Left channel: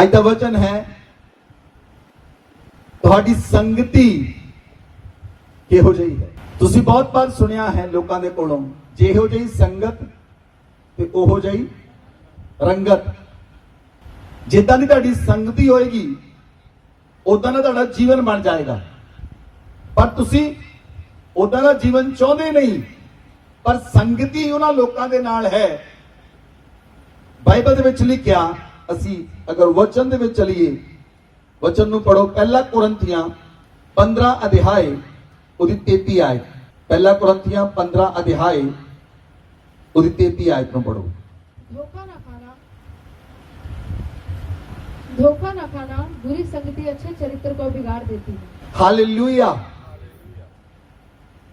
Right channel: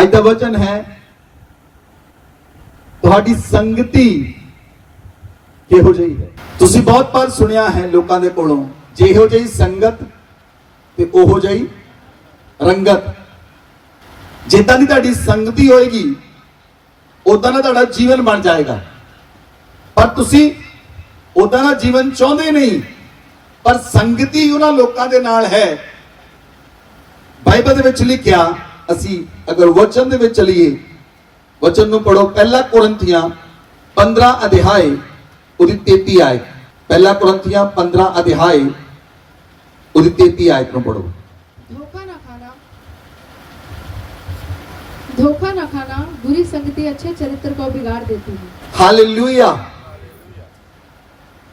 ਅੱਜ ਦਾ ਵਚਨ ਹੈ ਤੁਹਾਡੀ ਸੰਗਤੀ ਕਿਹੋ ਜਿਹੀ ਹੈ। ਤੁਸੀਂ ਬਹੁਤ ਵਾਰ ਸੁਣਿਆ ਹੈ ਲੋਕਾਂ ਦੇ ਕੋਲੋਂ, ਜਿਹੋ ਜਿਹੀ ਸੰਗਤ ਤੇ ਉਹੋ ਜਿਹੀ ਰੰਗਤ। ਜਿੱਦਾਂ ਦੀ ਤੁਹਾਡੀ ਸੰਗਤੀ ਹੋਏਗੀ ਉਦਾਂ ਦਾ ਤੁਹਾਡਾ ਜੀਵਨ ਬਣ ਜਾਏਗਾ। ਪਰ ਤੁਸੀਂ ਉਦਾਂ ਦਾ ਜੀਵਨ ਚਾਹੁੰਦੇ ਨਹੀਂ, ਪਰ ਸੰਗਤੀ ਉਹਨਾਂ ਲੋਕਾਂ ਦੇ ਨਾਲ ਹੈ। ਬਾਈਬਲ ਦੇ ਵਿੱਚ ਲਿਖਿਆ, ਅਸੀਂ ਅਗਰ ਵਚਨ ਦੇ ਵਿੱਚ ਚਲੀਏ, वचन ਨੂੰ पढ़ो। पहला कुरिन्थियां 15 अध्याय ਉਹਦੀ 33 आयत। पहला कुरिन्थियां 15 अध्याय ਉਹਦੀ 33 आयत ਨੂੰ पढ़ो। धोखा न खाना बुरी संगति अच्छे चरित्र को बिगाड़ देती है। हालेलुया।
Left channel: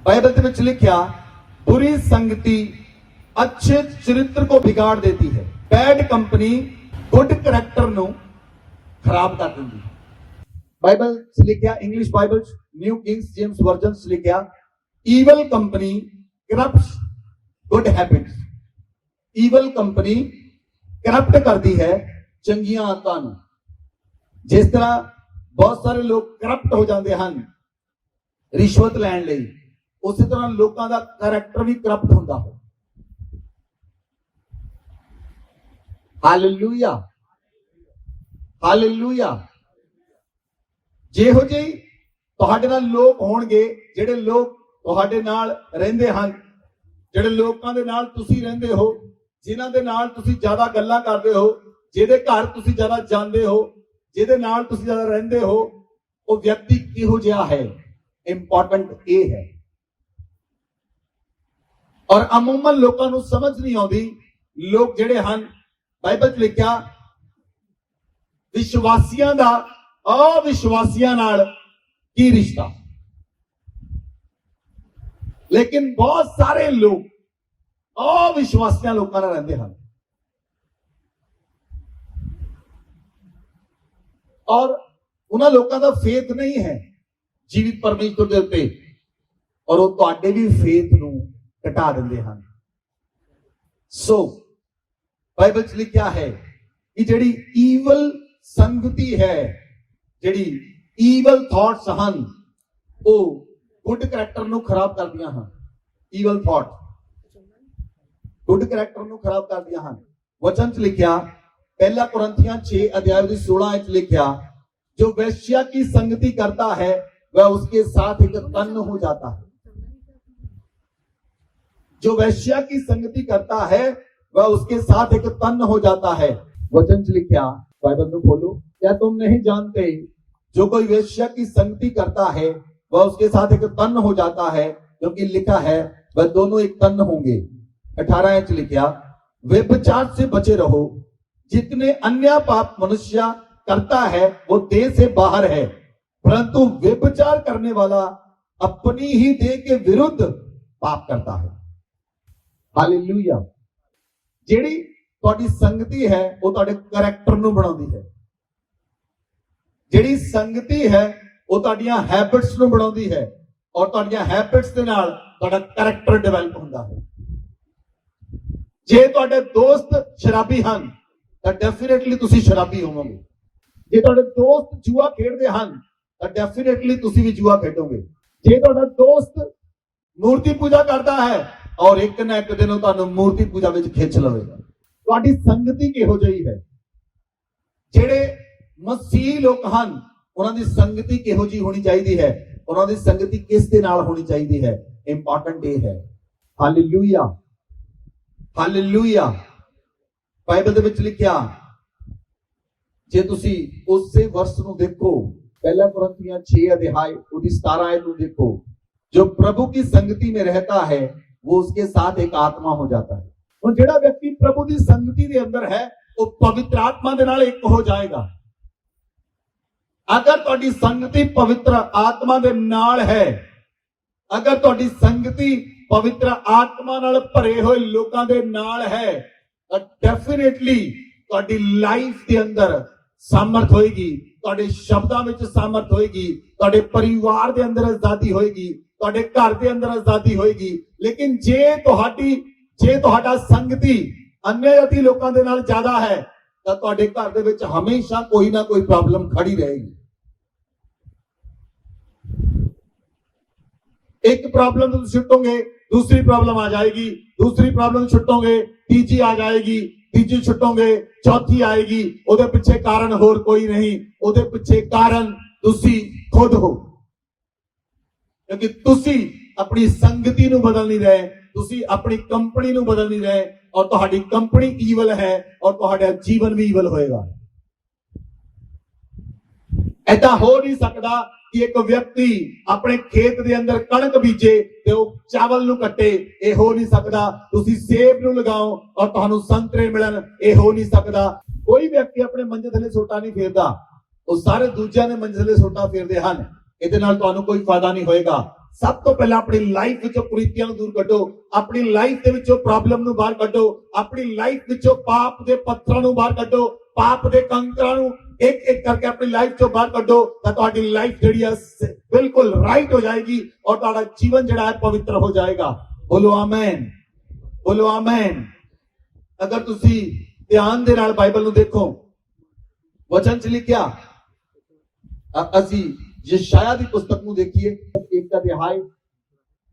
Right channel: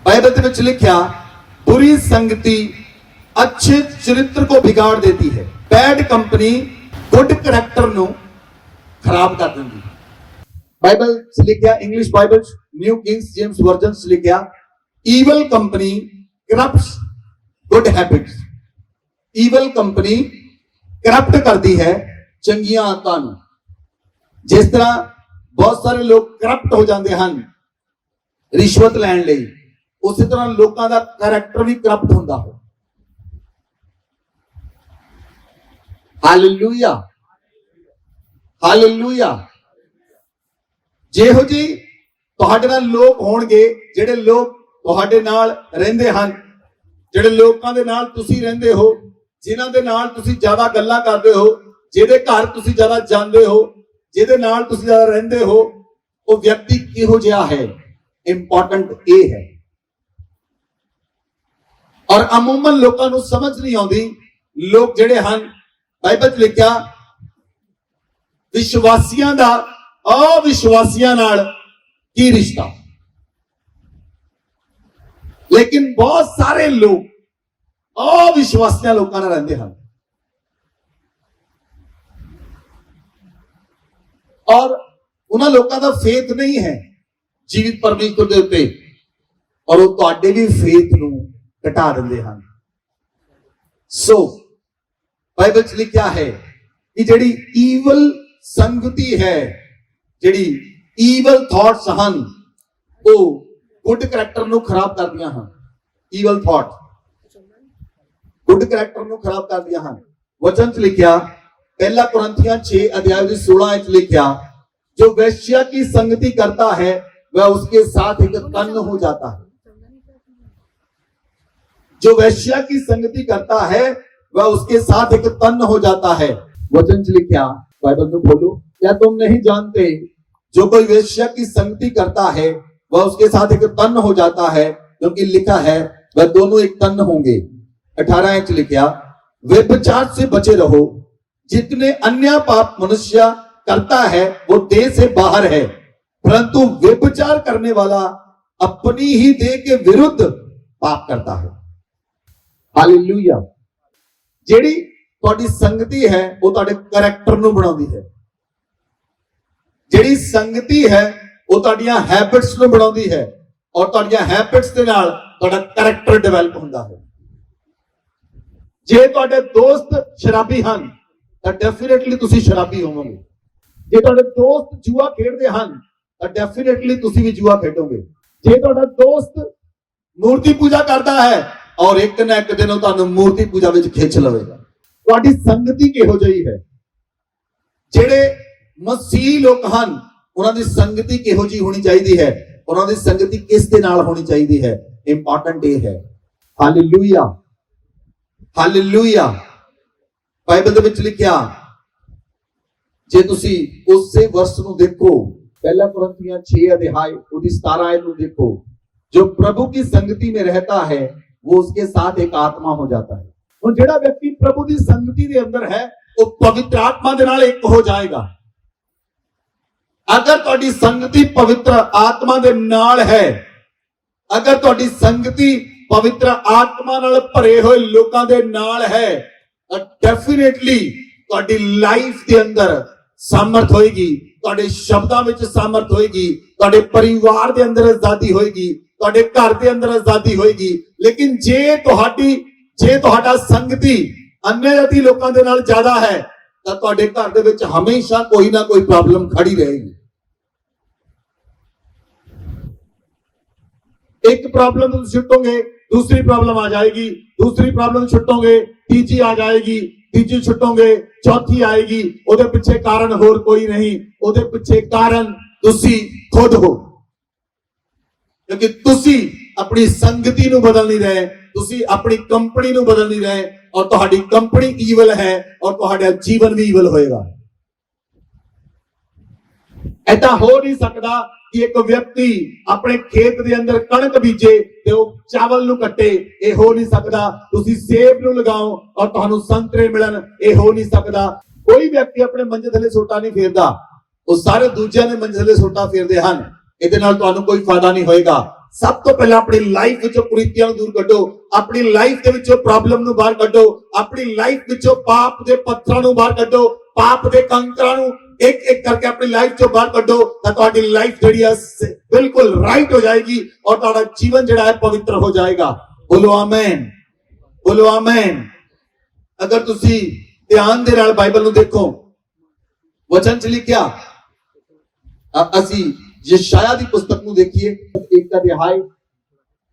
बाइबल ਦੇ ਵਿੱਚ ਲਿਖਿਆ, बुरी संगति अच्छे चरित्र को बिगाड़ देती है। बैड कंपनी गुड करैक्टर ਨੂੰ खराब कर देती है। बाइबल से लिखा, English Bible new Kings James version से लिखा, evil company corrupts good habits. Evil company corrupt करती है चंगियां आदतां ਨੂੰ। जिस तरह बहुत सारे लोग करप्ट हो जाते हैं रिश्वत लैण लई, उसी तरह लोगों का करैक्टर भी करप्ट होता है। Hallelujah, hallelujah. ਜਿਹੋ ਜਿਹੀ ਤੁਹਾਡੇ ਨਾਲ ਲੋਕ ਹੋਣਗੇ, ਜਿਹੜੇ ਲੋਕ ਤੁਹਾਡੇ ਨਾਲ ਰਹਿੰਦੇ ਹਨ, ਜਿਹੜੇ ਲੋਕਾਂ ਦੇ ਨਾਲ ਤੁਸੀਂ ਰਹਿੰਦੇ ਹੋ, ਜਿਨ੍ਹਾਂ ਦੇ ਨਾਲ ਤੁਸੀਂ ਜ਼ਿਆਦਾ ਗੱਲਾਂ ਕਰਦੇ ਹੋ, ਜਿਹਦੇ ਘਰ ਤੁਸੀਂ ਜ਼ਿਆਦਾ ਜਾਂਦੇ ਹੋ, ਜਿਹਦੇ ਨਾਲ ਤੁਸੀਂ ਜ਼ਿਆਦਾ ਰਹਿੰਦੇ ਹੋ, ਉਹ ਵਿਅਕਤੀ ਕਿਹੋ ਜਿਹਾ ਹੈ, ਇੰਪੋਰਟੈਂਟ ਇਹ ਹੈ। ਔਰ ਅਮੂਮਨ ਲੋਕਾਂ ਨੂੰ ਸਮਝ ਨਹੀਂ ਆਉਂਦੀ। ਲੋਕ ਜਿਹੜੇ ਹਨ, ਬਾਈਬਲ 'ਚ ਲਿਖਿਆ, ਵਿਸ਼ਵਾਸੀਆਂ ਦਾ अविश्वासियों नाल की रिश्ता। लेकिन बहुत सारे लोग अविश्वासियों लोगों नाल रहंदे हन और उन्हां लोगों का फेथ नहीं है जीवित परमेश्वर दे उत्ते, और वो तुहाडे भी फेथ नूं घटा दिंदे हन। सो बाइबल च लिखिया है कि जिहड़ी ईवल संगति है, ਜਿਹੜੀ ਈਵਲ ਥਾਟਸ ਹਨ, ਉਹ ਗੁੱਡ ਕਰੈਕਟਰ ਨੂੰ ਖਰਾਬ ਕਰਦੀਆਂ ਹਨ। ਈਵਲ ਥਾਟ ਗੁੱਡ ਕਰੈਕਟਰ ਨੂੰ ਖਰਾਬ ਕਰਦੀਆਂ ਹਨ। ਵਚਨ 'ਚ ਲਿਖਿਆ, ਪਹਿਲਾ ਕੁਰਿन्थियां 6 अध्याय 16 'ਚ ਲਿਖਿਆ, जो वैश्या की संगति करता है वह उसके साथ एक तन हो जाता है। जो वैश्या की संगति करता है वह उसके साथ एक तन हो जाता है। वचन 'ਚ लिखिया, बाइबल में बोलो, क्या तुम नहीं जानते जो कोई वेश्या की संगति करता है वह उसके साथ एक तन हो जाता है, क्योंकि लिखा है वह दोनों एक तन होंगे। 18 इंच लिखा, व्यभिचार से बचे रहो, जितने अन्य पाप मनुष्य करता है वो देह से बाहर है, परंतु व्यभिचार करने वाला अपनी ही देह के विरुद्ध पाप करता है। हालेलुया। ਜਿਹੜੀ ਤੁਹਾਡੀ ਸੰਗਤੀ ਹੈ ਉਹ ਤੁਹਾਡੇ ਕਰੈਕਟਰ ਨੂੰ ਬਣਾਉਂਦੀ ਹੈ। ਜਿਹੜੀ ਸੰਗਤੀ ਹੈ ਉਹ ਤੁਹਾਡੀਆਂ ਹੈਬਿਟਸ ਨੂੰ ਬਣਾਉਂਦੀ ਹੈ, ਔਰ ਤੁਹਾਡੀਆਂ ਹੈਬਿਟਸ ਦੇ ਨਾਲ ਤੁਹਾਡਾ ਕਰੈਕਟਰ ਡਿਵੈਲਪ ਹੁੰਦਾ ਹੈ। ਜੇ ਤੁਹਾਡੇ ਦੋਸਤ ਸ਼ਰਾਬੀ ਹਨ ਤਾਂ ਡੈਫੀਨੇਟਲੀ ਤੁਸੀਂ ਸ਼ਰਾਬੀ ਹੋਵੋਗੇ। ਜੇ ਤੁਹਾਡੇ ਦੋਸਤ ਜੂਆ ਖੇਡਦੇ ਹਨ ਤਾਂ ਡੈਫੀਨੇਟਲੀ ਤੁਸੀਂ ਵੀ ਜੂਆ ਖੇਡੋਗੇ। ਜੇ ਤੁਹਾਡਾ ਦੋਸਤ ਮੂਰਤੀ ਪੂਜਾ ਕਰਦਾ ਹੈ ਔਰ ਇੱਕ ਨਾ ਇੱਕ ਦਿਨ ਉਹ ਤੁਹਾਨੂੰ ਮੂਰਤੀ ਪੂਜਾ ਵਿੱਚ ਖਿੱਚ ਲਵੇਗਾ। ਤੁਹਾਡੀ ਸੰਗਤੀ ਕਿਹੋ ਜਿਹੀ ਹੈ? ਜਿਹੜੇ ਮਸੀਹ ਲੋਕ ਹਨ ਉਹਨਾਂ ਦੀ ਸੰਗਤੀ ਕਿਹੋ ਜਿਹੀ ਹੋਣੀ ਚਾਹੀਦੀ ਹੈ? ਉਹਨਾਂ ਦੀ ਸੰਗਤੀ ਕਿਸ ਦੇ ਨਾਲ ਹੋਣੀ ਚਾਹੀਦੀ ਹੈ? ਇੰਪੋਰਟੈਂਟ ਇਹ ਹੈ। Hallelujah, hallelujah. ਬਾਈਬਲ ਦੇ ਵਿੱਚ ਲਿਖਿਆ, ਜੇ ਤੁਸੀਂ ਉਸੇ ਵਰਸ ਨੂੰ ਦੇਖੋ, ਪਹਿਲਾ ਕੁਰਿन्थियां 6 अध्याय उसकी 17 आयत ਨੂੰ देखो, जो प्रभु की संगति में रहता है वो उसके साथ एक आत्मा हो जाता है। ਹੁਣ ਜਿਹੜਾ ਵਿਅਕਤੀ ਪ੍ਰਭੂ ਦੀ ਸੰਗਤੀ ਦੇ ਅੰਦਰ ਹੈ ਉਹ ਪਵਿੱਤਰ ਆਤਮਾ ਦੇ ਨਾਲ ਇੱਕ ਹੋ ਜਾਏਗਾ। ਅਗਰ ਤੁਹਾਡੀ ਸੰਗਤੀ ਪਵਿੱਤਰ ਆਤਮਾ ਦੇ ਨਾਲ ਹੈ, ਅਗਰ ਤੁਹਾਡੀ ਸੰਗਤੀ ਪਵਿੱਤਰ ਆਤਮਾ ਨਾਲ ਭਰੇ ਹੋਏ ਲੋਕਾਂ ਦੇ ਨਾਲ ਹੈ, ਤਾਂ ਡੈਫੀਨੇਟਲੀ ਤੁਹਾਡੀ ਲਾਈਫ ਦੇ ਅੰਦਰ ਸਾਮਰਥ ਹੋਏਗੀ, ਤੁਹਾਡੇ ਸ਼ਬਦਾਂ ਵਿੱਚ ਸਾਮਰਥ ਹੋਏਗੀ, ਤੁਹਾਡੇ ਪਰਿਵਾਰ ਦੇ ਅੰਦਰ ਆਜ਼ਾਦੀ ਹੋਏਗੀ, ਤੁਹਾਡੇ ਘਰ ਦੇ ਅੰਦਰ ਆਜ਼ਾਦੀ ਹੋਏਗੀ। ਲੇਕਿਨ ਜੇ ਤੁਹਾਡਾ ਸੰਗਤੀ अन्य जाति लोगों के नाल ज्यादा है ਤਾਂ ਤੁਹਾਡੇ ਘਰ ਦੇ ਵਿੱਚ ਹਮੇਸ਼ਾ ਕੋਈ ਨਾ ਕੋਈ ਪ੍ਰੋਬਲਮ ਖੜੀ ਰਹੇਗੀ। एक प्रॉब्लम तुम छुटोगे, दूसरी प्रॉब्लम आ जाएगी, दूसरी प्रॉब्लम छुटोगे, तीसरी आ जाएगी, तीसरी छुटोगे, चौथी आएगी। ਉਹਦੇ ਪਿੱਛੇ ਕਾਰਨ ਹੋਰ ਕੋਈ ਨਹੀਂ, ਉਹਦੇ ਪਿੱਛੇ ਕਾਰਨ ਤੁਸੀਂ ਖੁਦ ਹੋ, ਕਿਉਂਕਿ ਤੁਸੀਂ ਆਪਣੀ ਸੰਗਤੀ ਨੂੰ ਬਦਲ ਨਹੀਂ ਰਹੇ, ਤੁਸੀਂ ਆਪਣੀ ਕੰਪਨੀ ਨੂੰ ਬਦਲ ਨਹੀਂ ਰਹੇ, ਔਰ ਤੁਹਾਡੀ ਕੰਪਨੀ ਈਵਲ ਹੈ ਔਰ ਤੁਹਾਡਾ ਜੀਵਨ ਵੀ ਈਵਲ ਹੋਏਗਾ। ऐसा हो नहीं सकता कि एक व्यक्ति अपने खेत के अंदर कणक बीजे ते वो चावल नूं कट्टे, ये हो नहीं सकता। तुसी सेब नूं लगाओ और तुहानूं संतरे मिलन, ये हो नहीं सकता। कोई व्यक्ति अपने मंजे थले सोटा नहीं फेरदा, वो सारे दूजियां ने मंजे थले सोटा फेरदे हन। इहदे नाल तुहानूं कोई फायदा नहीं होएगा। सब तो पहले अपनी लाइफ विचों कुरीतियां दूर कड्डो, अपनी लाइफ दे विचों प्रॉब्लम नूं बाहर कड्डो, अपनी लाइफ विचों पाप दे पत्थरां नूं बाहर कड्डो, पाप दे कंकरां नूं एक एक करके अपनी लाइफ चो बाहर कड्डो, तां तुहाडी लाइफ जिहड़ी है बिल्कुल राइट हो जाएगी और तुहाडा जीवन जिहड़ा है पवित्र हो जाएगा। बोलो आमीन, बोलो आमीन। अगर तुसी ध्यान दे नाल बाइबल नूं देखो, वचन च लिखिया, ਅਸੀਂ ਯਸ਼ਾਇਆ ਦੀ ਪੁਸਤਕ ਨੂੰ ਦੇਖੀਏ, ਇੱਕ ਅਧਿਆਇ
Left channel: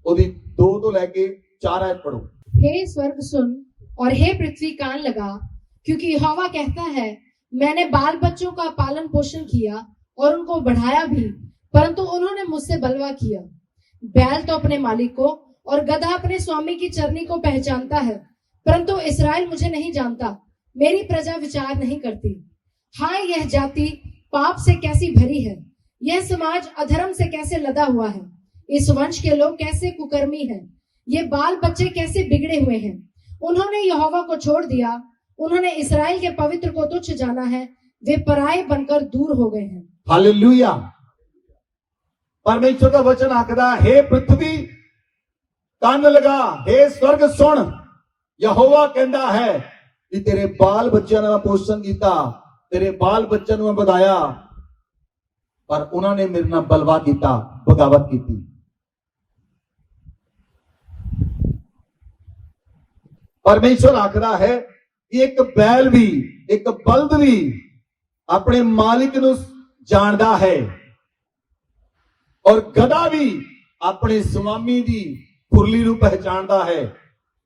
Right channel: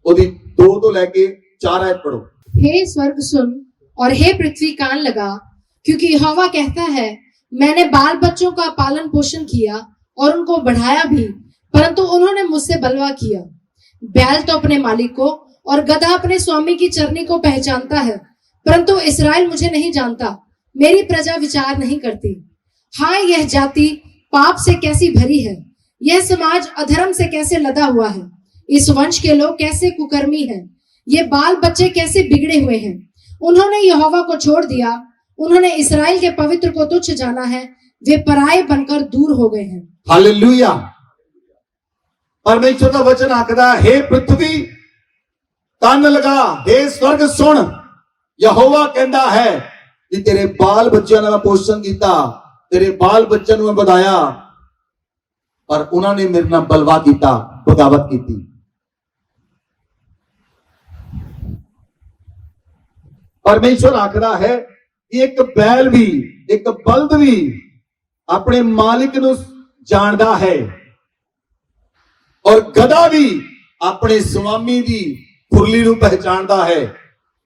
ਉਹਦੀ 2 ਤੋਂ ਲੈ ਕੇ 4 ਆਇਤ पढ़ो। हे स्वर्ग सुन और हे पृथ्वी कान लगा, क्योंकि यहोवा कहता है, मैंने बाल बच्चों का पालन पोषण किया और उनको बढ़ाया भी, परंतु उन्होंने मुझसे बलवा किया। बैल तो अपने मालिक को और गधा अपने स्वामी की चरनी को पहचानता है, परंतु इस्राएल मुझे नहीं जानता, मेरी प्रजा विचार नहीं करती। हाय, यह जाति पाप से कैसी भरी है, यह समाज अधर्म से कैसे लदा हुआ है। इस वंश के लोग कैसे कुकर्मी हैं, ये बाल बच्चे कैसे बिगड़े हुए हैं। उन्होंने यहोवा को छोड़ दिया, उन्होंने इस्राएल के पवित्र को तुच्छ जाना है, वे पराये बनकर दूर हो गए हैं। हालेलुया। परमेश्वर का वचन आखदा, हे पृथ्वी कान लगा, हे स्वर्ग सुन। यहोवा कहता है कि तेरे बाल बच्चों ने मैं पोषण किया, तेरे बाल बच्चों ने मैं बढ़ाया, पर उन्होंने मेरे नाल बलवा किया, बगावत की। परमेश्वर आखदा है कि एक बैल भी, एक बल्द भी अपने मालिक नूं जानदा है और गधा भी अपने स्वामी दी खुरली नूं पहचानदा है,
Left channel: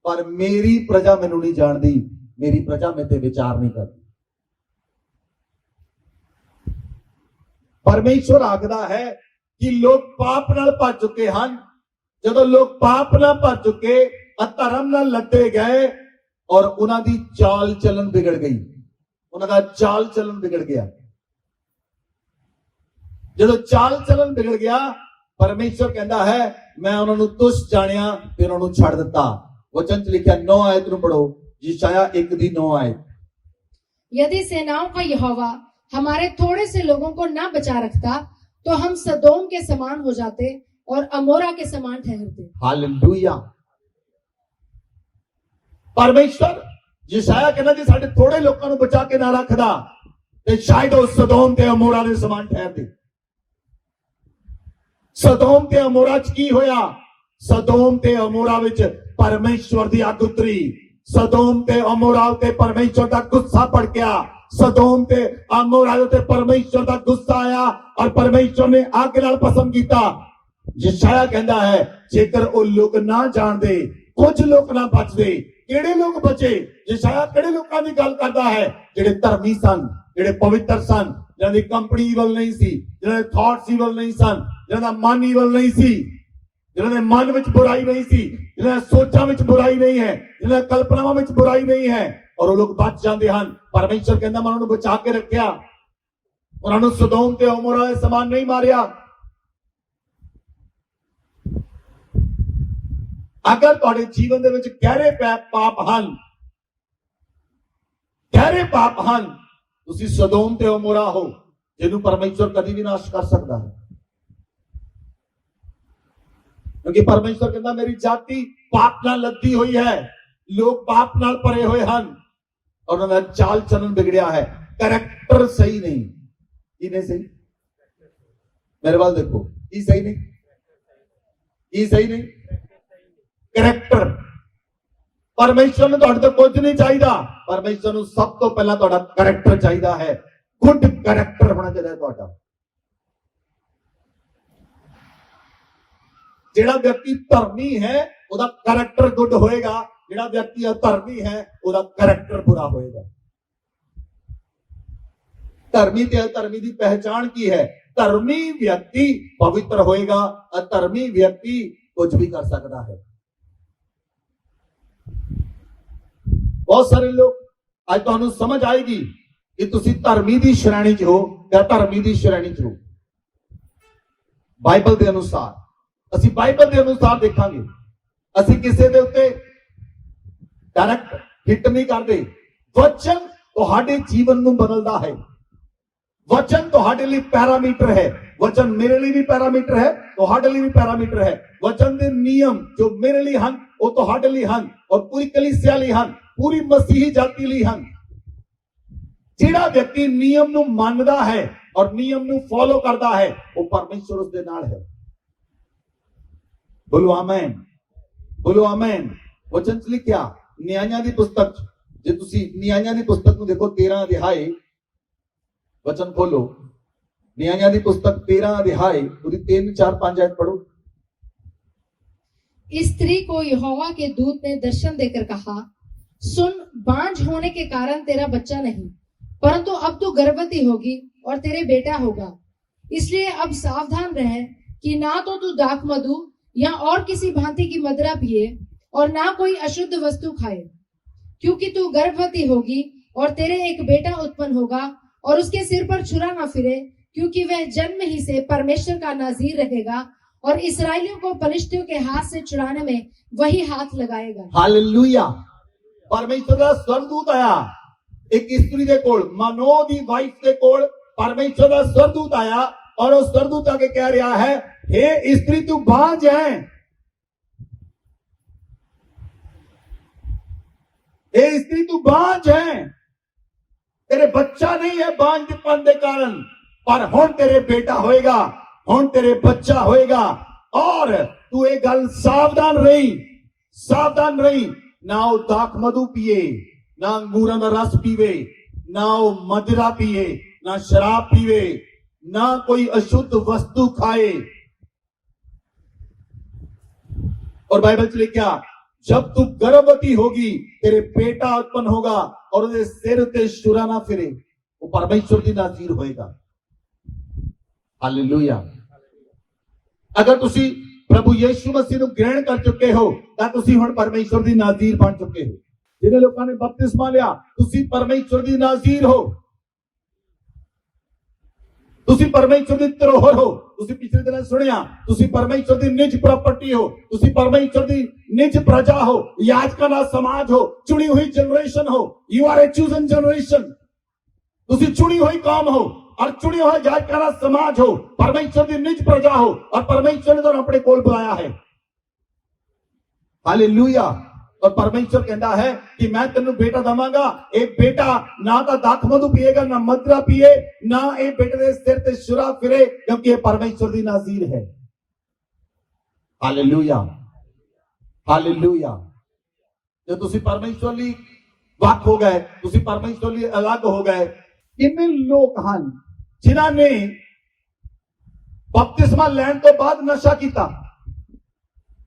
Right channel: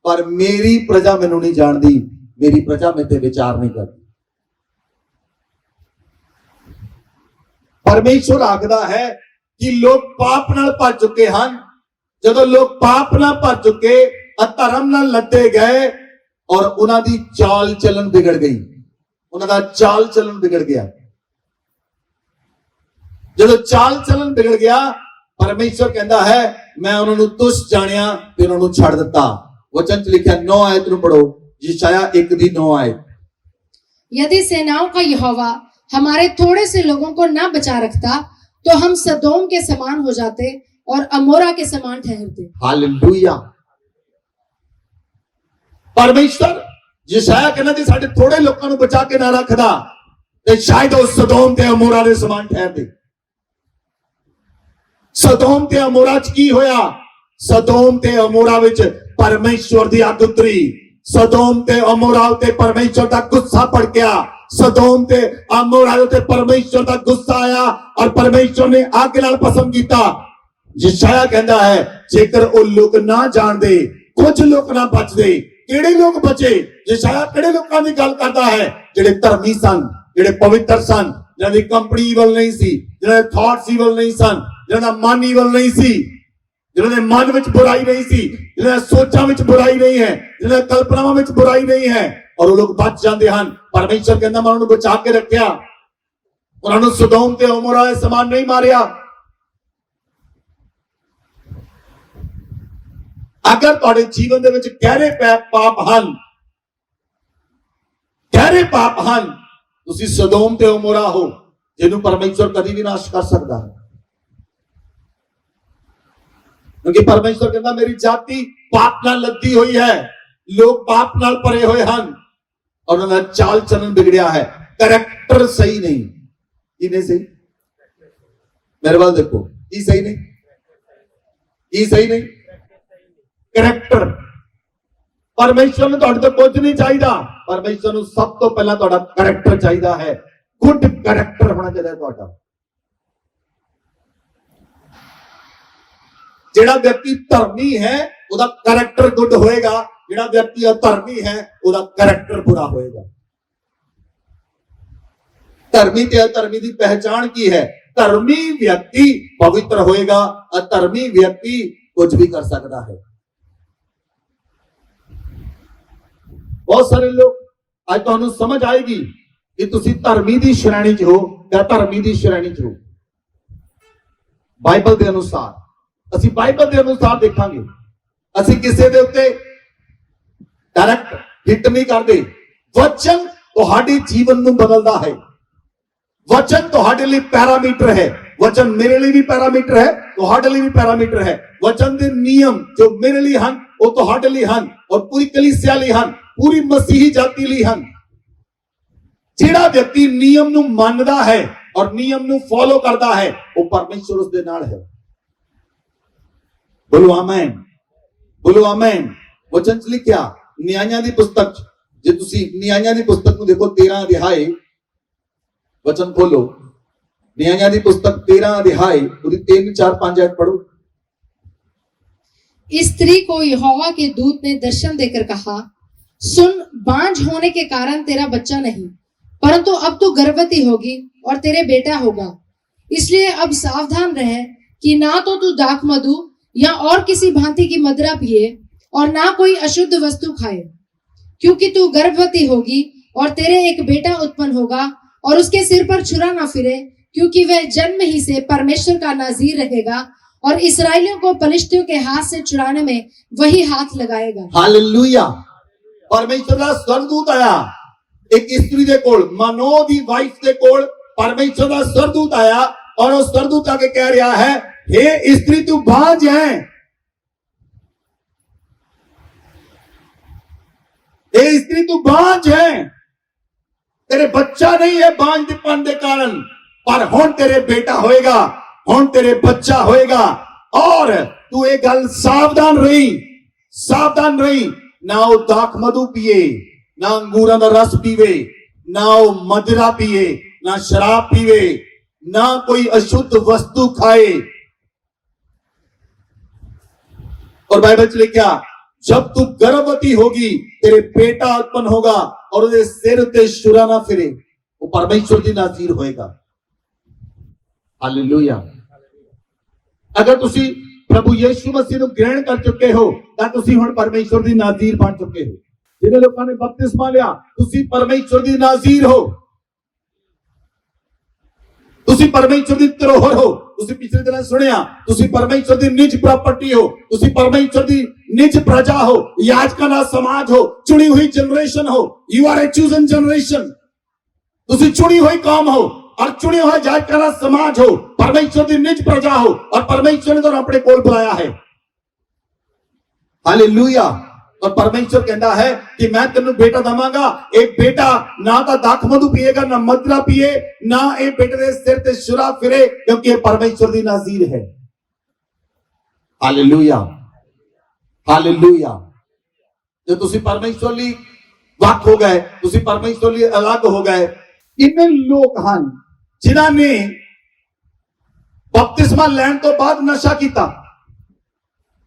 पर मेरी प्रजा मैनूं नहीं जानदी, मेरी प्रजा मेरे ते विचार नहीं करती। परमेश्वर आखदा है कि लोग पाप नाल भर चुके हैं। जदों लोग पाप नाल भर चुके, अधर्म नाल लदे गए और उन्हां दी चाल चलन बिगड़ गई, उन्हां दा चाल चलन बिगड़ गया। जदों चाल चलन बिगड़ गया, परमेश्वर कहता है मैं उन्होंने तुच्छ जानिया ते उन्होंने छड़ दिता। वचन च लिखिया 9 आयत नूं पढ़ो, यशाया 1 दी 9 आयत। यदि सेनाओं का यहोवा हमारे थोड़े से लोगों को न बचा रखता, तो हम सदोम के समान हो जाते और अमोरा के समान ठहरते। हालेलुया। परमेश्वर यशाया कहना जी साडे थोड़े लोगों को बचा के ना रखदा ते शायद वो सदोम ते अमोरा दे समान ठहरदे। सदोम ते अमोरा च की होया? सदोम ते अमोरा विच परमेश्वर दी अग उतरी, सदोम ते अमोरा उते परमेश्वर दा गुस्सा भड़किया, सदोम ते अमोरा उते परमेश्वर दा गुस्सा आया और परमेश्वर ने अग नाल भस्म कीता। यशाया कहता है जेकर वो लोग ना जानदे, कुछ लोग ना बचदे, किहड़े लोग बचे? यशाया किहड़े लोकां दी गल करदा है? जिहड़े धर्मी सन, जिहड़े पवित्र सन, जिन्हां दी कंपनी ईवल नहीं सी, जिन्हां दे थॉट्स ईवल नहीं सन, जिन्हां दा मन ईवल नहीं सी, जिन्हां दे मन विच बुराई नहीं सी, जिन्हां सोचां विच बुराई नहीं है, जिन्हां कल्पनावां विच बुराई नहीं है, और वो लोग बच जाते हैं। परमेश्वर कहता मैं उन्होंने बचा के रखा, उन्होंने सदोम ते अमोरा दे समान नहीं मारिया। अगर तुहाडे जीवन दे विच गहरे पाप हन, गहरे पाप हन, तुसीं सदोम ते अमोरा हो, जिन्हों परमेश्वर कभी भी नाश कर सकता है। क्योंकि परमेश्वर कहता मेरी जाति पाप नाल लदी हुई है, लोग पाप नाल भरे हुए हैं और उन्होंने चाल चलन बिगड़िया है, कैरेक्टर सही नहीं। की नहीं सही? मेरे वाल देखो, की सही नहीं? की सही नहीं? कैरेक्टर। परमेश्वर ਨੂੰ ਤੁਹਾਡੇ ਤੋਂ ਕੁਝ ਨਹੀਂ ਚਾਹੀਦਾ, परमेश्वर ਨੂੰ ਸਭ ਤੋਂ ਪਹਿਲਾਂ ਤੁਹਾਡਾ ਕੈਰੈਕਟਰ ਚਾਹੀਦਾ ਹੈ, ਗੁੱਡ ਕੈਰੈਕਟਰ ਹੋਣਾ ਚਾਹੀਦਾ ਤੁਹਾਡਾ। ਜਿਹੜਾ ਵਿਅਕਤੀ ਧਰਮੀ ਹੈ ਉਹਦਾ ਕੈਰੈਕਟਰ ਗੁੱਡ ਹੋਏਗਾ, ਜਿਹੜਾ ਵਿਅਕਤੀ ਅਧਰਮੀ ਹੈ ਉਹਦਾ ਕੈਰੈਕਟਰ ਬੁਰਾ ਹੋਏਗਾ। ਧਰਮੀ ਤੇ ਅਧਰਮੀ ਦੀ ਪਹਿਚਾਣ ਕੀ ਹੈ? ਧਰਮੀ ਵਿਅਕਤੀ ਪਵਿੱਤਰ ਹੋਏਗਾ, ਅਧਰਮੀ ਵਿਅਕਤੀ ਕੁਝ ਵੀ ਕਰ ਸਕਦਾ ਹੈ। ਬਹੁਤ ਸਾਰੇ ਲੋਕ ਅੱਜ ਤੁਹਾਨੂੰ ਸਮਝ ਆਏਗੀ ਕਿ ਤੁਸੀਂ ਧਰਮੀ ਦੀ ਸ਼੍ਰੇਣੀ 'ਚ ਹੋ ਜਾਂ ਧਰਮੀ ਦੀ ਸ਼੍ਰੇਣੀ 'ਚ ਹੋ। ਬਾਈਬਲ ਦੇ ਅਨੁਸਾਰ ਅਸੀਂ ਬਾਈਬਲ ਦੇ ਅਨੁਸਾਰ ਦੇਖਾਂਗੇ, ਅਸੀਂ ਕਿਸੇ ਦੇ ਉੱਤੇ ਡਾਇਰੈਕਟ ਹਿੱਟ ਨਹੀਂ ਕਰਦੇ। ਵਚਨ ਤੁਹਾਡੇ ਜੀਵਨ ਨੂੰ ਬਦਲਦਾ ਹੈ, ਵਚਨ ਤੁਹਾਡੇ ਲਈ ਪੈਰਾਮੀਟਰ ਹੈ। ਵਚਨ ਮੇਰੇ ਲਈ ਵੀ ਪੈਰਾਮੀਟਰ ਹੈ, ਤੁਹਾਡੇ ਲਈ ਵੀ ਪੈਰਾਮੀਟਰ ਹੈ। ਵਚਨ ਦੇ ਨਿਯਮ ਜੋ ਮੇਰੇ ਲਈ ਹਨ ਉਹ ਤੁਹਾਡੇ ਲਈ ਹਨ ਔਰ ਪੂਰੀ ਕਲੀਸਿਆ ਲਈ ਹਨ, ਪੂਰੀ ਮਸੀਹੀ ਜਾਤੀ ਲਈ ਹਨ। ਜਿਹੜਾ ਵਿਅਕਤੀ ਨਿਯਮ ਨੂੰ ਮੰਨਦਾ ਹੈ ਔਰ ਨਿਯਮ ਨੂੰ ਫੋਲੋ ਕਰਦਾ ਹੈ ਉਹ ਪਰਮੇਸ਼ਰ ਉਸ ਦੇ ਨਾਲ ਹੈ। ਬੋਲੋ ਆਮੇਨ, ਬੋਲੋ ਆਮੇਨ। ਵਚਨ 'ਚ ਲਿਖਿਆ ਨਿਆਂਇਆਂ ਦੀ ਪੁਸਤਕ 'ਚ, ਜੇ ਤੁਸੀਂ ਨਿਆਂਇਆਂ ਦੀ ਪੁਸਤਕ ਨੂੰ ਦੇਖੋ 13 ਅਧਿਆਏ, वचन खोलो न्याय की पुस्तक 13 अध्याय 3, 4, 5 आयत पढ़ो। इस स्त्री को यहोवा के दूत ने दर्शन देकर कहा, सुन, बांझ होने के कारण तेरा बच्चा नहीं, परंतु अब तू गर्भवती होगी और तेरे बेटा होगा। इसलिए अब सावधान रह कि ना तो तू दाख मधु या और किसी भांति की मदिरा पिए और ना कोई अशुद्ध वस्तु खाए, क्योंकि तू गर्भवती होगी और तेरे एक बेटा उत्पन्न होगा और उसके सिर पर छुरा ना फिरे, क्योंकि वह जन्म ही से परमेश्वर का नाज़ीर रहेगा और इस्राएलियों को पलिश्तियों के हाथ से छुड़ाने में वही हाथ लगाएगा। हालेलुया। परमेश्वर का स्वर्गदूत आया एक स्त्री दे कोल, मनो दी वाइफ दे कोल परमेश्वर का स्वर्गदूत आया और वो स्वर्गदूत आके कह रहा है, हे स्त्री तू बांझ है, हे स्त्री तू बांझ है, तेरे बच्चा नहीं है बांझपन के कारण, पर हुण तेरे बेटा होएगा, हुण तेरे बच्चा होएगा। और तू एक गल सावधान रही, सावधान रही, ना वो दाख मधु पिए, ना अंगूरां दा रस पीवे, ना वो मदिरा पिए, ना शराब पीवे, ना कोई अशुद्ध वस्तु खाए। और बाइबल च लिखा, जब तू गर्भवती होगी तेरे बेटा उत्पन्न होगा और उसके सिर ते छुरा ना फिरे, वो परमेश्वर की नाज़ीर होएगा। हालेलुया। अगर तुसी प्रभु यीशु मसीह ਨੂੰ ग्रहण कर चुके हो ਤਾਂ ਤੁਸੀਂ ਹੁਣ परमेश्वर ਦੀ नाज़ीर बन चुके हो। जिन्हें लोगों ने बपतिस्मा लिया ਤੁਸੀਂ परमेश्वर ਦੀ नाज़ीर हो, ਤੁਸੀਂ परमेश्वर ਦੀ ਧਰੋਹਰ ਹੋ। ਤੁਸੀਂ ਪਿਛਲੇ ਦਿਨਾਂ ਸੁਣਿਆ ਤੁਸੀਂ परमेश्वर ਦੀ ਨਿਜ ਪ੍ਰਾਪਰਟੀ ਹੋ, ਤੁਸੀਂ परमेश्वर ਦੀ निज प्रजा हो, याजकां दा समाज हो, चुनी हुई जनरेशन हो। You are a chosen generation, तुसी चुनी हुई कौम हो और चुनी हुई याजकां दा समाज हो, परमेश्वर दी निज प्रजा हो और परमेश्वर ने तुहानू अपने कोल बुलाया है। हालेलुया। और परमेश्वर कहता है कि मैं तेनू बेटा दवांगा, एक बेटा ना तो दाख मधु पिएगा, ना मदिरा पिए, ना एक बेटे दे सिर ते छुरा फिरे, क्योंकि ये परमेश्वर दी नाज़ीर है। Hallelujah, hallelujah. जो तुसी परमेश्वर ਲਈ ਵੱਖ ਹੋ ਗਏ, ਤੁਸੀਂ परमेश्वर ਲਈ ਅਲੱਗ ਹੋ ਗਏ। ਕਿੰਨੇ ਲੋਕ ਹਨ ਜਿਨ੍ਹਾਂ ਨੇ ਬਪਤਿਸਮਾ ਲੈਣ ਤੋਂ ਬਾਅਦ ਨਸ਼ਾ ਕੀਤਾ?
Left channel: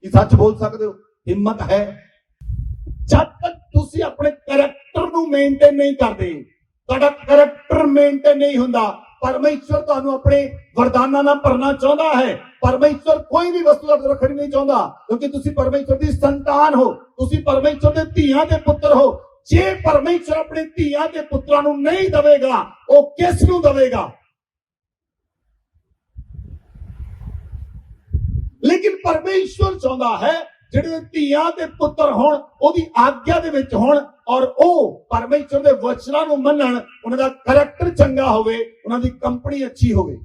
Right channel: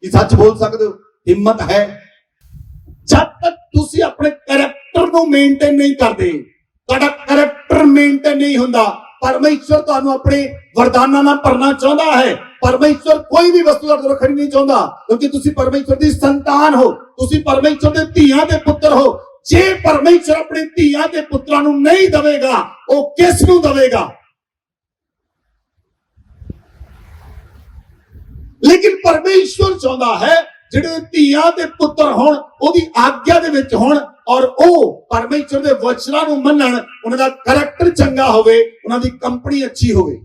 ਇਹ ਸੱਚ ਬੋਲ ਸਕਦੇ ਹੋ? ਹਿੰਮਤ ਹੈ? ਜਦ ਤੱਕ ਤੁਸੀਂ ਆਪਣੇ ਕੈਰੈਕਟਰ ਨੂੰ ਮੇਨਟੇਨ ਨਹੀਂ ਕਰਦੇ, ਤੁਹਾਡਾ ਕੈਰੈਕਟਰ ਮੇਨਟੇਨ ਨਹੀਂ ਹੁੰਦਾ, परमेश्वर ਤੁਹਾਨੂੰ ਆਪਣੇ ਵਰਦਾਨਾਂ ਨਾਲ ਭਰਨਾ ਚਾਹੁੰਦਾ ਹੈ। परमेश्वर कोई भी वस्तु ਤੁਹਾਡੇ ਤੋਂ ਖਰੀਦ ਨਹੀਂ ਚਾਹੁੰਦਾ, ਕਿਉਂਕਿ ਤੁਸੀਂ परमेश्वर ਦੀ ਸੰਤਾਨ ਹੋ, ਤੁਸੀਂ परमेश्वर ਦੇ ਧੀਆਂ ਦੇ ਪੁੱਤਰ ਹੋ। ਜੇ परमेश्वर ਆਪਣੇ ਧੀਆਂ ਦੇ ਪੁੱਤਰਾਂ ਨੂੰ ਨਹੀਂ ਦੇਵੇਗਾ, ਉਹ ਕਿਸ ਨੂੰ ਦੇਵੇਗਾ? ਲੇਕਿਨ परमेश्वर ਚਾਹੁੰਦਾ ਹੈ ਜਿਹੜੇ ਧੀਆਂ ਦੇ ਪੁੱਤਰ ਹੋਣ, ਉਹਦੀ ਆਗਿਆ ਦੇ ਵਿੱਚ ਹੋਣ और ਉਹ परमेश्वर ਦੇ ਵਚਨਾਂ ਨੂੰ ਮੰਨਣ, ਉਹਨਾਂ ਦਾ ਕੈਰੈਕਟਰ ਚੰਗਾ ਹੋਵੇ, ਉਹਨਾਂ ਦੀ ਕੰਪਨੀ ਅੱਛੀ ਹੋਵੇ।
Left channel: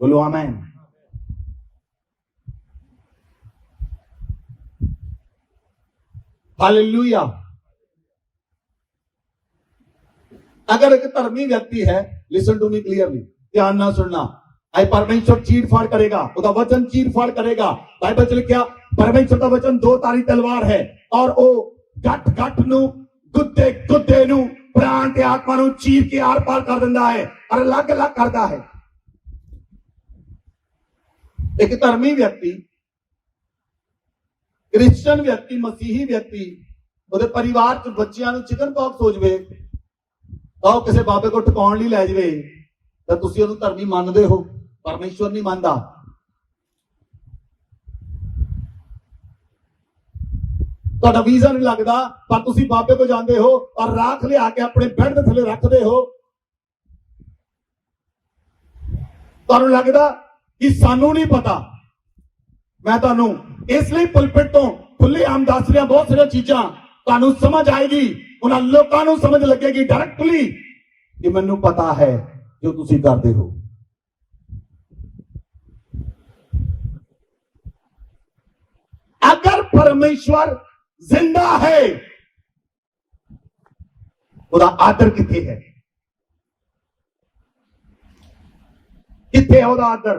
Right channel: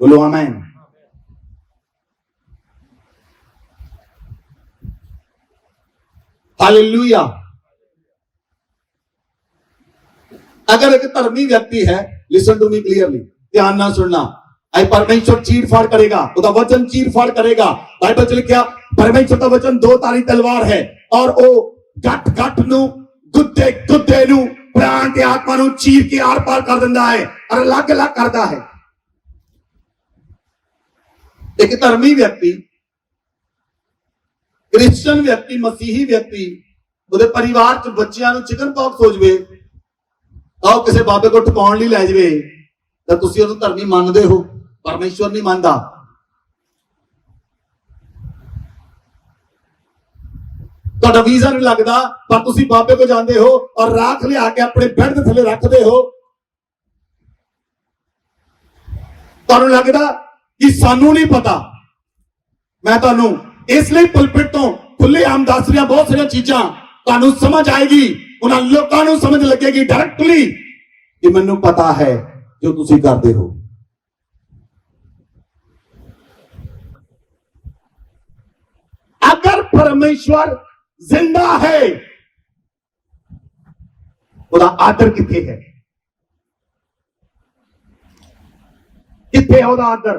बोलो आमेन। हालेलुया। अगर एक धर्मी व्यक्ति है, लिसन टू मी क्लियरली, ध्यान ना सुनना, ऐ परमेश्वर चीर-फाड़ करेगा, ਉਹਦਾ वचन चीर-फाड़ करेगा। बाइबल च लिखिया परमेश्वर ਦਾ वचन दो धारी तलवार है और ਉਹ ਗੱਠ ਨੂੰ ਗੁੱਦੇ ਨੂੰ प्राण ਤੇ आत्मा ਨੂੰ चीर के आर पार कर ਦਿੰਦਾ है और अलग-अलग करता है। एक धर्मी व्यक्ति, क्रिश्चियन व्यक्ति, मसीही व्यक्ति ਉਹਦੇ परिवार च ਬੱਚਿਆਂ ਨੂੰ चिकन पॉक्स हो ਜਾਵੇ ਤਾਂ ਉਹ ਕਿਸੇ ਬਾਬੇ ਕੋ ਟਿਕਾਉਣ ਲਈ ਲੈ ਜਾਵੇ ਤਾਂ ਤੁਸੀਂ ਉਹਨੂੰ ਧਰਮੀ ਮੰਨਦੇ ਹੋ, ਪਰਮੇਸ਼ਵਰ ਨਹੀਂ ਮੰਨਦਾ। ਤੁਹਾਡਾ ਵੀਜ਼ਾ ਨਹੀਂ ਲੱਗਦਾ ਪਰ ਤੁਸੀਂ ਬਾਬੇ ਕੋ ਜਾਂਦੇ ਹੋ ਔਰ ਰਾਖ ਲਿਆ ਕੇ ਆਪਣੇ ਬੈੱਡ ਦੇ ਥੱਲੇ ਰੱਖਦੇ ਹੋ। ਤੁਹਾਨੂੰ ਲੱਗਦਾ ਕਿ ਸਾਨੂੰ ਨਹੀਂ ਪਤਾ। ਮੈਂ ਤੁਹਾਨੂੰ ਇਸ ਲਈ ਪੁਲਪਿਟ ਤੋਂ ਖੁੱਲੇ ਆਮ ਦੱਸ ਰਿਹਾ ਬਹੁਤ ਸਾਰੀਆਂ ਚੀਜ਼ਾਂ ਤੁਹਾਨੂੰ ਸਮਝ ਆਏਗੀ, ਉਹਨਾਂ ਲੋਕਾਂ ਨੂੰ ਸਮਝ ਲੱਗੇਗੀ ਡਾਇਰੈਕਟਲੀ ਕਿ ਮੈਨੂੰ ਪਤਾ ਹੈ ਜੋ ਤੁਸੀਂ ਕਰਦੇ ਹੋ। अगर परमेश्वर जिंदा है ਉਹਦਾ ਆਦਰ ਕਿੱਥੇ ਹੈ? ਕਿੱਥੇ ਉਹਦਾ ਆਦਰ?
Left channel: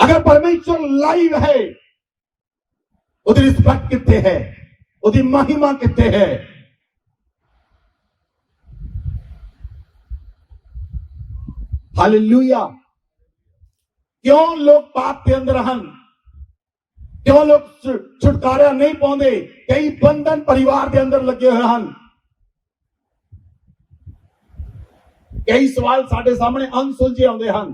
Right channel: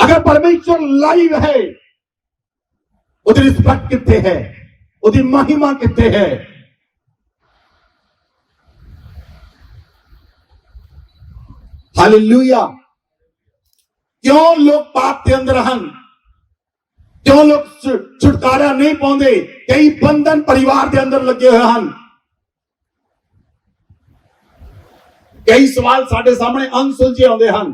अगर परमेश्वर लाइव है ਉਹਦੀ ਰਿਸਪੈਕਟ ਕਿੱਥੇ ਹੈ? ਉਹਦੀ ਮਹਿਮਾ ਕਿੱਥੇ ਹੈ? हालेलुया। क्यों लोग पाप के अंदर हन? क्यों लोग छुटकारा नहीं पाते? कई बंधन परिवार के अंदर लगे हुए हैं। कई सवाल साडे सामने अनसुलझे आते हैं।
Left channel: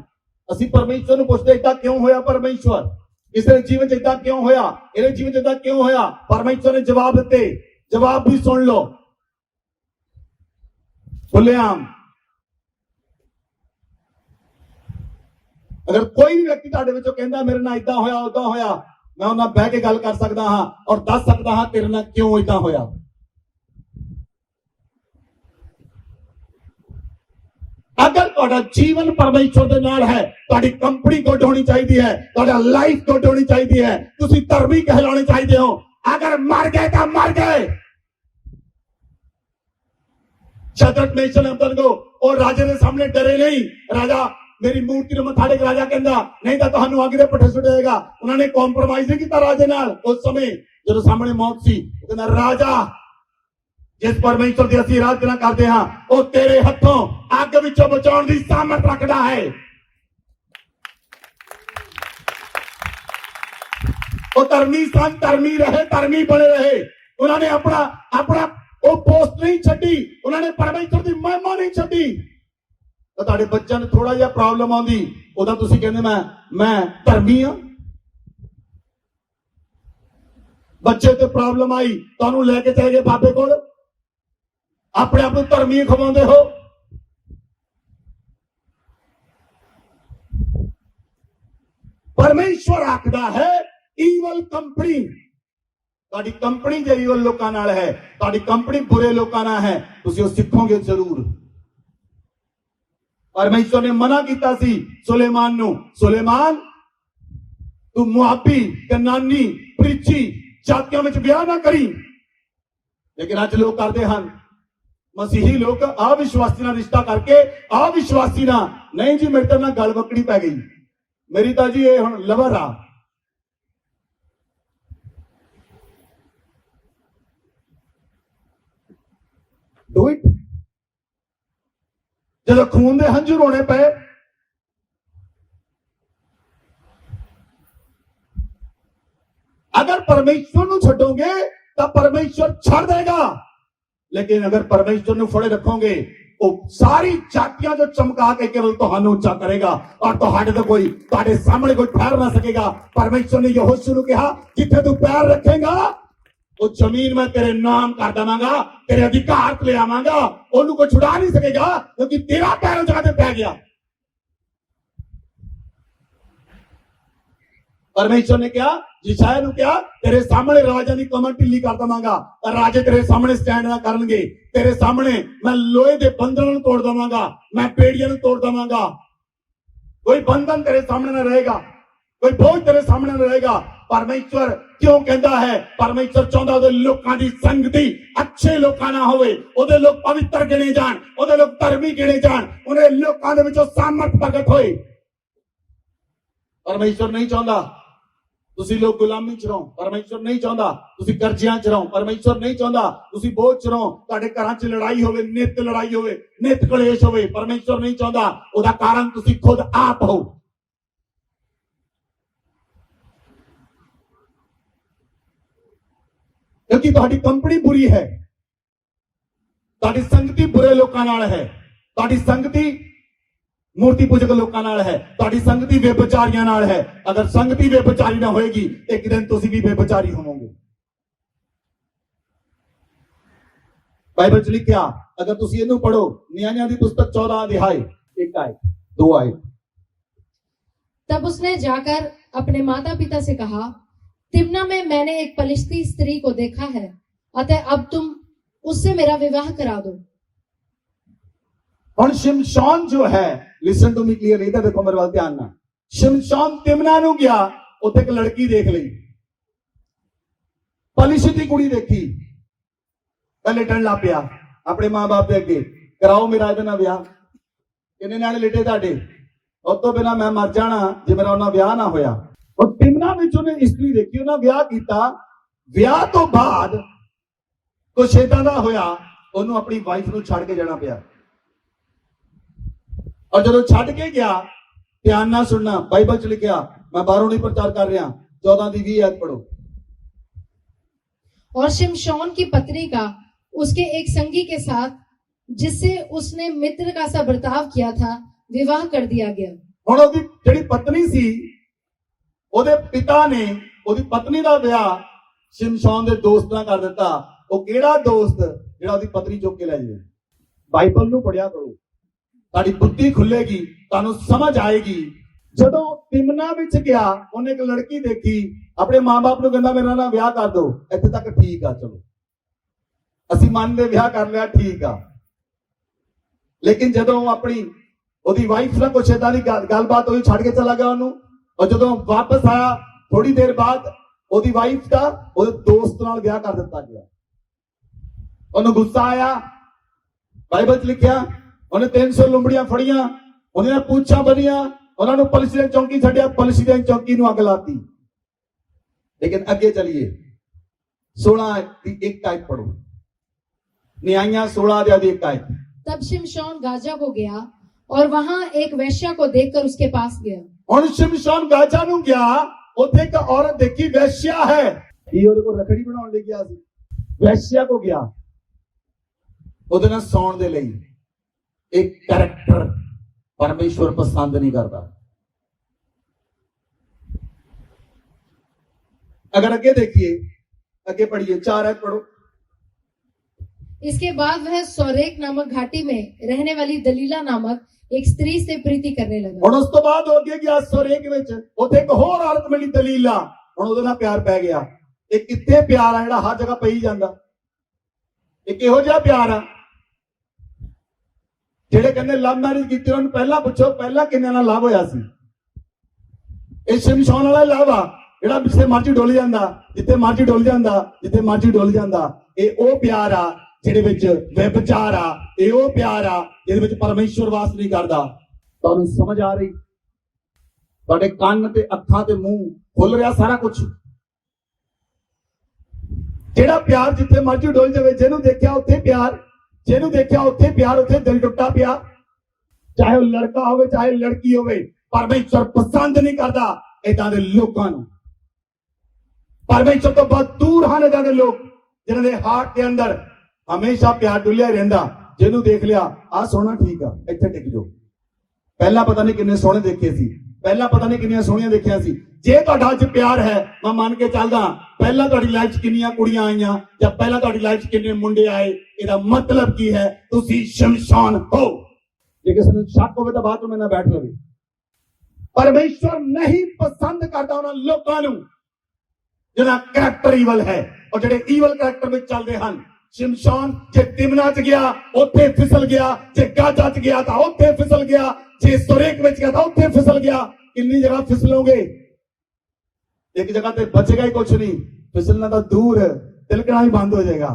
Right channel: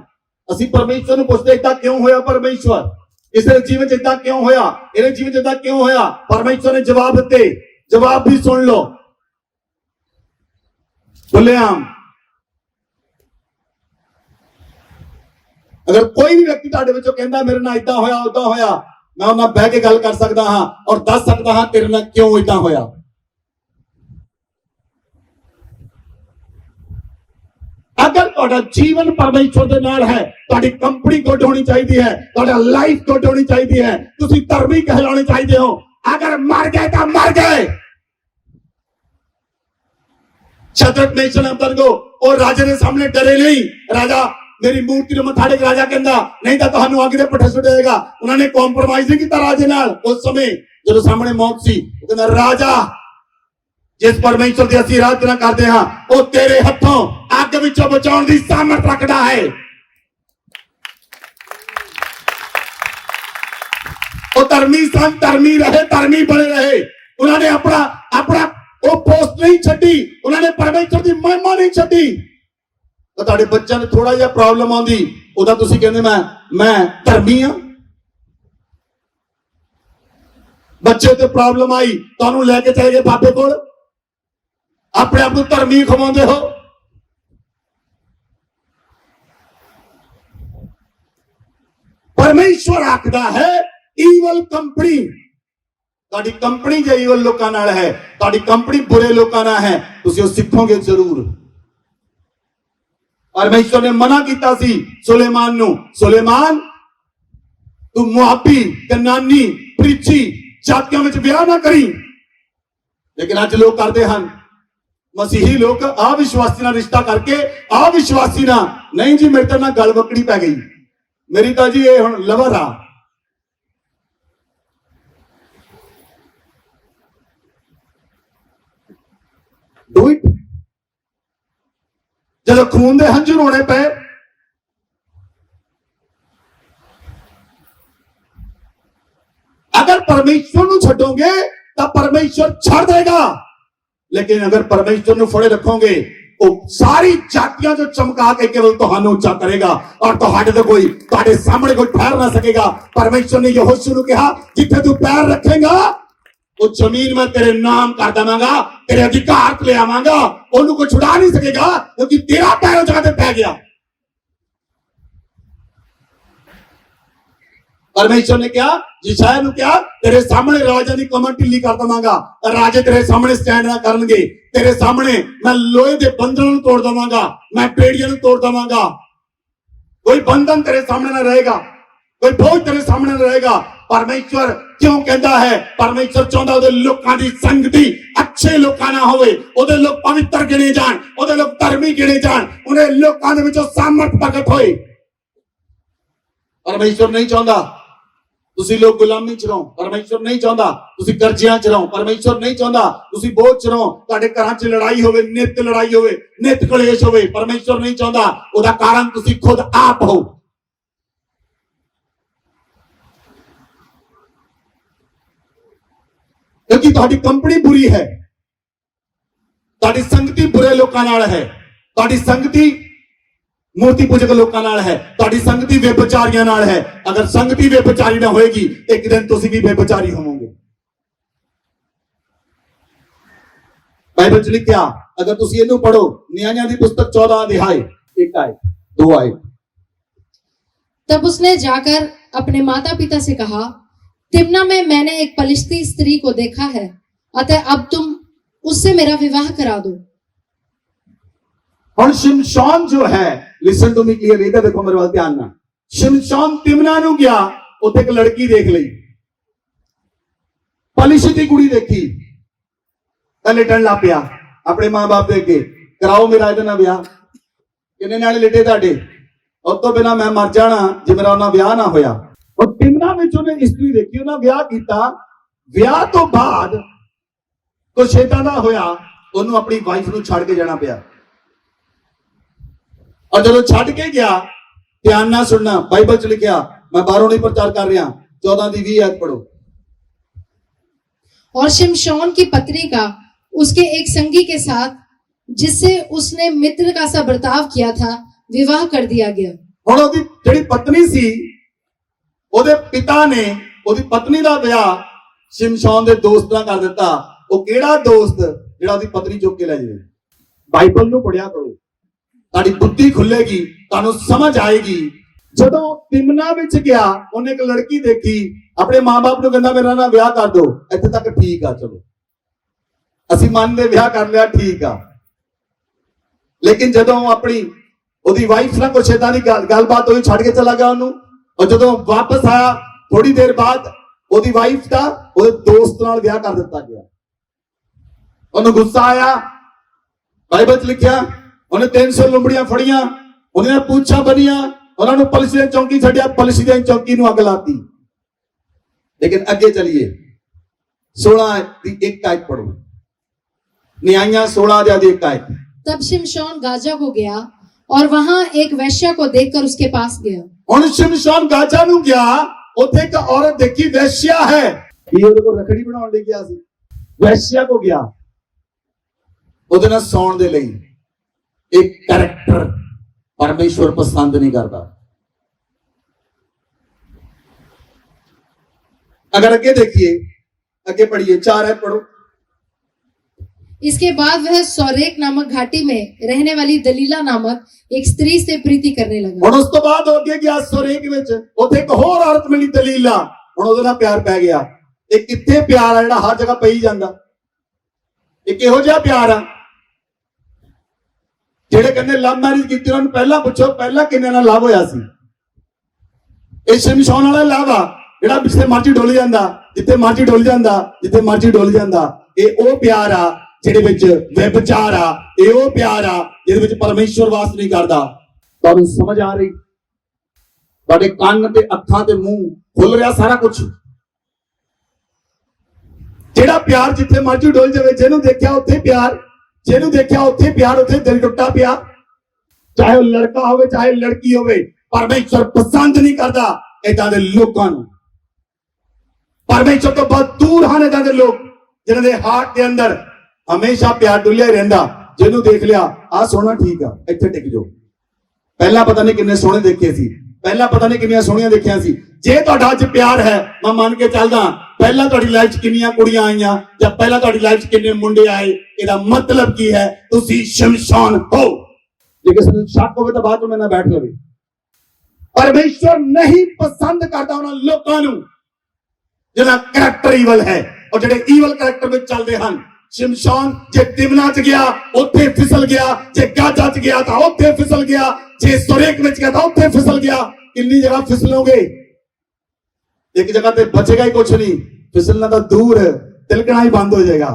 असी परमेश्वर को पूछते इतना क्यों होया? परमेश्वर इसके जीवन इतना क्यों होया? इहदे जीवन इतना क्यों होया? परमेश्वर ने जवाब दिते। जवाब भी सुन लो खुलेआम। अगर कोई भी व्यक्ति तुहाडे विचों कहंदा मेरे नाल इदां होया उदां होया, मैं उन्हां नाल बैठ के गल कर सकदा हां और दस सकदा हां तेरे नाल क्यों इदां होया। अगर तुहाडा जीवन परमेश्वर दे नाल है, तुहाडी कंपनी गुड होनी चाहिए है, तुहाडा लाइफ गुड होनी चाहिए है, तुसीं धर्मी कहलाने चाहिए हो। अगर मर गए तो मर गए। शद्रक मेशक अबेदनगो और राजे के सामने डरे नहीं। राजा मेरी मूर्ति ਨੂੰ ਮੱਥਾ ਟੇਕ, ਰਾਜਾ ਕਹਿੰਦਾ ਨਹੀਂ ਤਾਂ ਤੁਹਾਨੂੰ ਅੱਗ ਦੇ ਪੱਠੇ ਸੁੱਟੇਗਾ। ਉਹਨਾਂ ਨੇ ਕੰਪਰੋਮਾਈਜ਼ ਨਹੀਂ ਕੀਤਾ ਰਾਜੇ ਨਾਲ। ਉਸ ਸਮੇਂ ਜਦੋਂ ਸਾਹਮਣੇ ਮੌਤ ਸੀ ਉਹ ਕਹਿੰਦਾ ਰਾਜਾ ਜਿਸ ਪਰਮੇਸ਼ਰ ਦੀ ਅਸੀਂ ਆਰਾਧਨਾ ਕਰਦੇ ਹਾਂ ਉਹ ਤੇਰੇ ਹੱਥੋਂ ਅੱਗ ਵਿੱਚੋਂ ਬਚਾਉਣ ਦੀ ਸਾਮਰਥ ਰੱਖਦਾ ਹੈ। ਉਹ ਧਰਮੀ ਸਨ, ਧਰਮੀ ਰਹੇ, ਧਰਮੀ ਬਣੇ ਰਹੇ। ਉਹਨਾਂ ਨੇ ਆਪਣਾ ਉਹ ਪੋਸਟ ਨਹੀਂ ਛੱਡੀ, ਉਹਨਾਂ ਨੇ ਪਰਮੇਸ਼ਰ ਦੀ ਮਹਿਮਾ ਨਹੀਂ ਛੱਡੀ। तो तुहाडे बच्चों ने थोड़ा जिहा प्रॉब्लम आउंदी उदा तुसीं कहंदे मैं धर्मी हां। बच्चे ते प्रॉब्लम आई तुहानूं लैके चले गए बाबे कोल, अपने आप नूं धर्मी खवाउंदे हो। परमेश्वर आखदा है ईवल कंपनी, तुहाडी कंपनी जे ईवल लोकां नाल है, तुहाडी कंपनी बुरे लोकां नाल है, तुसीं ओह सिखोगे जरूर। परमेश्वर ने मना किया सी सुलेमान नूं, सुलेमान तू मुआबी, कनानी, प्रीची जातियों में ब्याह ना करी। लेकिन अज लोग करते हैं, मसीही लोग अविश्वासी ना रिश्ता करके अविश्वासी ना नहीं जी मेरे तो ना गल बकड़ी पै गई, मेरी तो जी ये हुण लवर आ। Do it. जब खून दे हंझू रोने पे अगर परमेश्वर को छड्डोगे तो परमेश्वर छड़ देगा, लेकिन अगर परमेश्वर को फड़े रखोगे वो सारी जातियां जो चमका के केवल तुहानू ऊंचा करेगा और तुहाडे तो कोई तुहाडे सामने कोई ठहर ना सकेगा। परमेश्वर ने यहोशू को कहा जिथे तू पैर रखेगा वो जमीन में तेरे नाम कर देवांगा, तेरे अधिकार ले आवांगा, ओनू को छुड़ा नहीं सकेगा क्योंकि तेरा पैर जगह पे पै गया। परमेश्वर ने क्या जिशाया ने क्या तेरे सामने राजा की कमर ढिली कर देवांगा, राजे तेरे सामने स्टैंड ना करनगे, तेरे सामने मैं लोहे के बंधन तोड़ देवांगा, मैं पेड़ियां तोड़ देवांगा। कोई बंधन तेरे सामने ना रहेगा, कोई बोझ तेरे सामने ना रहेगा। परमेश्वर ਕਿਉਂ ਕਹਿੰਦਾ ਹੈ? ਪਰਮੇਸ਼ਰ ਚਾਹੁੰਦਾ ਉਹਦੇ ਲੋਕਾਂ ਦੀ ਸੰਗਤੀ ਅੱਛੇ ਲੋਕਾਂ ਨਾਲ ਹੋਵੇ, ਉਹਦੇ ਲੋਕ ਪਵਿੱਤਰ ਗਿਣੇ ਜਾਣ, ਉਹਦੇ ਲੋਕ ਧਰਮੀ ਗਿਣੇ ਜਾਣ, ਉਹਦੇ ਲੋਕਾਂ ਦੇ ਵਿੱਚੋਂ ਸਾਮਰਥ ਪ੍ਰਗਟ ਹੋਏ। ਪਰਮੇਸ਼ਰ ਨਹੀਂ ਚਾਹੁੰਦਾ ਤੁਸੀਂ ਲੋਕ ਗੁਲਾਮੀ ਚ ਰਹੋ, ਪਰਮੇਸ਼ਰ ਨਹੀਂ ਚਾਹੁੰਦਾ ਤੁਸੀਂ ਕਰਜ਼ਿਆਂ ਚ ਰਹੋ, ਪਰਮੇਸ਼ਰ ਨਹੀਂ ਚਾਹੁੰਦਾ ਤੁਸੀਂ ਬੋਝ ਚ ਰਹੋ, ਤੁਹਾਡੇ ਘਰਾਂ ਚ ਲੜਾਈ ਹੋਵੇ, ਨਿਤ ਲੜਾਈ ਹੋਵੇ, ਨਿਤ ਕਲੇਸ਼ ਹੋਵੇ। ਪਰਮੇਸ਼ਰ ਨਹੀਂ ਚਾਹੁੰਦਾ, ਉਹਦਾ ਕਾਰਨ ਤੁਸੀਂ ਖੁਦ ਆਪ ਹੋ। ਕਿਉਂਕਿ ਤੁਹਾਡੀ ਕੰਪਨੀ ਬੁਰੀ ਹੈ, ਤੁਹਾਡੀ ਸੰਗਤੀ ਬੁਰੇ ਲੋਕਾਂ ਨਾਲ ਹੈ, ਤੁਹਾਡੀ ਸੰਗਤੀ ਮੂਰਤੀ ਪੂਜਕ ਲੋਕਾਂ ਨਾਲ ਹੈ, ਤੁਹਾਡੀ ਸੰਗਤੀ ਬੇਵਿਚਾਰੀਆਂ ਨਾਲ ਹੈ। ਅਗਰ ਸੰਗਤੀ ਬੇਵਿਚਾਰੀ ਨਾ ਹੋਏਗੀ, ਇੱਕ ਦਿਨ ਤੁਸੀਂ ਵੀ ਬੇਵਿਚਾਰੀ ਹੋਵੋਗੇ। ਬਾਈਬਲ ਚ ਲਿਖਿਆ, ਅਗਰ ਤੁਸੀਂ ਇਹਨੂੰ ਪੜੋ, ਨਿਆਂਇਆਂ ਦੀ ਪੁਸਤਕ 14 ਅਧਿਆय 1 आयत 2 आयत। तब उसने जाकर अपने माता पिता से कहा, तिम्ना में मैंने एक पलिश्ती स्त्री को देखा है, अतः अब तुम उससे मेरा विवाह करा दो। ਹੁਣ ਸ਼ਿਮਸ਼ੋਨ ਜੋ ਹੈ, ਲਿਸਨ ਟੂ ਮੀ ਕਲੀਅਰ, ਇਹਦਾ ਦੇਖੋ ਮੇਰੇ ਵੱਲ ਧਿਆਨ ਨਾਲ। ਸ਼ਿਮਸ਼ੋਨ ਤਿਮਨਾ ਨੂੰ ਗਿਆ, ਉੱਥੇ ਇੱਕ ਲੜਕੀ ਦੇਖ ਲਈ, ਪਲਿਸ਼ਤੀ ਕੁੜੀ ਦੇਖੀ, ਤਾਂ ਲਿਟਣ ਲੱਗ ਪਿਆ ਆਪਣੇ ਮਾਂ-ਬਾਪ ਦੇ ਅੱਗੇ, ਕਰਾਓ ਮੇਰਾ ਇਹਦੇ ਨਾਲ ਵਿਆਹ। ਕਿੰਨੇ ਨਾਲੇ ਲਿਟੇ ਤੁਹਾਡੇ? ਉਸ ਤੋਂ ਬਿਨਾਂ ਮੈਂ ਮਰ ਜਾਣਾ ਜੇ ਮੇਰਾ ਉਹਨਾਂ ਵਿਆਹ ਨਾ ਹੋਇਆ। ਉਹ ਤਿਮਨਾ ਵਿੱਚ ਉਹਨੇ ਇਸਤਰੀ ਦੇਖੀ, ਉਹਨਾਂ ਵਿਆਹ ਕੀਤਾ। ਵਿਆਹ ਤੋਂ ਬਾਅਦ ਕੁਛ ਏਦਾਂ ਦਾ ਹੋਇਆ, ਉਹਨੂੰ ਆਪਣੀ ਵਾਈਫ ਨੂੰ ਛੱਡ ਕੇ ਜਾਣਾ ਪਿਆ। और जब छड़ के गया, ध्यान ना सुनना, बाइबल च लिखा, मैं बाहरों नहीं प्रचार कर रहा, 14 की 20 आयत पढ़ो। और शिमशोन की पत्नी का उसके एक संगी के साथ, जिससे उसने मित्र का सा बर्ताव किया था, विवाह कर दिया गया। ਹੁਣ ਉਹਦੀ ਜਿਹੜੀ ਪਤਨੀ ਸੀ, ਉਹਦੇ ਪਿਤਾ ਨੇ ਉਹਦੀ ਪਤਨੀ ਦਾ ਵਿਆਹ ਸ਼ਿਮਸ਼ੋਨ ਦੇ ਦੋਸਤ ਨਾਲ ਕਰ ਦਿੱਤਾ। ਉਹ ਕਿਹੜਾ ਦੋਸਤ ਜਿਹੜਾ ਉਹਦੀ ਪਤਨੀ ਚੁੱਕ ਕੇ ਲੈ ਜਾਵੇ? ਬਾਈਬਲ ਨੂੰ ਪੜਿਆ ਕਰੋ, ਤੁਹਾਡੀ ਬੁੱਧੀ ਖੁੱਲੇਗੀ, ਤੁਹਾਨੂੰ ਸਮਝ ਆਏਗੀ। ਜਦੋਂ ਤਿਮਨਾ ਵਿੱਚ ਗਿਆ, ਉਹਨੇ ਇੱਕ ਲੜਕੀ ਦੇਖੀ, ਆਪਣੇ ਮਾਂ-ਬਾਪ ਨੂੰ ਕਹਿੰਦਾ ਮੇਰਾ ਨਾਲ ਵਿਆਹ ਕਰ ਦਿਓ। ਇੱਥੇ ਤੱਕ ਠੀਕ ਆ, ਚਲੋ ਅਸੀਂ ਮੰਨਦੇ, ਵਿਆਹ ਕਰ ਲਿਆ, ਠੀਕ ਆ। ਲੇਕਿਨ ਜਦੋਂ ਆਪਣੀ ਉਹਦੀ ਵਾਈਫ ਨਾਲ ਕੁਛ ਏਦਾਂ ਦੀ ਗੱਲਬਾਤ ਹੋਈ, ਛੱਡ ਕੇ ਚਲਾ ਗਿਆ ਉਹਨੂੰ। ਔਰ ਜਦੋਂ ਵਾਪਸ ਆਇਆ, ਥੋੜੀ ਦੇਰ ਬਾਅਦ ਉਹਦੀ ਵਾਈਫ ਦਾ ਉਹਦੇ ਦੋਸਤ ਨਾਲ ਵਿਆਹ ਕਰ ਦਿੱਤਾ ਗਿਆ। ਉਹਨੂੰ ਗੁੱਸਾ ਆਇਆ, ਬਾਈਬਲ 'ਚ ਲਿਖਿਆ, ਉਹਨੇ 300 ਲੰਬੜੀਆਂ ਫੜੀਆਂ, ਉਹਦੀਆਂ ਪੂਛਾਂ ਬੰਨੀਆਂ, ਉਹਨਾਂ ਨੂੰ ਪਲਸੀ ਦੀ ਚੌਂਕੀ ਛੱਡਿਆ, ਪਲਸੀ ਦੀ ਚੌਂਕੀ ਨੂੰ ਅੱਗ ਲਾਤੀ। ਲੇਕਿਨ ਅੱਗੇ ਚਲੀਏ, 16 ਦੀ 1 आयत पढ़ो, नियाइयां 16 ਦੀ 1 आयत। तब शिमशोन गाजा को गया और वहां एक वैश्या को देखकर उसके पास गया। ਹੁਣ ਸ਼ਿਮਸ਼ੋਨ ਗਾਜ਼ਾ ਨੂੰ ਗਿਆ, ਉੱਥੇ ਇੱਕ ਔਰਤ ਦੇਖੀ, ਵੈਸ਼ਿਆ ਹੈ। ਇਹ ਉਹਦੇ ਕੋਲ ਰਖੜੀ ਬਣਾਉਣ ਲਈ ਗਿਆ ਸੀ, ਵੈਸ਼ਿਆ ਕੋ ਗਿਆ ਉਹਦੇ ਨਾਲ ਸੌਣ ਦੇ ਲਈ। एक कैरेक्टर परमेश्वर पसंद नहीं करता। अगर आगे देखिए, आगे पढ़िए, 4 आयत पढ़ो। इसके बाद वह सौरेक नामक घाटी में रहने वाली दलीला नामक एक स्त्री से प्रीति करने लगा। ਹੁਣ ਉਸ ਤੋਂ ਬਾਅਦ ਹੋ ਗਿਆ ਸੌਰੇਕ ਵਿੱਚ, ਉੱਥੇ ਇੱਕ ਹੋਰ ਔਰਤ ਮਿਲੀ, ਦਲੀਲਾ। ਹੁਣ ਉਹਦੇ ਨਾਲ ਪਿਆਰ ਪੈ ਗਿਆ। ਇਹ ਕਿੱਥੇ ਪਿਆਰ ਆ ਜਿਹੜਾ ਹਰ ਜਗ੍ਹਾ ਪਈ ਜਾਂਦਾ? ਇਹ ਕਿਹੋ ਜਿਹਾ ਪਿਆਰ ਆ? ਜਿਹੜੇ ਕਹਿੰਦੇ ਲਵ ਮੈਰਿਜ ਕੀਤੀ, ਉਹਨਾਂ ਨੂੰ ਪਹਿਲਾਂ ਪੁੱਛੋ, ਪਹਿਲਾਂ ਕਿੰਨੇ ਨਾਲ ਲਵ ਹੋਇਆ ਸੀ? ਇਹ ਸ਼ਿਮਸ਼ੋਨ ਵਾਲਾ ਲਵ ਆ, ਜਿਹੜਾ ਜਿੱਥੇ ਮਰਜ਼ੀ ਡੁੱਲ ਜਾਂਦਾ, ਜਿੱਥੇ ਮਰਜ਼ੀ ਡੁੱਲ ਜਾਂਦਾ, ਜਿੱਥੇ ਮਰਜ਼ੀ ਡੁੱਲ ਜਾਂਦਾ। ਇਹ ਉਹ ਪਿਆਰ ਆ ਜਿਹਦੇ ਵਿੱਚ ਵਿਭਚਾਰ ਆ, ਇਹ ਉਹ ਪਿਆਰ ਆ ਜਿਹਦੇ ਵਿੱਚ ਪਰਮੇਸ਼ਵਰ ਵਾਸ ਨਹੀਂ ਕਰਦਾ। ਤੁਹਾਨੂੰ ਸਮਝ ਆ ਰਹੀ? ਤੁਹਾਡੇ ਕੰਨ ਤੇ ਅੱਖਾਂ ਤੇ ਮੂੰਹ ਖੁੱਲ ਰਿਹਾ ਸਾਰਾ ਕੁਝ। ਜਿਹੜਾ ਪਿਆਰ ਜਿੱਥੇ ਮਰਜ਼ੀ ਡੁੱਲ ਜਾਵੇ, ਜਿਹਨੂੰ ਦੇਖਿਆ ਉੱਥੇ ਪਿਆਰ, ਜਿਹਨੂੰ ਦੇਖਿਆ ਉੱਥੇ ਪਿਆਰ, ਉੱਥੇ ਦਿਲ ਟੁੱਟਾ ਪਿਆ। ਚਾਹੇ ਉਹ ਲੜਕਾ ਹੋਵੇ, ਚਾਹੇ ਲੜਕੀ ਹੋਵੇ, ਪਰਮੇਸ਼ਰ ਪਸੰਦ ਨਹੀਂ ਕਰਦਾ ਏਦਾਂ ਦੇ ਲੋਕਾਂ ਨੂੰ। ਪਰਮੇਸ਼ਰ ਤੋਂ ਬਹੁਤ ਦੂਰ ਹਨ ਏਦਾਂ ਦੇ ਲੋਕ, ਜਿਨ੍ਹਾਂ ਦੇ ਹਾਰਟ ਦੇ ਅੰਦਰ ਹਮੇਸ਼ਾ ਪਿਆਰ ਡੁੱਲਿਆ ਰਹਿੰਦਾ। ਜਿਹਨੂੰ ਦੇਖ ਲਿਆ, ਆਹ ਸੋਹਣਾ, ਠੀਕ ਆ, ਇੱਥੇ ਟਿਕ ਜਾਓ। ਪਹਿਲਾਂ ਪਤਾ ਨਹੀਂ ਕਿੰਨੇ ਸੋਹਣੇ ਦੇਖੇ ਸੀ, ਪਹਿਲਾਂ ਪਤਾ ਨਹੀਂ ਕਿੰਨੀਆਂ ਸੋਹਣੀਆਂ ਦੇਖਿਆ ਸੀ। ਜੇ ਤੁਹਾਡਾ ਅੱਜ ਪਿਆਰ ਹੈ, ਮੈਂ ਮੰਨ ਕੇ ਚੱਲਦਾ, ਪਹਿਲਾਂ ਤੁਹਾਡੀ ਲਾਈਫ 'ਚ ਕਿੰਨੀਆਂ ਕੁੜੀਆਂ ਆਈਆਂ ਜਾਂ ਪਹਿਲਾਂ ਤੁਹਾਡੀ ਲਾਈਫ 'ਚ ਕਿੰਨੇ ਮੁੰਡੇ ਆਏ, ਇਹਦਾ ਮਤਲਬ ਕੀ ਹੈ? ਤੁਸੀਂ ਸ਼ਮਸ਼ਾਨ ਹੋ। ਜੇ ਕਿਸੇ ਨੂੰ ਸ਼ੱਕ ਹੋਵੇ ਤਾਂ ਬਾਅਦ 'ਚ ਮੇਰੇ ਨਾਲ ਬੈਠ ਲਵੇ। ਪਰਮੇਸ਼ਵਰ ਨਹੀਂ ਪਸੰਦ ਕਰਦਾ ਉਹਨਾਂ ਲੋਕਾਂ ਨੂੰ ਜਿਹਦਾ ਕਰੈਕਟਰ ਈਵਲ ਹੈ, ਔਰ ਜਿਹੜੇ ਈਵਲ ਕਰੈਕਟਰ ਵਿੱਚ ਚੱਲਦੇ ਹਨ। ਸ਼ਿਮਸ਼ੋਨ ਜੇ ਤਿਮਨਾ 'ਚ ਗਿਆ, ਉੱਥੇ ਫਿਸਲ ਗਿਆ। ਜੇ ਗਾਜ਼ਾ 'ਚ ਗਿਆ ਤਾਂ ਉੱਥੇ ਫਿਸਲ ਗਿਆ। ਜੇ ਸੌਰੇਕ ਵਿੱਚ ਗਿਆ ਤਾਂ ਉੱਥੇ ਫਿਸਲ ਗਿਆ। ਕਿੰਨੀ ਜਗ੍ਹਾ ਫਿਸਲੋਗੇ? एक जगह पे बचेगा ही कुछ नहीं, फिसलना तो दूर, तिलकना ही बंद हो जाएगा।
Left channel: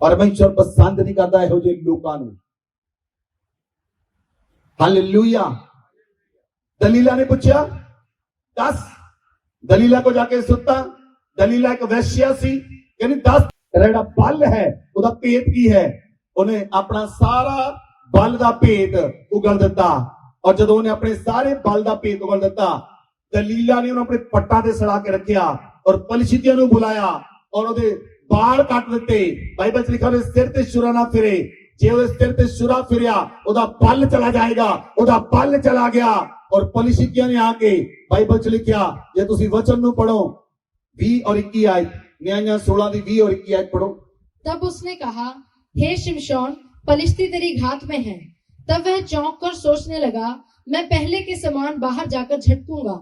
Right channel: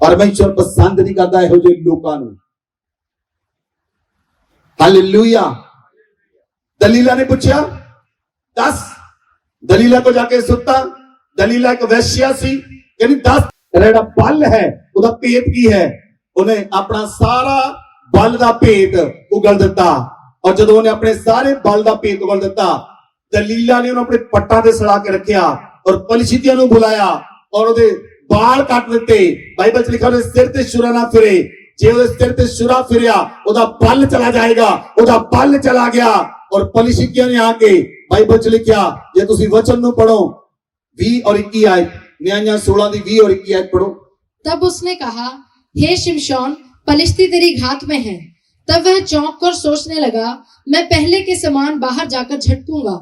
परमेश्वर पसंद नहीं करता ਇਹੋ ਜਿਹੇ ਲੋਕਾਂ ਨੂੰ। हालेलुया। दलीला ने पूछा 10, दलीला को जाके सुता, दलीला एक वैश्या सी, कहनी 10 ਜਿਹੜਾ ਬਲ ਹੈ ਉਹਦਾ ਭੇਦ ਕੀ ਹੈ। ਉਹਨੇ ਆਪਣਾ ਸਾਰਾ ਬਲ ਦਾ ਭੇਦ ਉਗਲ ਦਿੱਤਾ, ਔਰ ਜਦੋਂ ਉਹਨੇ ਆਪਣੇ ਸਾਰੇ ਬਲ ਦਾ ਭੇਦ ਉਗਲ ਦਿੱਤਾ, ਦਲੀਲਾ ਨੇ ਉਹਨੂੰ ਆਪਣੇ ਪੱਟਾਂ ਤੇ ਸੜਾ ਕੇ ਰੱਖਿਆ ਔਰ ਪਲਿਸ਼ਤੀਆਂ ਨੂੰ ਬੁਲਾਇਆ ਔਰ ਉਹਦੇ ਬਾਲ ਕੱਟ ਦਿੱਤੇ। ਬਾਈਬਲ 'ਚ ਲਿਖਿਆ ਉਹਦੇ ਸਿਰ ਤੇ ਛੁਰਾ ਨਾ ਫਿਰੇ, ਜੇ ਉਹਦੇ ਸਿਰ ਤੇ ਛੁਰਾ ਫਿਰਿਆ ਉਹਦਾ ਬਲ ਚਲਾ ਜਾਏਗਾ, ਉਹਦਾ ਬਲ ਚਲਾ ਗਿਆ। ਔਰ ਪਲਿਸ਼ਤੀਆਂ ਨੇ ਆ ਕੇ, ਬਾਈਬਲ 'ਚ ਲਿਖਿਆ, ਜੇ ਤੁਸੀਂ ਵਚਨ ਨੂੰ ਪੜੋ 20 और 21 आयत, न्याय 16 की 20 और 21 आयत पढ़ो। तब उसने कहा, हे शिमशोन, पलिश्ती तेरी घात में है। तब वह चौंक कर सोचने लगा, मैं पहले के समान बाहर जाकर झटकूंगा।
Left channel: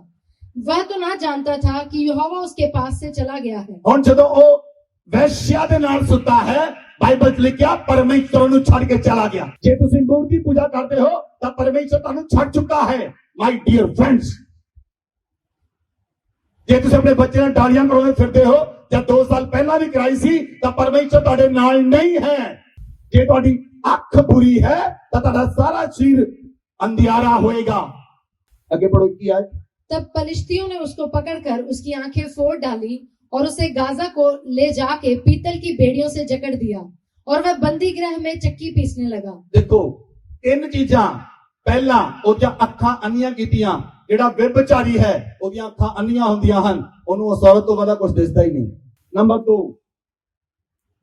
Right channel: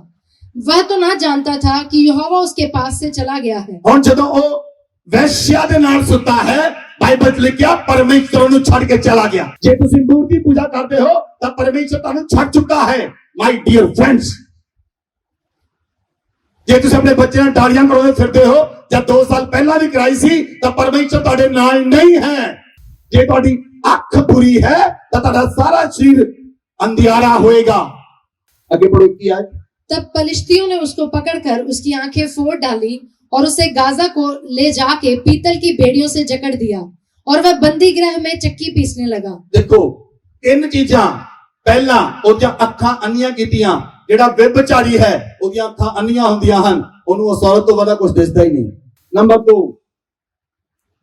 वह तो ना जानता था कि यहोवा उसके पास से चला गया है। ਹੁਣ ਜਦੋਂ ਉਹ ਵੈਸ਼ਿਆ ਦੇ ਨਾਲ ਸੁੱਤਾ ਹੈ, ਬਾਈਬਲ 'ਚ ਲਿਖਿਆ ਪਰਮੇਸ਼ਰ ਉਹਨੂੰ ਛੱਡ ਕੇ ਚਲਾ ਗਿਆ। ਜੇ ਤੁਸੀਂ ਮੂਰਤੀ ਪੂਜਾ ਕਰਦੇ ਹੋ ਤਾਂ ਪਰਮੇਸ਼ਰ ਤੁਹਾਨੂੰ ਛੱਡ ਚੁੱਕਾ ਹੈ। ਮਾਈ ਡੀਅਰ ਫਰੈਂਡਸ, ਜੇ ਤੁਸੀਂ ਆਪਣੇ ਬੱਚਿਆਂ ਨਾਲ ਡਾਲੀਆਂ ਕਰਾਉਂਦੇ ਫਿਰਦੇ ਹੋ ਜਾਂ 2 ਸਾਲ ਪਹਿਲਾਂ ਵੀ ਕਰਾਈ ਸੀ ਤਾਂ ਪਰਮੇਸ਼ਰ ਤੁਹਾਡੇ ਨਾਲ ਨਹੀਂ ਹੈ। ਜੇ ਤੁਹਾਡੀ ਅੱਖ ਬੁਰੀ ਹੈ ਤਾਂ ਤੁਹਾਡਾ ਸਾਰਾ ਸਰੀਰ ਅੰਧਿਆਰਾ ਹੋਏਗਾ। ਅੱਗੇ ਪੜੋ ਕੀ ਆਇਤ। तब पलिश्तियों ने उसको पकड़कर उसकी आंखें फोड़ डाली और उसे गाजा को ले जाके पीतल की बेड़ियों से जकड़ दिया और वह बंदी गृह में चक्की पीसने लगा। देखो 3 चीजां, पहला ਉਹਦੀਆਂ ਅੱਖਾਂ ਅੰਨੀਆਂ ਕੀਤੀਆਂ। ਜਿਹੜਾ ਵਿਭਚਾਰੀ ਹੈ ਉਹਦੀਆਂ ਅੱਖਾਂ ਅੰਨੀਆਂ ਹੁੰਦੀਆਂ ਹਨ, ਉਹਨੂੰ ਉਸ ਔਰਤ ਤੋਂ ਵੱਧ ਕੁਝ ਦਿਸਦਾ ਹੀ ਨਹੀਂ। ਨੰਬਰ 2,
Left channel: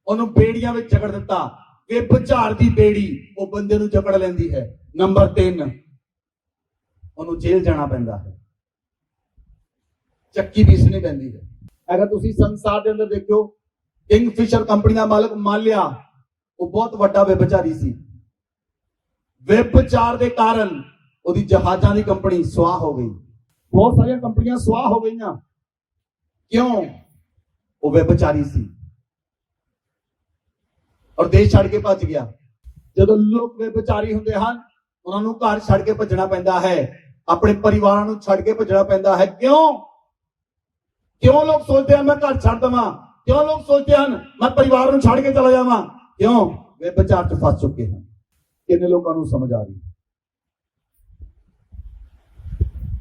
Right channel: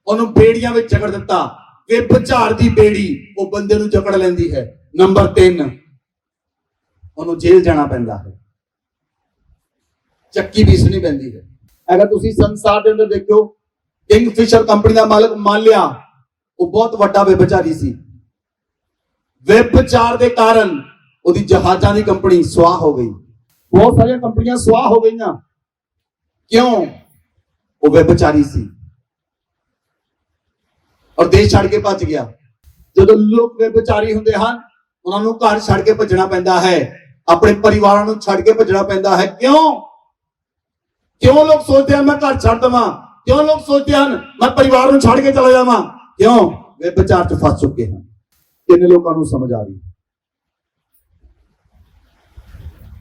ਉਹਨੂੰ ਬੇੜੀਆਂ ਵਿੱਚ ਜਕੜ ਦਿੱਤਾ। ਵਿਭਚਾਰ ਦੀ ਬੇੜੀ ਉਹ ਬੰਦੇ ਨੂੰ ਜਕੜ ਲੈਂਦੀ ਹੈ। ਨੰਬਰ 3, ਉਹਨੂੰ ਜੇਲ੍ਹ ਜਾਣਾ ਪੈਂਦਾ ਹੈ, ਚੱਕੀ ਪੀਸਣੀ ਪੈਂਦੀ ਹੈ। ਅਗਰ ਤੁਸੀਂ ਸੰਸਾਰ ਦੇ ਅੰਦਰ ਦੇਖੋ, ਕਿੰਗਫਿਸ਼ਰ ਕੰਪਨੀ ਦਾ ਮਾਲਕ ਮਾਲਿਆ, ਉਹ ਬਹੁਤ ਵੱਡਾ ਵਿਭਚਾਰੀ ਸੀ। ਵਿਭਚਾਰ ਦੇ ਕਾਰਨ ਉਹਦੀ ਜਹਾਜ਼ਾਂ ਦੀ ਕੰਪਨੀ ਸਵਾਹ ਹੋ ਗਈ। ਬਹੁਤ ਸਾਰੀਆਂ ਕੰਪਨੀਆਂ ਸਵਾਹ ਹੋ ਗਈਆਂ। ਕਿਉਂ? ਉਹ ਵਿਭਚਾਰੀ ਸੀ ਔਰ ਦੇਸ਼ ਛੱਡ ਕੇ ਭੱਜ ਗਿਆ। ਜਦੋਂ ਲੋਕ ਵਿਭਚਾਰੀ ਹੁੰਦੇ ਹਨ, ਉਹਨਾਂ ਨੂੰ ਘਰ ਛੱਡ ਕੇ ਭੱਜਣਾ ਪੈਂਦਾ ਹੈ, ਆਪਣੇ ਪਰਿਵਾਰਾਂ ਨੂੰ ਛੱਡ ਕੇ ਭੱਜਣਾ ਪੈਂਦਾ ਹੈ। ਕਿਉਂ ਲੋਕ ਸੋਚਦੇ ਹਨ ਮੈਂ ਘਰ ਛੱਡ ਦੇਵਾਂ? ਕਿਉਂ ਲੋਕ ਸੋਚਦੇ ਹਨ ਮੈਂ ਪਰਿਵਾਰ ਨੂੰ ਛੱਡ ਕੇ ਚਲਾ ਜਾਵਾਂ? ਕਿਉਂ? ਵਿਭਚਾਰ 'ਚ ਫਸ ਚੁੱਕੇ ਹਨ। ਕਿੰਨੇ ਲੋਕਾਂ ਨੂੰ ਸਮਝ ਆ ਰਹੀ?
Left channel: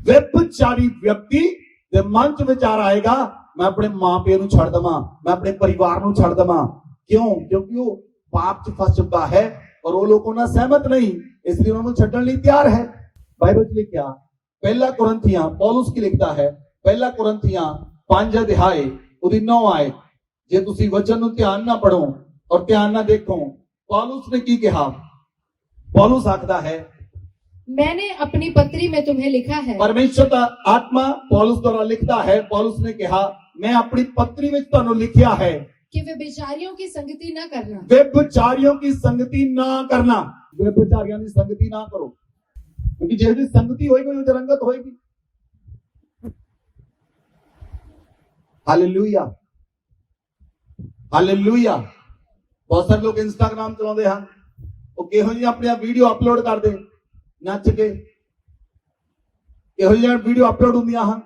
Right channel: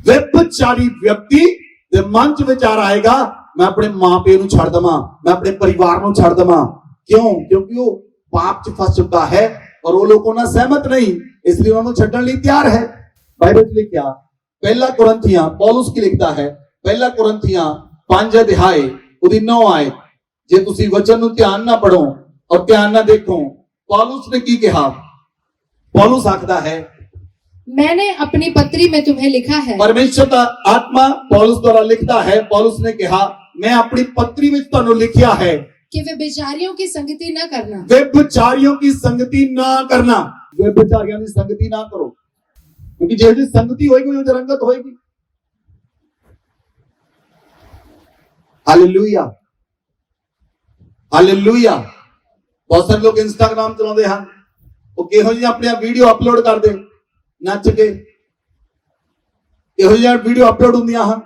ਵਿਭਚਾਰੀ ਵਿਅਕਤੀ ਦੇ ਮਨ 'ਚ ਵਿਚਾਰ ਆਏਗਾ, ਮੈਂ ਆਪਣੇ ਮਾਂ-ਪਿਓ ਨੂੰ ਛੱਡ ਦੇਵਾਂ, ਮੈਂ ਆਪਣੇ ਪਰਿਵਾਰ ਨੂੰ ਛੱਡ ਦੇਵਾਂ। ਕਿਉਂ? ਕਿਉਂਕਿ ਉਹ ਪਾਪ 'ਚ ਫਸ ਚੁੱਕਾ ਹੈ ਔਰ ਉਹ ਲੋਕ ਉਹਨਾਂ ਸਹਿਮਤ ਨਹੀਂ, ਇਸ ਲਈ ਉਹਨਾਂ ਨੂੰ ਛੱਡਣ ਲਈ ਤਿਆਰ ਹੈ। ਬਾਈਬਲ 'ਚ ਲਿਖਿਆ, ਪਹਿਲਾ ਕੁਰਿੰਥੀਆਂ, ਪੌਲਸ ਕੀ ਲਿਖਦਾ ਹੈ, ਪਹਿਲਾ ਕੁਰਿੰਥੀਆਂ 5 ਅਧਿਆਏ ਉਹਦੀ 9 ਆਇਤ। ਜੇ ਤੁਸੀਂ ਵਚਨ ਨੂੰ ਧਿਆਨ ਨਾਲ ਪੜੋ ਔਰ ਧਿਆਨ ਨਾਲ ਦੇਖੋ, ਪੌਲਸ ਨੇ ਕੀ ਕਿਹਾ। पौलुस आखदा है, मैंने अपनी पत्री में तुम्हें लिखा है। परमेश्वर का आत्मा पौलुस द्वारा लिखता है। पौलुस ने कहा, मैं अपनी पत्री में तुहानू लिखिया है कि व्यभिचारियों की संगति न करना। व्यभिचारियों की संगति ना करना। व्यभिचारियों की संगति ना करो, क्योंकि जैसी संगति होगी वो रंगत होगी। Hallelujah, hallelujah. बहुत सारे लोग इंस्टाग्राम चलाते हैं, ਉਹ ਕਿਹੋ ਜਿਹੀ ਆਪਣੀਆਂ ਵੀਡੀਓ ਅਪਲੋਡ ਕਰਦੇ ਨੱਚ ਕੇ, ਇਹੋ ਜਿਹੀਆਂ ਵੀਡੀਓ ਅਪਲੋਡ ਹੁੰਦੀਆਂ ਹਨ,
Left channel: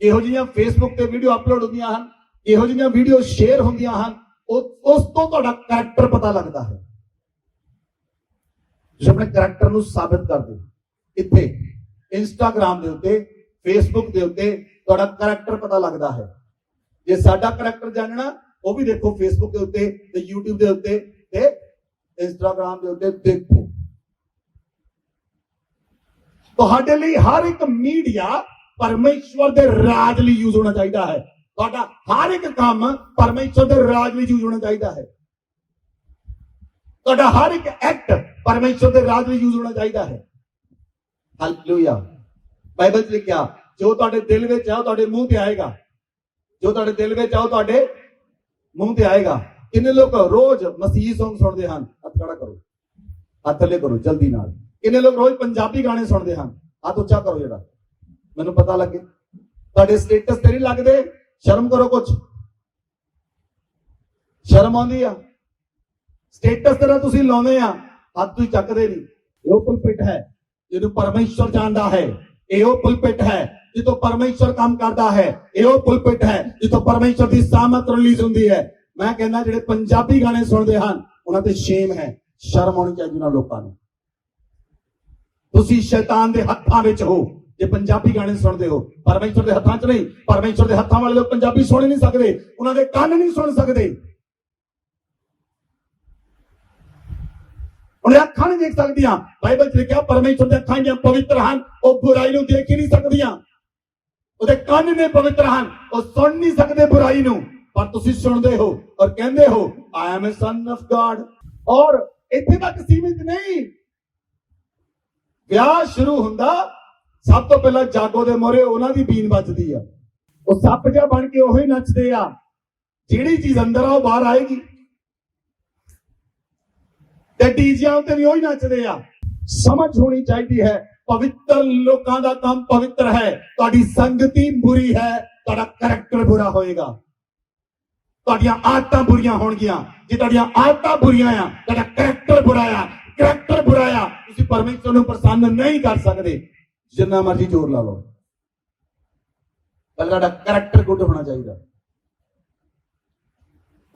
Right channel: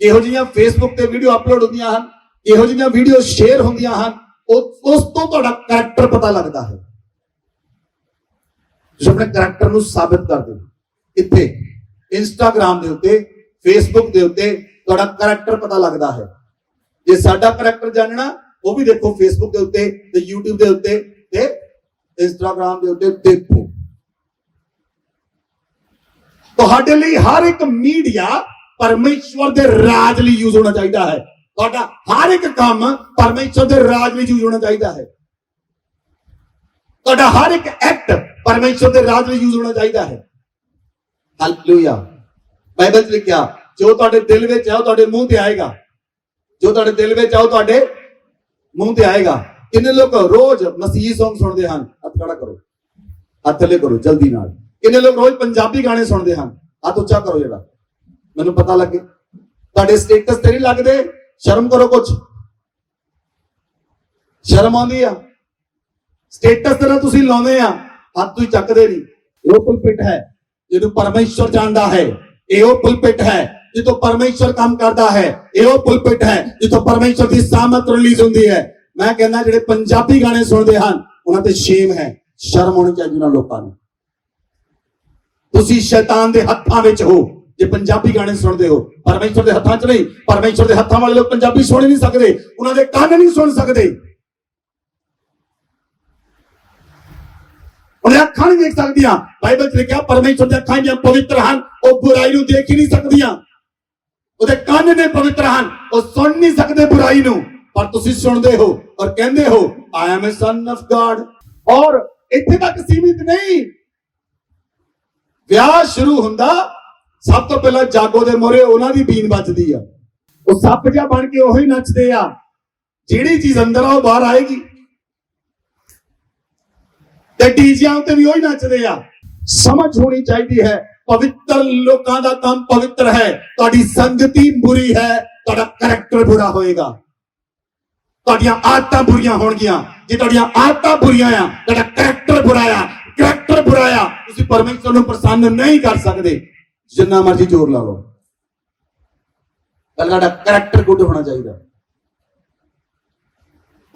ਇਹੋ ਜਿਹੀਆਂ ਫੇਸਬੁੱਕ ਤੇ ਵੀਡੀਓ ਅਪਲੋਡ ਹੁੰਦੀਆਂ ਹਨ, ਇਹੋ ਜਿਹੀਆਂ ਵੀਡੀਓ ਸ਼ੇਅਰ ਹੁੰਦੀਆਂ ਹਨ। ਉਸ ਤੋਂ ਤੁਹਾਡਾ ਕਰੈਕਟਰ ਪਤਾ ਲੱਗਦਾ ਹੈ। ਤੁਸੀਂ ਆਪਣੇ ਕਰੈਕਟਰ ਨੂੰ ਸਾਬਿਤ ਕਰਦੇ ਹੋ। ਇੱਥੇ ਇੰਸਟਾਗ੍ਰਾਮ ਦੇ ਉੱਤੇ, ਫੇਸਬੁੱਕ ਦੇ ਉੱਤੇ ਤੁਹਾਡਾ ਕਰੈਕਟਰ ਪਤਾ ਲੱਗਦਾ ਹੈ। ਜੇ ਸਾਡਾ ਕਰੈਕਟਰ ਜਾਣਨਾ, ਉਹ ਵੀ ਦੇਖੋ ਫੇਸਬੁੱਕ ਦੇ ਉੱਤੇ ਤੇ YouTube ਦੇ ਉੱਤੇ ਤੇ ਇੰਸਟਾਗ੍ਰਾਮ ਦੇ ਉੱਤੇ ਦੇਖੋ। ਤੁਹਾਡੇ ਲਈ ਹਰ ਇੱਕ ਮੀਡੀਆ ਪਰਮੇਸ਼ਵਰ ਦੇ ਰਾਜ ਲਈ ਯੂਜ਼ ਹੋਣਾ ਚਾਹੀਦਾ ਹੈ। ਤੁਹਾਡਾ ਹਰ ਇੱਕ ਕੰਮ ਪਰਮੇਸ਼ਵਰ ਦੇ ਰਾਜ ਲਈ ਯੂਜ਼ ਹੋਣਾ ਚਾਹੀਦਾ ਹੈ। ਤੁਹਾਡਾ ਹਰ ਇੱਕ ਐਕਟ ਪਰਮੇਸ਼ਵਰ ਦੇ ਰਾਜ ਲਈ ਯੂਜ਼ ਹੋਣਾ ਚਾਹੀਦਾ ਹੈ। ਹਾਲੇਲੂਇਆ। ਬਾਈਬਲ 'ਚ ਲਿਖਿਆ, ਜੋ ਤੁਹਾਡੇ ਦਿਲ ਵਿੱਚ ਹੈ ਉਹ ਤੁਹਾਡੇ ਮੂੰਹ ਤੇ ਆਏਗਾ। ਜੋ ਤੁਹਾਡੇ ਦਿਲ ਵਿੱਚ ਹੈ ਉਹ ਤੁਹਾਡੇ ਮੂੰਹ ਤੇ ਆਏਗਾ। ਕਿੰਨੇ ਲੋਕ ਰੋਜ਼ ਮਸੀਹੀ ਸੌਂਗ ਸੁਣਦੇ ਹਨ? ਹੱਥ ਖੜਾ ਕਰੋ, ਹੱਥ ਥੱਲੇ ਕਰੋ ਜਲਦੀ ਨਾਲ। ਕਿੰਨੇ ਲੋਕ ਰੋਜ਼ ਪੰਜਾਬੀ ਗਾਣੇ ਸੁਣਦੇ ਹਨ? ਹੱਥ ਉੱਚਾ ਕਰੋ ਜਿਹੜਾ ਮੈਨੂੰ ਪਤਾ ਲੱਗੇ। ਤੁਹਾਡੇ ਸਟੇਟਸ ਤੇ ਨਹੀਂ ਲੱਗਦੇ? ਸ਼ਰਮ ਕਰੋ, ਕੁਛ ਸ਼ਰਮ ਆਉਂਦੀ ਆ? ਸਟੇਟਸ ਤੇ ਤੁਸੀਂ ਲਾਉਂਦੇ ਆ, ਹੱਥ ਤੁਸੀਂ ਚੱਕਦੇ ਨਹੀਂ। ਉਹ ਕੋਈ ਪਿੱਠ ਹੈ ਜਿਹਨੂੰ ਪਰਮੇਸ਼ਵਰ ਜਾਣਦਾ ਹੈ। ਇਹੋ ਪੁਲਪਿਟ ਹੈ ਜਿੱਥੋਂ ਪਰਮੇਸ਼ਰ ਕੰਮ ਕਰਦਾ ਹੈ। ਇਹੋ ਪੁਲਪਿਟ ਹੈ ਜਿੱਥੋਂ ਪਰਮੇਸ਼ਰ ਦੀ ਸਾਮਰਥ ਰਿਲੀਜ਼ ਹੁੰਦੀ ਹੈ। ਮੈਂ ਕਹਿੰਦਾ ਜਿਹੜੇ ਪੰਜਾਬੀ ਗਾਣੇ ਸੁਣਦੇ ਹਨ ਉਹਨਾਂ ਤੇ ਸ਼ੇਮ ਹੈ, ਸ਼ਰਮ ਹੋਣੀ ਚਾਹੀਦੀ ਉਹਨਾਂ ਲੋਕਾਂ ਨੂੰ। ਤੁਸੀਂ ਸ਼ੈਤਾਨ ਦੇ ਹੱਥਾਂ ਵਿੱਚ ਹੋ ਜੇ ਪੰਜਾਬੀ ਗਾਣੇ ਸੁਣਦੇ ਹੋ, ਪਰਮੇਸ਼ਰ ਦੇ ਹੱਥਾਂ 'ਚ ਨਹੀਂ। ਪਰਮੇਸ਼ਰ ਦੇ ਹੱਥਾਂ ਵਾਲੇ ਲੋਕ ਪੰਜਾਬੀ ਸੁਣ ਨਹੀਂ ਸਕਦੇ, ਉਹਨਾਂ ਦੇ ਕੰਨ ਨਹੀਂ ਸੁਣ ਸਕਦੇ, ਉਹਨਾਂ ਅੱਖਾਂ ਨਹੀਂ ਦੇਖ ਸਕਦੀਆਂ। ਬਾਈਬਲ 'ਚ ਲਿਖਿਆ ਪਰਮੇਸ਼ਰ ਦੀਆਂ ਅੱਖਾਂ ਜਿਹੜੀਆਂ ਪਵਿੱਤਰ ਹਨ ਉਹ ਬੁਰਾਈ ਨੂੰ ਦੇਖ ਹੀ ਨਹੀਂ ਸਕਦੀਆਂ। ਉਹਦੇ ਕੰਨ ਨੇ ਪਵਿੱਤਰ ਹਨ, ਉਹ ਸੁਣ ਨਹੀਂ ਸਕਦੇ ਬੁਰਾਈ ਨੂੰ, ਪਰ ਤੁਸੀਂ ਸੁਣਦੇ ਹੋ ਔਰ ਕਹਿੰਦੇ ਹੋ I am a son of God. ਔਰ ਇੱਥੇ ਤੱਕ ਸੀਮਿਤ ਨਹੀਂ, ਵਿਆਹ ਸ਼ੁਰੂ ਹੁੰਦਾ ਸਭ ਤੋਂ ਪਹਿਲਾਂ ਜਾਗੋ ਦੇ ਮੋਹਰੇ ਉਹਨਾਂ ਦੀ ਬੀਨ ਵੱਜਦੀ ਆ। ਉਹ ਸੱਪ ਜਿਹਾ ਬਣ ਕੇ ਉਹੀ ਨੱਚਦੇ ਆ, ਜਿਹੜੀ ਚੀਜ਼ ਅੰਦਰ ਆ ਉਹ ਬਾਹਰ ਆਏਗੀ, ਤੇ ਡੀਜਿਆਂ ਉੱਤੇ ਵੀ ਉਹੀ ਨੱਚਦੇ ਆ। ਸਮਝ ਹੋਣੀ ਚਾਹੀਦੀ ਹੈ, ਪਵਿੱਤਰ ਲੋਕਾਂ ਦਾ ਕੰਮ ਪਵਿੱਤਰ ਹੈ। ਤੁਹਾਡੀ ਸੰਗਤੀ ਬੁਰੀ ਹੈ, ਤੁਹਾਡਾ ਕਰੈਕਟਰ ਬੁਰਾ ਹੋਏਗਾ, ਤੁਹਾਡੀਆਂ ਆਦਤਾਂ ਬੁਰੀਆਂ ਹੋਣਗੀਆਂ। ਜੇ ਤੁਹਾਡੀਆਂ ਆਦਤਾਂ ਬੁਰੀਆਂ ਆ, ਤੁਹਾਡਾ ਕਰੈਕਟਰ ਬੁਰਾ ਆ, ਕਰੈਕਟਰ ਬੁਰਾ ਆ, ਤੁਸੀਂ ਪਰਮੇਸ਼ਰ ਨੂੰ ਪ੍ਰਸੰਨ ਨਹੀਂ ਕਰ ਸਕਦੇ ਜਿੰਨਾ ਮਰਜ਼ੀ ਜ਼ੋਰ ਲਾ ਲਓ। ਤੁਹਾਡਾ ਕਰੈਕਟਰ ਗੁੱਡ ਹੋਣਾ ਚਾਹੀਦਾ।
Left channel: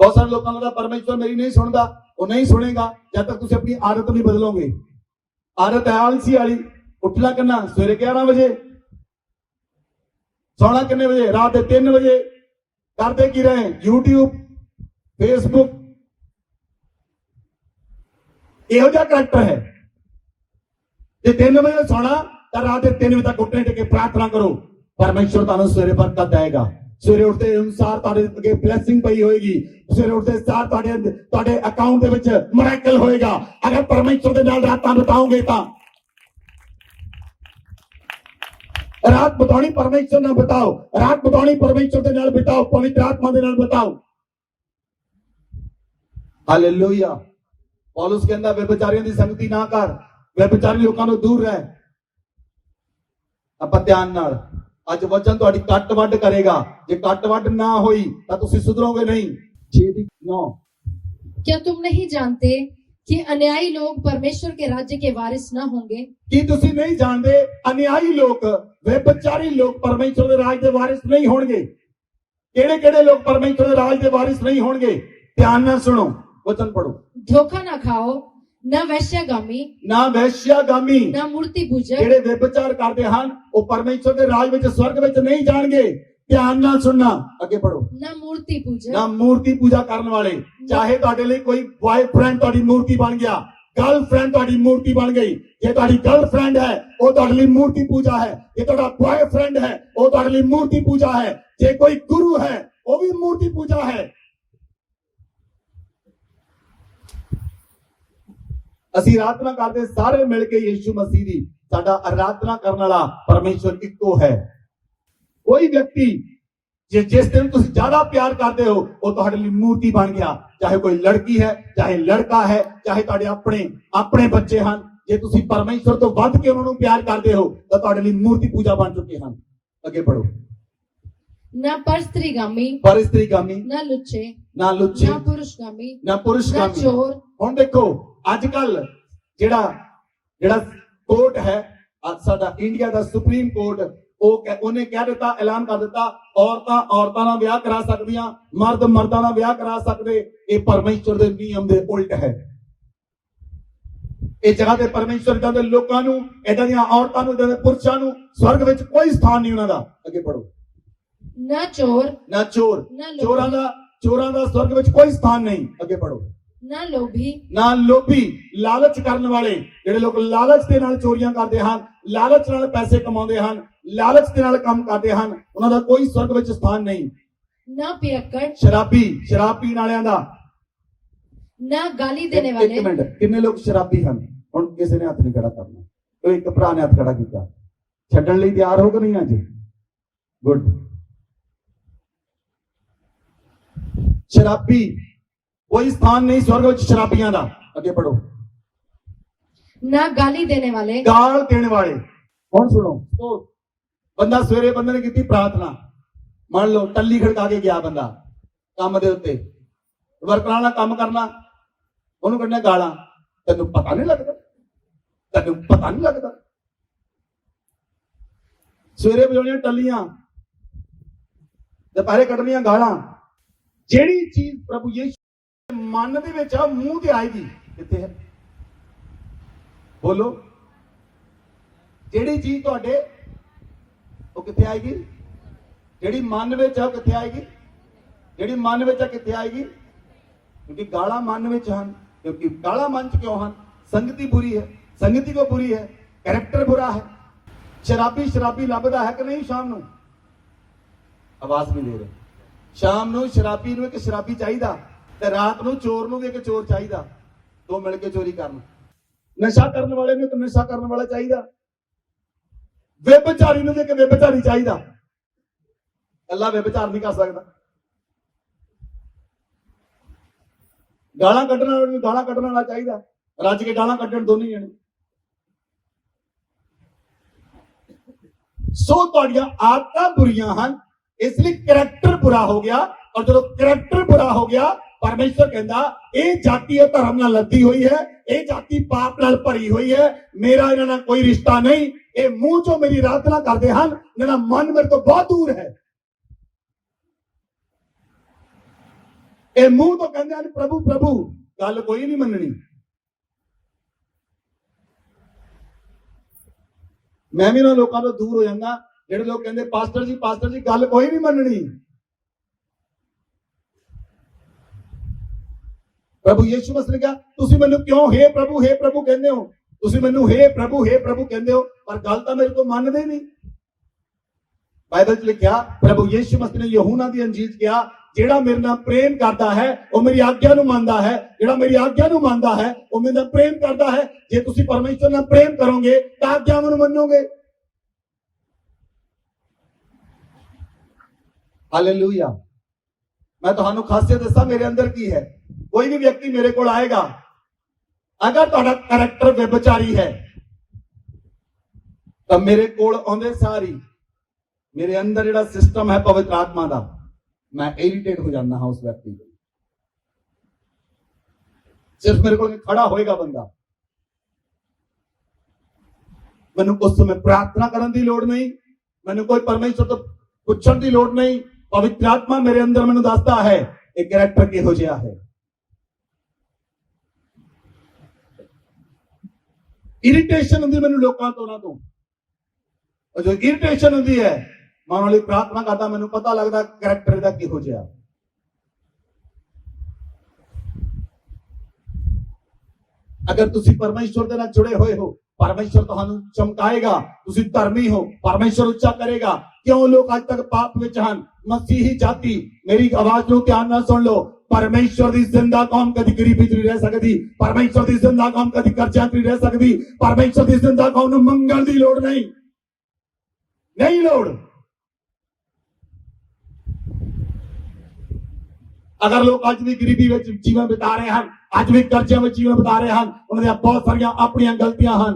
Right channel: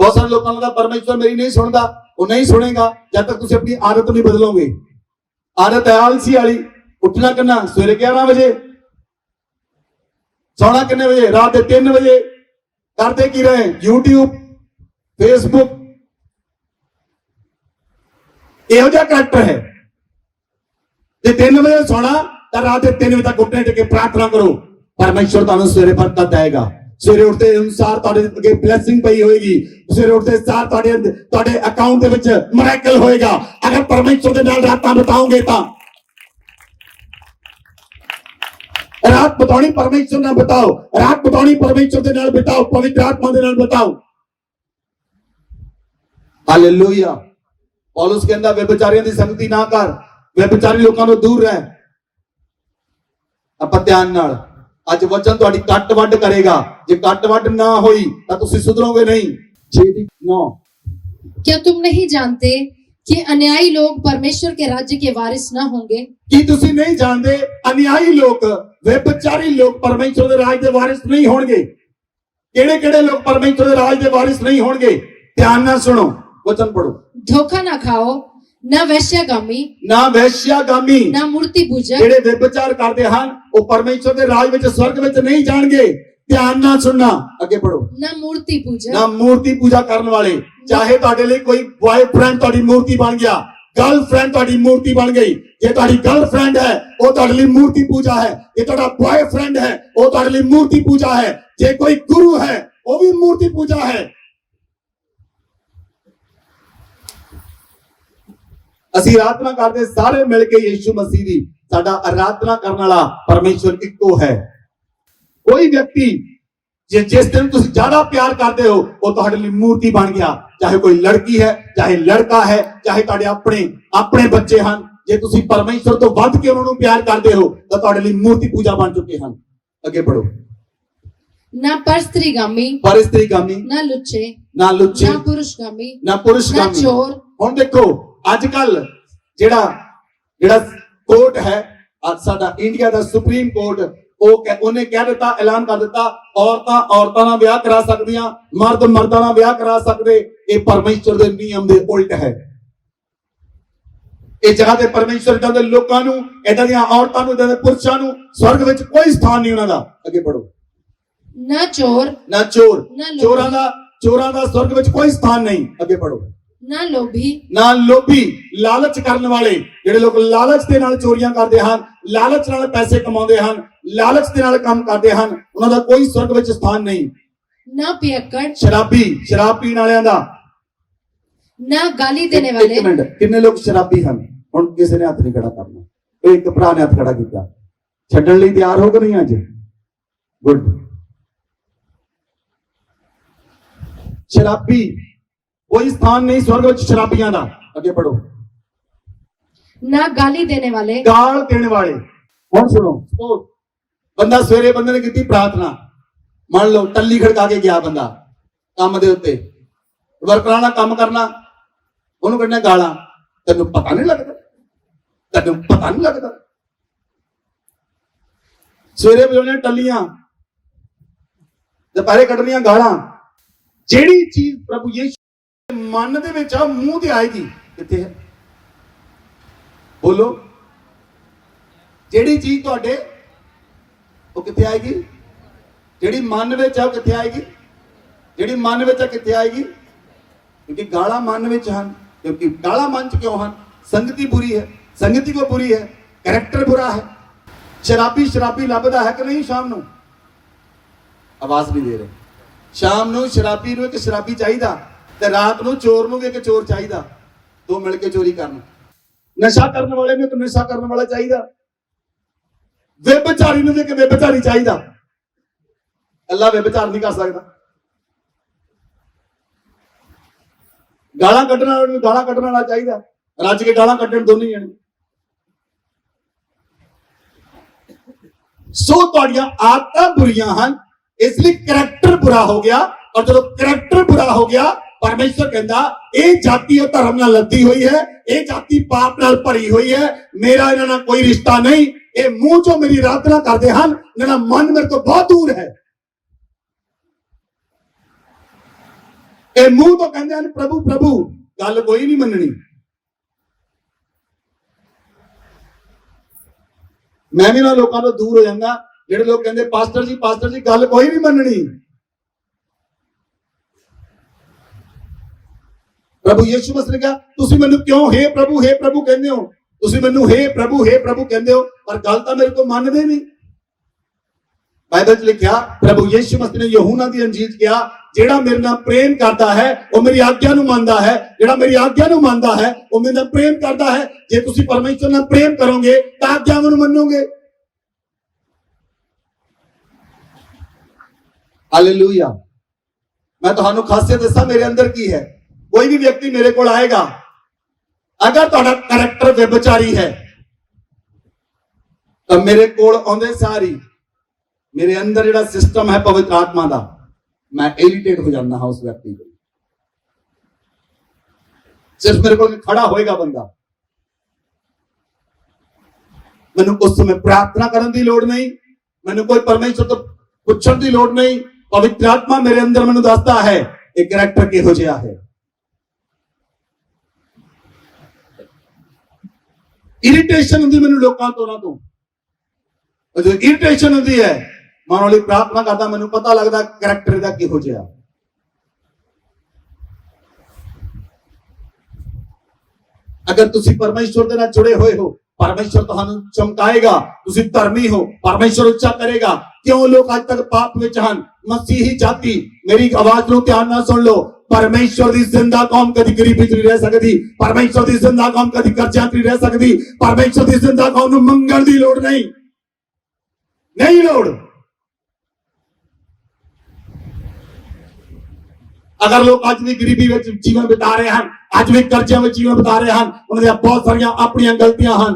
ਬਹੁਤ ਸਾਰੇ ਲੋਕਾਂ ਨੂੰ ਪਰਮੇਸ਼ਰ ਮੇਰੀ ਨਹੀਂ ਸੁਣਦਾ, ਉਹ ਨਹੀਂ ਸੁਣੇਗਾ ਜਦ ਤੱਕ ਤੁਸੀਂ ਆਪਣੀ ਆਦਤ ਨਹੀਂ ਬਦਲੋਗੇ। ਆਦਤ ਹੈ ਆਲਸੀ ਵਾਲੀ, ਉੱਠਣਾ ਕਿੰਨਾ ਸਵੇਰੇ 11 ਵਜੇ, ਸੌਣਾ ਕਿੰਨੇ ਵਜੇ ਰਾਤ ਦੇ 3 ਵਜੇ। ਕਰਦੇ ਕੀ ਰਹੇ YouTube Facebook, ਇਹੋ ਜਿਹਾ ਕਰੈਕਟਰ ਹੈ। ਜੇ 3 ਵਜੇ ਸੌਣਾ ਤਾਂ ਰਾਤ ਦੇ 3 ਵਜੇ ਤੱਕ ਉੱਠਣੇ ਟਿਕੇ ਪ੍ਰਾਰਥਨਾ ਕਰੋ, ਪਰਮੇਸ਼ਰ ਤੁਹਾਨੂੰ ਸਵੇਰੇ ਬਰਕਤ ਦੇਗਾ। ਸਵੇਰੇ ਉੱਠਦੇ ਅਨੁਸਾਰ ਤੁਹਾਡੇ ਅੱਗੇ ਬਲੇਸਿੰਗ ਪਈ ਹੋਏਗੀ, ਸਵੇਰੇ ਉੱਠਦੇ ਸਾਰ ਤੁਹਾਡੇ ਅਕਾਊਂਟ ਦੇ ਵਿੱਚ ਮਿਰੈਕਲ ਹੋਏਗਾ। ਅਗਰ ਪਰਮੇਸ਼ਰ ਦੇ ਨਾਲ ਰਾਤਾਂ ਬਿਤਾਓਗੇ ਤਾਂ ਰਾਤ ਬਿਤਾਉਣੀ ਪਰਮੇਸ਼ਰ ਨਾਲ ਬਿਤਾਓ, ਰਾਤ ਬਿਤਾਉਣੀ ਪਰਮੇਸ਼ਰ ਦੇ ਨਾਲ ਬਿਤਾਓ, ਪਵਿੱਤਰ ਆਤਮਾ ਦੇ ਨਾਲ ਬਿਤਾਓ। ਹਾਲੇਲੂਇਆ। ਪੌਲਸ ਕਹਿੰਦਾ ਵਿਭਚਾਰੀਆਂ ਦੀ ਸੰਗਤੀ ਨਾ ਕਰ, ਵਿਭਚਾਰੀ ਲੋਕਾਂ ਤੋਂ ਦੂਰ ਰਹਿ। ਆਪਾਂ ਧਿਆਨ ਨਾਲ, ਅੱਜ ਵਚਨ ਤੁਹਾਡੀ ਕੱਟ ਵੱਢ ਕਰੇਗਾ। ਜੇ ਕੱਟ ਵੱਢ ਨਾ ਹੋਈ ਤਾਂ ਤੁਸੀਂ ਸੁਧਰੋਗੇ ਨਹੀਂ। 6:9 क्या तुम नहीं जानते कि अन्यायी लोग परमेश्वर के राज्य के वारिस न होंगे? ਕੀ ਤੁਸੀਂ ਨਹੀਂ ਜਾਣਦੇ ਅਨਿਆਈ ਲੋਕ, ਵਿਭਚਾਰੀ ਲੋਕ ਪਰਮੇਸ਼ਰ ਦੇ ਰਾਜ ਦੇ ਵਾਰਿਸ ਨਹੀਂ ਹੋਣਗੇ। ਕਿਹੜੇ ਕਿਹੜੇ ਲੋਕ ਪਰਮੇਸ਼ਰ ਦੇ ਰਾਜ ਦੇ ਵਾਰਿਸ ਨਹੀਂ ਹੋਣਗੇ? ਧਿਆਨ ਨਾਲ ਸੁਣੋ, ਵਚਨ ਪੜੋ। धोखा ना खाओ, ना वैश्यगामी, ਨਾ ਵੈਸ਼ਿਆਗਾਮੀ, ना मूर्ति पूजक, ਜਿਹੜੇ ਵਿਭਚਾਰ ਕਰਦੇ ਹਨ ਉਹ ਪਰਮੇਸ਼ਰ ਦੇ ਰਾਜ ਵਿੱਚ ਸਵਰਗ ਵਿੱਚ ਨਹੀਂ ਜਾਣਗੇ। ਧਿਆਨ ਨਾਲ ਸੁਣਨਾ, ਅੱਗੇ ਪੜੋ। ना मूर्ति पूजक, ਨਾ ਮੂਰਤੀ ਪੂਜਾ ਕਰਨ ਵਾਲੇ। ਚਾਹੇ ਤੁਹਾਡੇ ਲਈ ਕੋਈ ਬॉयਫ੍ਰੈਂਡ ਤੁਹਾਡੀ ਮੂਰਤੀ ਬਣ ਗਿਆ, ਗਰਲਫ੍ਰੈਂਡ ਤੁਹਾਡੀ ਮੂਰਤੀ ਬਣ ਗਈ। ਜੇ ਤੁਹਾਡੀ ਗਰਲਫ੍ਰੈਂਡ ਹੈ ਉਹ ਤੁਹਾਡੇ ਲਈ ਮੂਰਤੀ ਪੂਜਾ ਹੈ, ਜੇ ਤੁਹਾਡਾ ਬॉयਫ੍ਰੈਂਡ ਹੈ ਉਹ ਤੁਹਾਡੇ ਲਈ ਮੂਰਤੀ ਪੂਜਾ ਹੈ, ਜੇ ਕੋਈ ਗੁਰੂ ਹੈ ਉਹ ਵੀ ਮੂਰਤੀ ਪੂਜਾ ਹੈ। ਅਸੀਂ ਆਰਾਧਨਾ ਕਰਦੇ ਸਾਰੇ ਮਿਲ ਕੇ ਯੀਸ਼ੂ ਮਸੀਹ ਦੀ। ਸਾਡਾ ਆਰਾਧਨਾ ਕਰਨ ਵਾਲਾ ਪਰਮੇਸ਼ਰ ਇੱਕੋ ਹੈ। ਕੋਈ ਵਿਅਕਤੀ ਜਿਸ ਦਿਨ ਤੁਸੀਂ ਜ਼ਿਆਦਾ ਪਿਆਰ ਕਰਦੇ ਹੋ ਉਹ ਤੁਹਾਡੇ ਲਈ ਮੂਰਤੀ ਬਣ ਗਿਆ। ਚਾਹੇ ਕੋਈ ਲੜਕੀ ਹੈ, ਚਾਹੇ ਲੜਕਾ ਹੈ, ਚਾਹੇ ਤੁਹਾਡੇ ਆਪਣੇ ਬੱਚੇ ਹਨ। ਜੇ ਤੁਸੀਂ ਪਰਮੇਸ਼ਰ ਤੋਂ ਵੱਧ ਕੇ ਉਹਨਾਂ ਨੂੰ ਪਿਆਰ ਕਰਦੇ ਹੋ ਤਾਂ ਤੁਹਾਡੇ ਲਈ ਮੂਰਤੀ ਪੂਜਾ ਬਣ ਚੁੱਕੇ ਹਨ। ਅੱਗੇ ਪੜੋ। ना परस्त्रीगामी, ਪਰਸਤਰੀਗਾਮੀ, ना लुच्चे, ਨਾ ਲੁੱਚੇ, ना पुरुषगामी, ਨਾ ना ਪੁਰਸ਼ਗਾਮੀ। चोर, ਹੁਣ ਦੇਖੋ ਅੱਜ ਕੱਲ ਜਿਹੜਾ ਕੋਰਟ ਹੈ, ਅੱਜ ਸਾਡਾ ਇੰਡੀਆ ਦਾ ਸੁਪਰੀਮ ਕੋਰਟ, ਉਹਨੇ ਕਹਿ ਦਿੱਤਾ, ਐਲਾਨ ਕਰ ਦਿੱਤਾ, ਔਰਤਾਂ ਨਾਲ ਵਿਆਹ ਕਰਾ ਸਕਦੀਆਂ, ਮਰਦ ਮਰਦਾਂ ਨਾਲ ਵਿਆਹ ਕਰਾ ਸਕਦੇ। ਇਹ ਪਰਮੇਸ਼ਰ ਦੇ ਨਿਯਮ ਦੇ ਉਲਟ ਹੈ। ਇਹ ਜਗ੍ਹਾ ਤੇ ਪਰਮੇਸ਼ਰ ਇਦਾਂ ਦੇ ਲੋਕਾਂ ਨੂੰ, ਇਦਾਂ ਦੀਆਂ ਔਰਤਾਂ ਨੂੰ, ਇਦਾਂ ਦੇ ਪੁਰਸ਼ਾਂ ਨੂੰ ਸਵਰਗ ਵਿੱਚ ਕੋਈ ਸਥਾਨ ਨਹੀਂ ਉਹਨਾਂ ਦਾ। ਅੱਗੇ ਪੜੋ। ना चोर, ਨਾ ਚੋਰ, ना ਚੋਰਾਂ ਦਾ ਸਵਰਗ ਵਿੱਚ ਕੋਈ ਸਥਾਨ ਨਹੀਂ। ਅੱਗੇ ਪੜੋ। ना लोभी, ਨਾ ਲੋਭੀ, ਲਾਲਚ ਕਰਨ ਵਾਲੇ। ਜਿਹੜੇ ਲੋਕ ਲਾਲਚ ਦੇ ਨਾਲ ਚੋਰੀਆਂ ਕਰਦੇ ਹਨ, ਲਾਲਚ ਨਾਲ ਪੈਸੇ ਕਮਾਉਂਦੇ ਹਨ, ਲਾਲਚ ਦੇ ਨਾਲ ਕੰਮ ਕਰਦੇ ਹਨ, ਉਹਨਾਂ ਦਾ ਕੋਈ ਸਵਰਗ ਵਿੱਚ ਸਥਾਨ ਨਹੀਂ। ना पियक्कड़, ਸ਼ਰਾਬ ਪੀਣ ਵਾਲਿਆਂ ਦਾ। ना गाली देने ਇੱਕ वाले, ਮਿੰਟ, ਕਿੰਨੇ ਲੋਕ ਸ਼ਰਾਬੀ ਹਨ? ਹੁਣ ਕਿਸੇ ਨੇ ਹੱਥ ਨਹੀਂ ਖੜਾ ਕਰਨਾ। ਉਹ ਇੱਕ ਭਰਾ ਨੇ ਹੱਥ ਖੜਾ ਕੀਤਾ। ਛੱਡਣ ਲਈ ਤਿਆਰ ਹੋ ਕਿ ਨਹੀਂ ਅੱਜ? ਗੁੱਡ। ਸ਼ਰਾਬੀ, ਕੋਈ ਸਥਾਨ ਨਹੀਂ ਸਵਰਗ ਵਿੱਚ ਸ਼ਰਾਬੀਆਂ ਦਾ। ਅੱਗੇ ਪੜੋ। ना गाली देने वाले, ਗਾਲ ਦੇਣ ਵਾਲੇ। ਹੁਣ ਸੁਣੋ, ਉਹ ਬੰਦਾ ਸਵੇਰੇ ਬੰਦੇ ਨੇ ਕੀਤੀ ਪ੍ਰਾਰਥਨਾ, ਮੰਨ ਲਓ ਟੱਲੀ ਖੜਕਾ ਕੇ ਗਿਆ ਬੰਦਾ ਕੰਮ ਦੇ ਉੱਤੇ, ਵਰਕਰਾਂ ਨਾਲ ਕੰਮ ਕਰਨਾ, ਉਹਨੂੰ ਕੱਢਣਾ ਗਾਲਾਂ। ਤੈਨੂੰ ਪਤਾ ਨਹੀਂ ਲੱਗਦਾ, ਤੈਨੂੰ ਪਤਾ ਨਹੀਂ ਲੱਗਦਾ। ਸਵੇਰੇ ਵਜਾਉਣੀਆਂ ਟੱਲੀਆਂ, ਦੁਪਹਿਰੇ ਕੱਢਣੀਆਂ ਗਾਲਾਂ। ਜਿਹੜੀ ਚੀਜ਼ ਪ੍ਰਭੂ ਯਿਸੂ ਮਨ ਦੇ ਵਿੱਚ ਆ, ਮੂੰਹ ਤੇ ਆਏਗੀ, ਕਿੱਥੇ ਹੈ? ਬੋਲੋ। ਜਿਹੜੀ ਚੀਜ਼ ਤੁਹਾਡੇ ਉਹ ਕਿੱਥੇ ਆਏਗੀ? ਜਿਹੜੀ ਮਨ ਵਿੱਚ ਆ ਉਹ ਕਿੱਥੇ ਆਏਗੀ? ਜਿਹੜੀ ਮਨ ਵਿੱਚ ਆ ਕਿੱਥੇ ਆਏਗੀ? क्योंकि गाला मन में ਹਨ। क्योंकि गाला मन च क्यों ਹਨ? संगति बुरी है, संगति को बुरी है, कैरेक्टर बुरा है। शराबी शराबी लभदा है कि नहीं? शाम ਨੂੰ आवाज नहीं दे रहे। शाम ਨੂੰ शराबी ਨੂੰ ਇੱਕ शराबी ਚਾਹੀਦਾ ਤੇ ਰਾਤ ਨੂੰ ਚੋਰ ਨੂੰ ਵੀ ਇੱਕ ਚੋਰ ਚਾਹੀਦਾ, ਦੋ ਮਿਲ ਕੇ ਚੋਰੀ ਕਰਨ। ਨਸ਼ਾ ਕਰਨ ਵਾਲੇ ਨੂੰ ਇੱਕ ਨਸ਼ਾ ਕਰਨ ਵਾਲਾ ਚਾਹੀਦਾ, ਵਿਭਚਾਰੀ ਨੂੰ ਇੱਕ ਵਿਭਚਾਰੀ ਚਾਹੀਦਾ। ਅੱਲਾ ਵਿਭਚਾਰ ਨਹੀਂ ਕਰ ਸਕਦਾ। ਗਾਲਾਂ ਕੱਢਣ ਵਾਲੇ ਨੂੰ ਗਾਲਾਂ ਕੱਢਣ ਵਾਲਾ ਚਾਹੀਦਾ, ਰੱਜ ਕੇ ਗਾਲਾਂ ਕੱਢਣ ਦੋਨੇ ਜਣੇ। ਸੋ ਤੁਹਾਡੀਆਂ ਆਦਤਾਂ ਬੁਰੀਆਂ ਹਨ, ਇਸ ਲਈ ਕਰੈਕਟਰ ਬੁਰਾ ਹੋ ਗਿਆ। ਔਰ ਜਦੋਂ ਕਰੈਕਟਰ ਬੁਰਾ ਹੋ ਗਿਆ, ਪਰਮੇਸ਼ਰ ਕਹਿੰਦਾ ਇਹ ਜਾਤੀ ਉਹ ਧਰਮ ਨਾਲ ਲੱਦੀ ਹੋਈ ਹੈ, ਇਹ ਜਾਤੀ ਪਾਪ ਨਾਲ ਭਰੀ ਹੋਈ ਹੈ, ਮੇਰਾ ਇਹਨਾਂ ਨਾਲ ਕੋਈ ਰਿਸ਼ਤਾ ਨਹੀਂ। ਇਹ ਮੂੰਹ ਚੋਂ ਮੇਰੀ ਆਰਾਧਨਾ ਕਰਦੇ ਹਨ, ਇਹਨਾਂ ਦਾ ਮਨ ਮੇਰੇ ਤੋਂ ਬਹੁਤ ਦੂਰ ਹੈ। ਇਹ ਮੂੰਹ ਤੋਂ ਕਹਿੰਦੇ ਹਨ ਪ੍ਰਭੂ ਪ੍ਰਭੂ, ਗੱਲ ਕੋਈ ਨਹੀਂ ਮੰਨਣੀ। ਮੈਂ ਵੀ ਨਾ ਲੋਕਾਂ ਤੋਂ ਦੂਰ ਹੋ ਜਾਂਦਾ ਜਿਹੜੇ ਲੋਕ ਕਹਿੰਦੇ ਪਾਸਟਰ ਜੀ ਗੱਲ ਕੋਈ ਨਹੀਂ ਮੰਨਣੀ। ਪ੍ਰਭੂ ਯਿਸੂ ਮਸੀਹ ਨੇ ਕਿਹਾ ਤੁਸੀਂ ਮੈਨੂੰ ਕਿਉਂ हे प्रभु ਕਹਿੰਦੇ ਹੋ? ਤੁਸੀਂ ਮੈਨੂੰ हे प्रभु ਕਹਿੰਦੇ ਹੋ, ਪਰ ਗੱਲ ਤਾਂ ਮੇਰੇ ਤੋਂ ਮੰਨਦੇ ਨਹੀਂ। ਬਾਈਬਲ 'ਚ ਲਿਖਿਆ ਪ੍ਰਭੂ ਯਿਸੂ ਮਸੀਹ ਨੇ ਯਹੂਨਾ ਦੀ ਅੰਜੀਲ ਕਿਹਾ ਜਿਹੜਾ ਮੇਰੇ ਨਾਲ ਪ੍ਰੇਮ ਕਰਦਾ ਹੈ ਉਹ ਮੇਰੀ ਆਗਿਆ ਨੂੰ ਮੰਨਦਾ ਹੈ, ਜਿਹੜਾ ਮੇਰੀ ਆਗਿਆ ਨੂੰ ਮੰਨਦਾ ਹੈ ਉਹ ਮੇਰੇ ਨਾਲ ਪ੍ਰੇਮ ਕਰਦਾ ਹੈ। ਜੇ ਤੁਸੀਂ ਪਰਮੇਸ਼ਰ ਨਾਲ ਪ੍ਰੇਮ ਕਰੋਗੇ ਤਾਂ ਆਗਿਆਵਾਂ ਨੂੰ ਮੰਨੋਗੇ। ਹਾਲੇਲੂਇਆ। ਮੈਂ ਤੁਹਾਨੂੰ ਖਾਸੀਅਤ ਦੱਸਾਂ ਮੇਰੇ ਅੰਦਰ ਕੀ ਹੈ। ਕੋਈ ਵੀ ਵਿਅਕਤੀ ਮੇਰੇ ਕੋਲ ਆਏਗਾ, ਅਗਰ ਤੁਹਾਡਾ ਕਰੈਕਟਰ ਵਿਭਚਾਰੀ ਹੈ ਤਾਂ ਮੇਰੇ ਕੋਲ ਆਉਂਦੇ ਸਾਰੀ ਮੇਰੇ ਅੰਦਰ ਜਿਹੜਾ ਸਿਸਟਮ ਹੈ ਪਵਿੱਤਰ ਆਤਮਾ ਦਾ, मैं इरिटेट हो जाता हाँ उस व्यक्ति को। सिर्फ मेरे को खड़ा होएगा बंदा, मैंने उस समय प्रार्थना करने की लोड़ नहीं, मैंने कोई परमेश्वर तो पूछने की लोड़ नहीं। पवित्र आत्मा मेरे अंदर मैंने दसता है एक कैरेक्टर किहो जिहा है। इरिटेशन होंदी मैंने लोकां तो ना तो जो इरिटेशन होंदी है मानो ਲਈ ਪ੍ਰਾਰਥਨਾ ਕਰਦਾ, ਮੈਨੂੰ ਪਤਾ ਲੱਗਦਾ ਕੈਰੈਕਟਰ ਦਾ ਕਿਹੋ ਜਿਹਾ। ਅਗਰ ਤੁਸੀਂ ਪਰਮੇਸ਼ਵਰ ਦੇ ਨਾਲ ਜੁੜੇ ਹੋਏ ਹੋ, ਪਰਮੇਸ਼ਵਰ ਤੁਹਾਨੂੰ ਚਮਕਾਏਗਾ। ਤੁਸੀਂ ਧਰਮੀ ਹੋ, ਪਰਮੇਸ਼ਵਰ ਉੱਚਾ ਕਰੇਗਾ। ਕਿਉਂ ਲੋਕ ਅੱਜ ਤੱਕ ਪਾਪ ਵਿੱਚ ਹਨ? ਮਸੀਹੀ ਜਾਤੀ, ਮੇਰੀ ਆਵਾਜ਼ ਨੂੰ ਧਿਆਨ ਨਾਲ ਸੁਣ ਲਓ। परमेश्वर की जिंदा कौम कभी गरीबी च नहीं रह सकती, परमेश्वर की जिंदा कौम कभी कर्जा च नहीं रह सकती, परमेश्वर की जिंदा कौम नूं मंगण दी लोड़ नहीं, नहीं लोड़। अगर लोग आज भी गरीबी में जीवन बिता रहे हैं, आज भी कर्जे में जीवन बिता रहे हैं, उन्हें बहुत सारियां अपनी गलतियां हैं,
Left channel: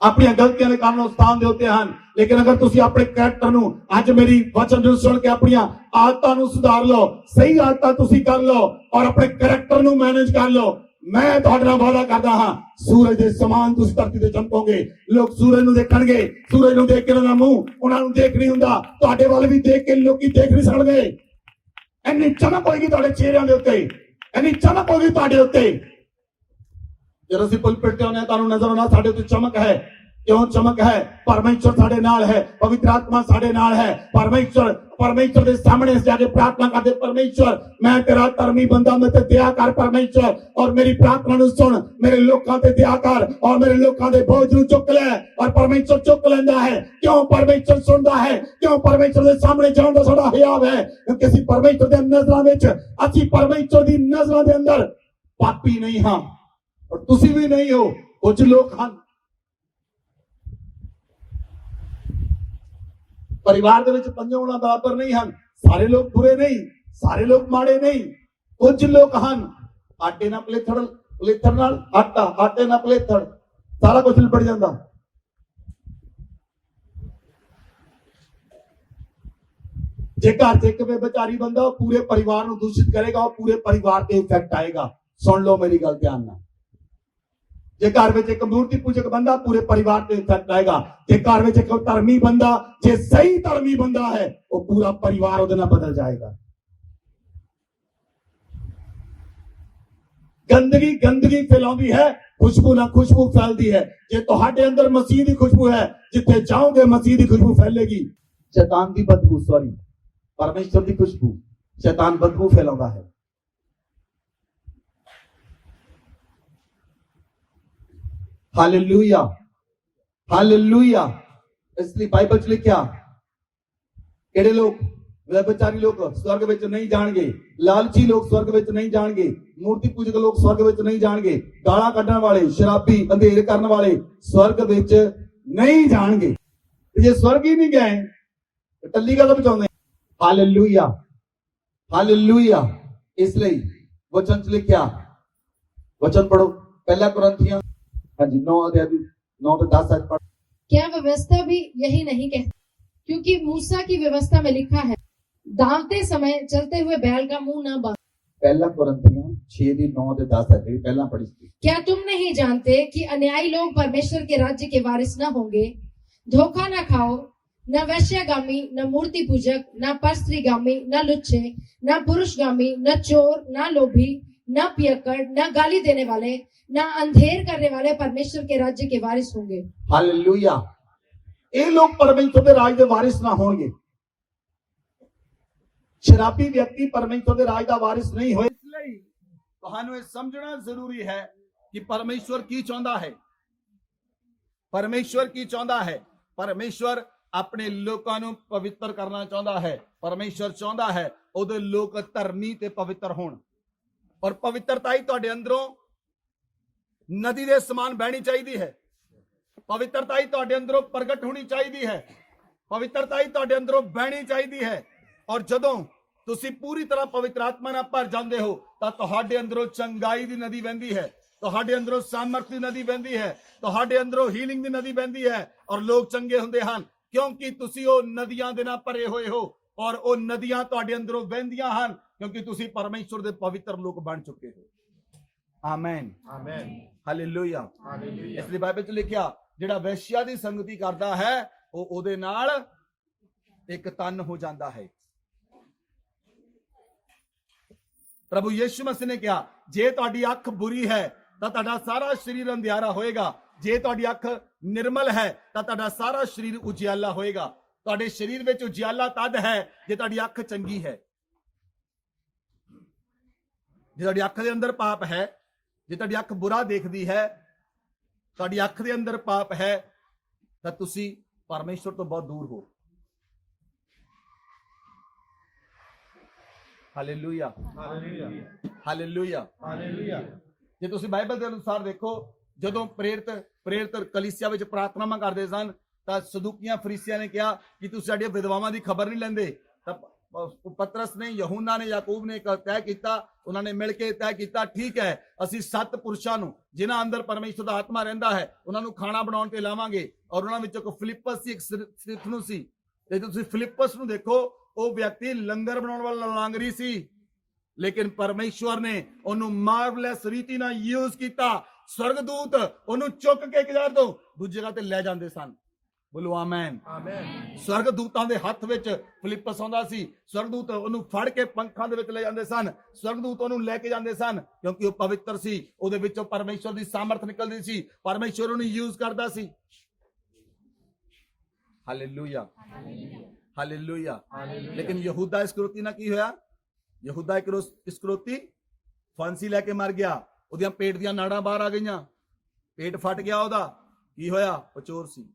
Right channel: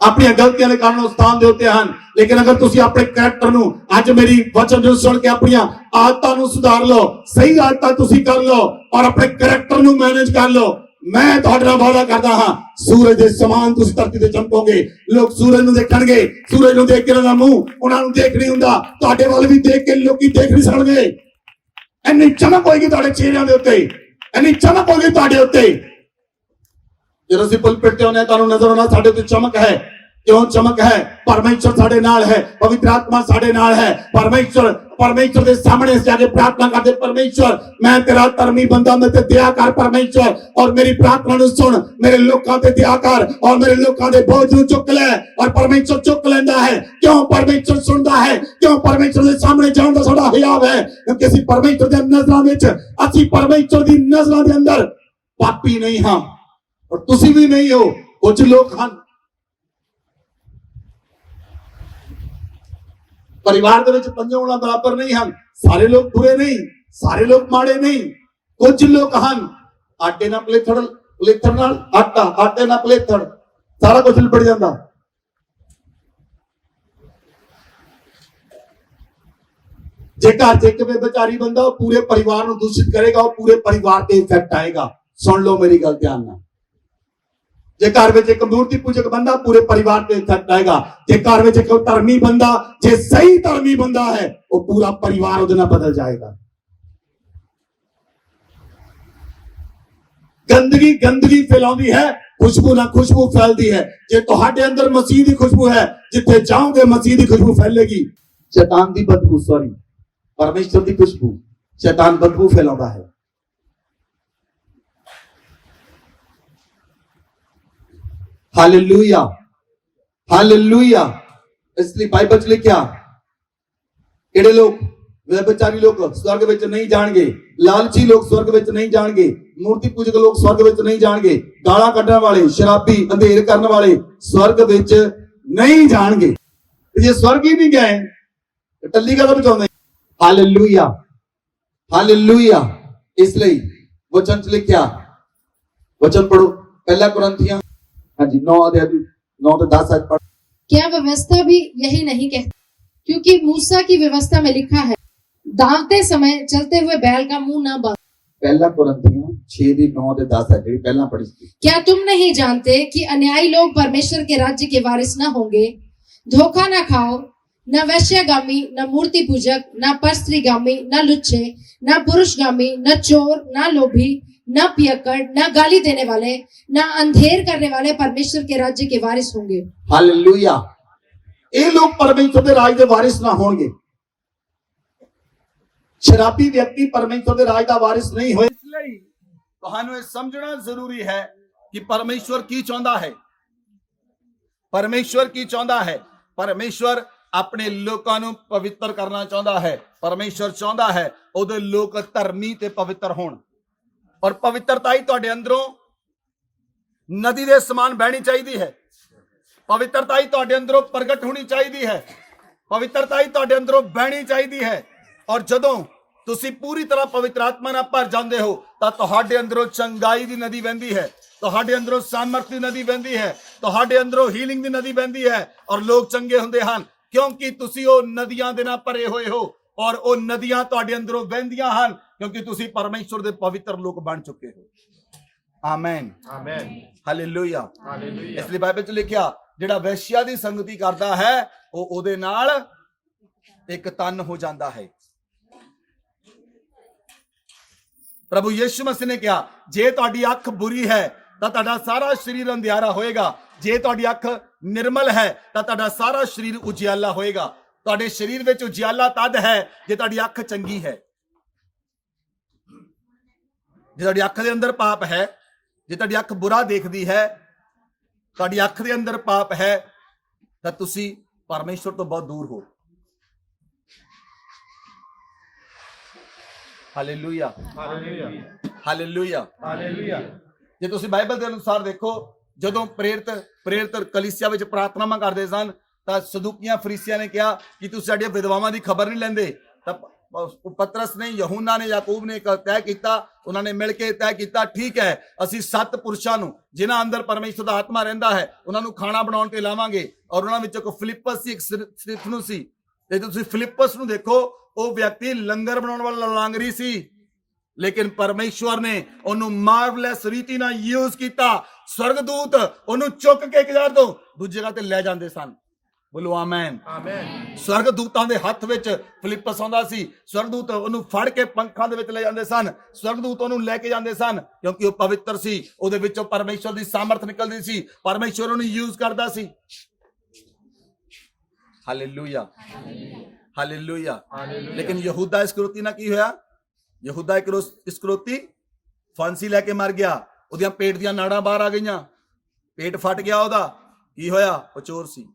अपनी गलतियां के कारण स्थान देते हैं। लेकिन अगर तुसी अपने कैरेक्टर नूं आज मेरी वचन नूं सुन के अपनी आदतां नूं सुधार लो, सही आदतां तुसी कर लो और अपने कैरेक्टर नूं मैनेज कर लो, मैं तुहाडे नाल वादा करदा हां सूरज दे समान तुसी धरती ते चमकोगे। लोग सूरज नूं देखणगे, सूरज नूं देख के उन्हां दा मूंह उन्हां नूं देख नहीं हुंदा, तुहाडे वल भी देख के लोकी देख नहीं सकदे। इन्नी चमक होएगी तुहाडे चेहरिਆਂ ਦੇ ਉੱਤੇ, इन्नी चमक होएगी तुहाडे उत्ते। ਜਦੋਂ ਅਸੀਂ ਪੁਲਪਿਟ ਤੇ ਆਉਂਦੇ ਤੁਹਾਨੂੰ ਨਜ਼ਰ ਆਉਣਾ ਸਾਡੇ ਤੇ चमक है। क्यों चमक है? परमेश्वर साडे नाल है, पवित्र आत्मा साडे नाल है। परमेश्वर के सामने से जाके प्रार्थना करते, परमेश्वर मैं तेरा धर्मी बंदा, मैं ते दया कर परमेश्वर, और मेरी प्रार्थना नु सुन, मेरे लोकां ते दया कर और मेरे लोकां दे बोझ नु चुक ले। और परमेश्वर चुक लेंदा है। क्यों परमेश्वर सुनदा है? क्यों परमेश्वर के सामने जाण दा साडा हियाव है, क्योंकि ਅਸੀਂ परमेश्वर दे नज़रां विच, ਅਸੀਂ परमेश्वर दी नज़रां दे अंदर पापी नहीं हां और तुसी भी नहीं हो। कुछ लोग हैं परिवार दे विच पंजे उंगलां बराबर नहीं हैं, सारे लोग बुरे नहीं, सारे लोग माड़े नहीं। कुछ लोग हैं आटे ना पलेथड़ नाल आटा, आटे ना पलेथड़ सारा कुछ लिपट जांदा। जे घर च इक बेचारी बंदा पूरे परिवार नूं दूषित करेगा, और पूरे परिवार ते इफेक्ट आएगा। सुन लो मेरी गल ध्यान नाल। ਜੇ ਘਰ ਵਿੱਚ ਇੱਕ ਮੂਰਤੀ ਪੂਜਕ ਬੰਦਾ ਪੂਰੇ ਪਰਿਵਾਰ ਤੇ ਇਫੈਕਟ ਆਏਗਾ। ਜੇ ਘਰ ਵਿੱਚ ਇੱਕ ਧਰਮੀ ਬੰਦਾ, ਜੇ ਸਹੀ ਧਰਮੀ ਬੰਦਾ ਹੈ, ਉਹ ਪੂਰਾ ਪਰਿਵਾਰ ਉਹਦੇ ਨਾਲ ਬਦਲ ਜਾਏਗਾ। ਗੰਦਗੀ ਫੈਲਾਉਂਦੀ ਹੈ, ਖੁਸ਼ਬੂ ਨਾ ਖੁਸ਼ਬੂ ਫੈਲਦੀ ਹੈ। ਜੇ ਤੁਹਾਡੇ ਅੰਦਰ ਮਸੀਹ ਦੀ ਖੁਸ਼ਬੂ ਹੈ, ਜਿੱਥੇ ਜਾਓਗੇ ਮਸੀਹ ਦੀ ਖੁਸ਼ਬੂ ਫੈਲੇਗੀ। शैतान की बदबू, सॉरी, परमेश्वर की खुशबू, शैतान बदबू फैलाता है। Hallelujah, hallelujah. इसलिए बाइबल च लिखा, केड़े लोग, व्यभिचारी लोग स्वर्ग विच नहीं जाणगे, लालची लोग स्वर्ग विच नहीं जाणगे, मूर्ति पूजक लोग स्वर्ग विच नहीं जाणगे, गालां कड्डण वाले, शराबी, अंधेर करन वाले स्वर्ग विच नहीं जाणगे। जे स्वर्ग ही नहीं गए टल्ली का बचाने। Hallelujah, hallelujah. इसलिए वचन च लिखा, वचन पढ़ो, पहला कुरिन्थियों, हाँ जी, 9 अध्याय 9 से 10 पढ़। क्या व्यवस्था भी यही नहीं कहती? क्योंकि मूसा की व्यवस्था में लिखा है, दावते समय चलते हुए बैल का मुंह न बांध। पहला कुरिन्थियों 6 दी 9 से 10 है, जी पहला पढ़ी थी। क्या तुम नहीं जानते कि अन्यायी लोग परमेश्वर के राज्य के वारिस न होंगे? धोखा न खाओ, न वैश्यगामी, न मूर्ति पूजक, न परस्त्रीगामी, न लुच्चे, न पुरुषगामी, न चोर, न लोभी, न पियक्कड़, न गाली देने वाले, न अंधेर करने वाले परमेश्वर के राज्य के वारिस होंगे। हालेलुया। ये लोग परमेश्वर के राज के वारिस ना होंगे। शराबी व्यक्ति परमेश्वर के राज का वारिस नहीं होए। इसलिए ਤੁਹਾਨੂੰ ਇਹ ਸਮਝਣਾ ਜ਼ਰੂਰੀ ਹੈ ਕਿ ਪਰਮੇਸ਼ਵਰ ਕੀ ਚਾਹੁੰਦਾ ਹੈ। ਪਰਮੇਸ਼ਵਰ ਕੀ ਚਾਹੁੰਦਾ ਹੈ? ਪਰਮੇਸ਼ਵਰ ਆਪਣੇ ਲੋਕਾਂ ਨੂੰ ਪਵਿੱਤਰ ਕਰਨਾ ਚਾਹੁੰਦਾ ਹੈ। ਪਰਮੇਸ਼ਵਰ ਚਾਹੁੰਦਾ ਹੈ ਉਹਦੇ ਲੋਕ ਧਰਮੀ ਤੇ ਪਵਿੱਤਰ ਹੋਣ। ਔਰ ਪਵਿੱਤਰਤਾ ਹੀ ਤੁਹਾਡੇ ਅੰਦਰੋਂ ਨਦੀ ਦੇ ਸਮਾਨ ਬਹਿਣੀ ਚਾਹੀਦੀ ਹੈ। ਪਵਿੱਤਰਤਾ ਹੀ ਤੁਹਾਡੇ ਅੰਦਰੋਂ ਪ੍ਰਗਟ ਹੋਣੀ ਚਾਹੀਦੀ ਹੈ। ਪਵਿੱਤਰਤਾ ਹੀ ਤੁਹਾਡੇ ਅੰਦਰੋਂ ਬਹਿਣੀ ਚਾਹੀਦੀ ਹੈ। ਔਰ ਜਦੋਂ ਤੁਸੀਂ ਪੂਰੀ ਤਰ੍ਹਾਂ ਪਵਿੱਤਰ ਆਤਮਾ ਨਾਲ ਭਰ ਜਾਂਦੇ ਹੋ ਤਾਂ ਤੁਹਾਡੇ ਅੰਦਰੋਂ ਚੰਗਾਈ ਦੀ ਨਦੀ ਵਹਿੰਦੀ ਹੈ, ਤੁਹਾਡੇ ਅੰਦਰੋਂ ਸਾਮਰਥ ਦੀ ਨਦੀ ਵਹਿੰਦੀ ਹੈ, ਤੁਹਾਡੇ ਅੰਦਰੋਂ ਹੀਲਿੰਗ ਦੀ ਨਦੀ ਵਹਿੰਦੀ ਹੈ। ਔਰ ਲੋਕ ਚੰਗੇ ਹੁੰਦੇ ਹਨ ਕਿਉਂਕਿ ਤੁਸੀਂ ਉਹ ਨਦੀਆਂ ਦੇ ਨਾਲ ਭਰੇ ਹੋਏ ਹੋ। ਔਰ ਉਹ ਨਦੀਆਂ ਤੁਹਾਡੇ ਅੰਦਰੋਂ ਵਹਿੰਦੀਆਂ ਹਨ ਕਿਉਂਕਿ ਤੁਸੀਂ ਪਰਮੇਸ਼ਵਰ ਦੇ ਪਵਿੱਤਰ ਲੋਕ ਬਣ ਚੁੱਕੇ ਹੋ। Amen, amen, hallelujah, hallelujah. ਇਸ ਲਈ ਬਾਈਬਲ 'ਚ ਲਿਖਿਆ, ਜਿਹੜਾ ਵੈਸ਼ਿਆ ਦੀ ਸੰਗਤੀ ਕਰਦਾ ਹੈ ਉਹ ਉਹਦੇ ਨਾਲ ਇੱਕ ਤਨ ਹੋ ਜਾਂਦਾ ਹੈ। ਪ੍ਰਭੂ ਯਿਸੂ ਮਸੀਹ ਨੇ ਕਿਹਾ, ਜੇ ਤੁਹਾਡੀ ਅੱਖ ਬੁਰੀ ਹੈ ਤਾਂ ਤੁਹਾਡਾ ਸਾਰਾ ਸਰੀਰ ਅੰਧਿਆਰਾ ਹੋਏਗਾ, ਜੇ ਤੁਹਾਡੀ ਅੱਖ ਨਿਰਮਲ ਹੈ ਤਾਂ ਤੁਹਾਡਾ ਸਾਰਾ ਸਰੀਰ ਉਜਿਆਲਾ ਹੋਏਗਾ। ਤੁਹਾਡੇ ਸਰੀਰ ਵਿੱਚ ਉਜਿਆਲਾ ਤਦ ਹੈ ਜੇ ਤੁਹਾਡੀ ਅੱਖ ਚੰਗੀ ਹੈ। ਜੇ ਤੁਹਾਡੀ ਅੱਖ ਦੇ ਅੰਦਰ ਪਾਪ ਹੈ, ਜੇ ਤੁਹਾਡੀ ਅੱਖ ਬੁਰਾ ਦੇਖਦੀ ਹੈ, ਤੁਹਾਡੀ ਅੱਖ ਦੇ ਅੰਦਰ ਪਾਪ ਹੈ ਤਾਂ ਤੁਸੀਂ ਪਰਮੇਸ਼ਵਰ ਤੋਂ ਬਹੁਤ ਦੂਰ ਹੋ। Hallelujah, hallelujah, hallelujah, hallelujah. ਜੇ ਤੁਸੀਂ ਬਾਈਬਲ ਦੇ ਅਨੁਸਾਰ ਦੇਖੋ, ਜਦੋਂ ਪ੍ਰੇਰਿਤ ਕਲੀਸਿਆ ਵਿੱਚ ਪ੍ਰਾਰਥਨਾਵਾਂ ਕਰਦੇ ਸਨ ਤਾਂ ਸਦੂਕੀਆਂ ਫਰੀਸੀਆਂ ਨੇ ਕਿਹਾ ਕਿ ਤੁਸੀਂ ਸਾਡੀਆਂ ਵਿਧਵਾਵਾਂ ਦੀ ਖਬਰ ਨਹੀਂ ਲੈਂਦੇ। ਤਾਂ ਪਤਰਸ ਨੇ, ਯਹੂਨਾ ਨੇ, ਯਾਕੂਬ ਨੇ ਤੈਅ ਕੀਤਾ, ਉਹਨਾਂ ਨੇ ਮਿਲ ਕੇ ਤੈਅ ਕੀਤਾ, ਠੀਕ ਹੈ ਅਸੀਂ 7 ਪੁਰਸ਼ਾਂ ਨੂੰ ਜਿਨ੍ਹਾਂ ਅੰਦਰ ਪਰਮੇਸ਼ਵਰ ਦਾ ਆਤਮਾ ਰਹਿੰਦਾ ਹੈ ਉਹਨਾਂ ਨੂੰ ਖਾਣਾ ਬਣਾਉਣ ਤੇ ਲਾਵਾਂਗੇ। ਔਰ ਉਹਨਾਂ ਵਿੱਚੋਂ ਇੱਕ ਫਿਲਿੱਪਸ ਸੀ, ਇੱਕ ਸਤਿਫਨੁਸ ਸੀ। ਤੇ ਤੁਸੀਂ ਫਿਲਿੱਪਸ ਨੂੰ ਦੇਖੋ, ਉਹ ਵਿਅਕਤੀ ਲੰਗਰ ਬਣਾਉਣ ਵਾਲਾ ਲਾਂਗਰੀ ਸੀ, ਲੇਕਿਨ ਪਰਮੇਸ਼ਵਰ ਨੇ ਉਹਨੂੰ ਮਾਰਵਲੈਸ ਰੀਤੀ ਨਾਲ ਯੂਜ਼ ਕੀਤਾ। ਸਵਰਗਦੂਤ ਉਹਨੂੰ ਚੁੱਕ ਕੇ ਇੱਕ ਜਗ੍ਹਾ ਤੋਂ ਦੂਜੀ ਜਗ੍ਹਾ ਤੇ ਲੈ ਜਾਂਦੇ ਸਨ। ਬੋਲੋ ਆਮੇਨ, ਆਮੇਨ। ਸਵਰਗਦੂਤਾਂ ਦੇ ਹੱਥ ਵਿੱਚ ਫਿਲਿੱਪਸ ਆਉਂਦਾ ਸੀ, ਸਵਰਗਦੂਤ ਉਹਨੂੰ ਫੜ ਕੇ ਪੰਖਾਂ ਦੇ ਵਿੱਚ ਲੈ ਜਾਂਦੇ ਸਨ, ਸਵਰਗਦੂਤ ਉਹਨੂੰ ਲੈ ਕੇ ਜਾਂਦੇ ਸਨ ਕਿਉਂਕਿ ਉਹ ਪਵਿੱਤਰ ਸੀ, ਉਹਦੇ ਵਿੱਚੋਂ ਪਰਮੇਸ਼ਵਰ ਦੀ ਸਾਮਰਥ ਨਿਕਲਦੀ ਸੀ, ਪਰਮੇਸ਼ਵਰ ਉਹਨੂੰ ਯੂਜ਼ ਕਰਦਾ ਸੀ। Hallelujah, hallelujah. ਲੇਕਿਨ ਯਹੂਦਾ ਇਸਕਰਿਓਤੀ ਨਾਲ ਕੀ ਹੋਇਆ? ਯਹੂਦਾ ਇਸਕਰਿਓਤੀ ਫਾਂਸੀ ਲੈ ਕੇ ਮਰ ਗਿਆ, ਉਹਦੀਆਂ ਪੇਟ ਦੀਆਂ ਨਾੜਾਂ ਬਾਹਰ ਆ ਗਈਆਂ, ਪੇਟ ਫਟ ਗਿਆ ਉਹਦਾ। ਕੀ ਹੋਇਆ? ਉਹ ਚੋਰ ਸੀ।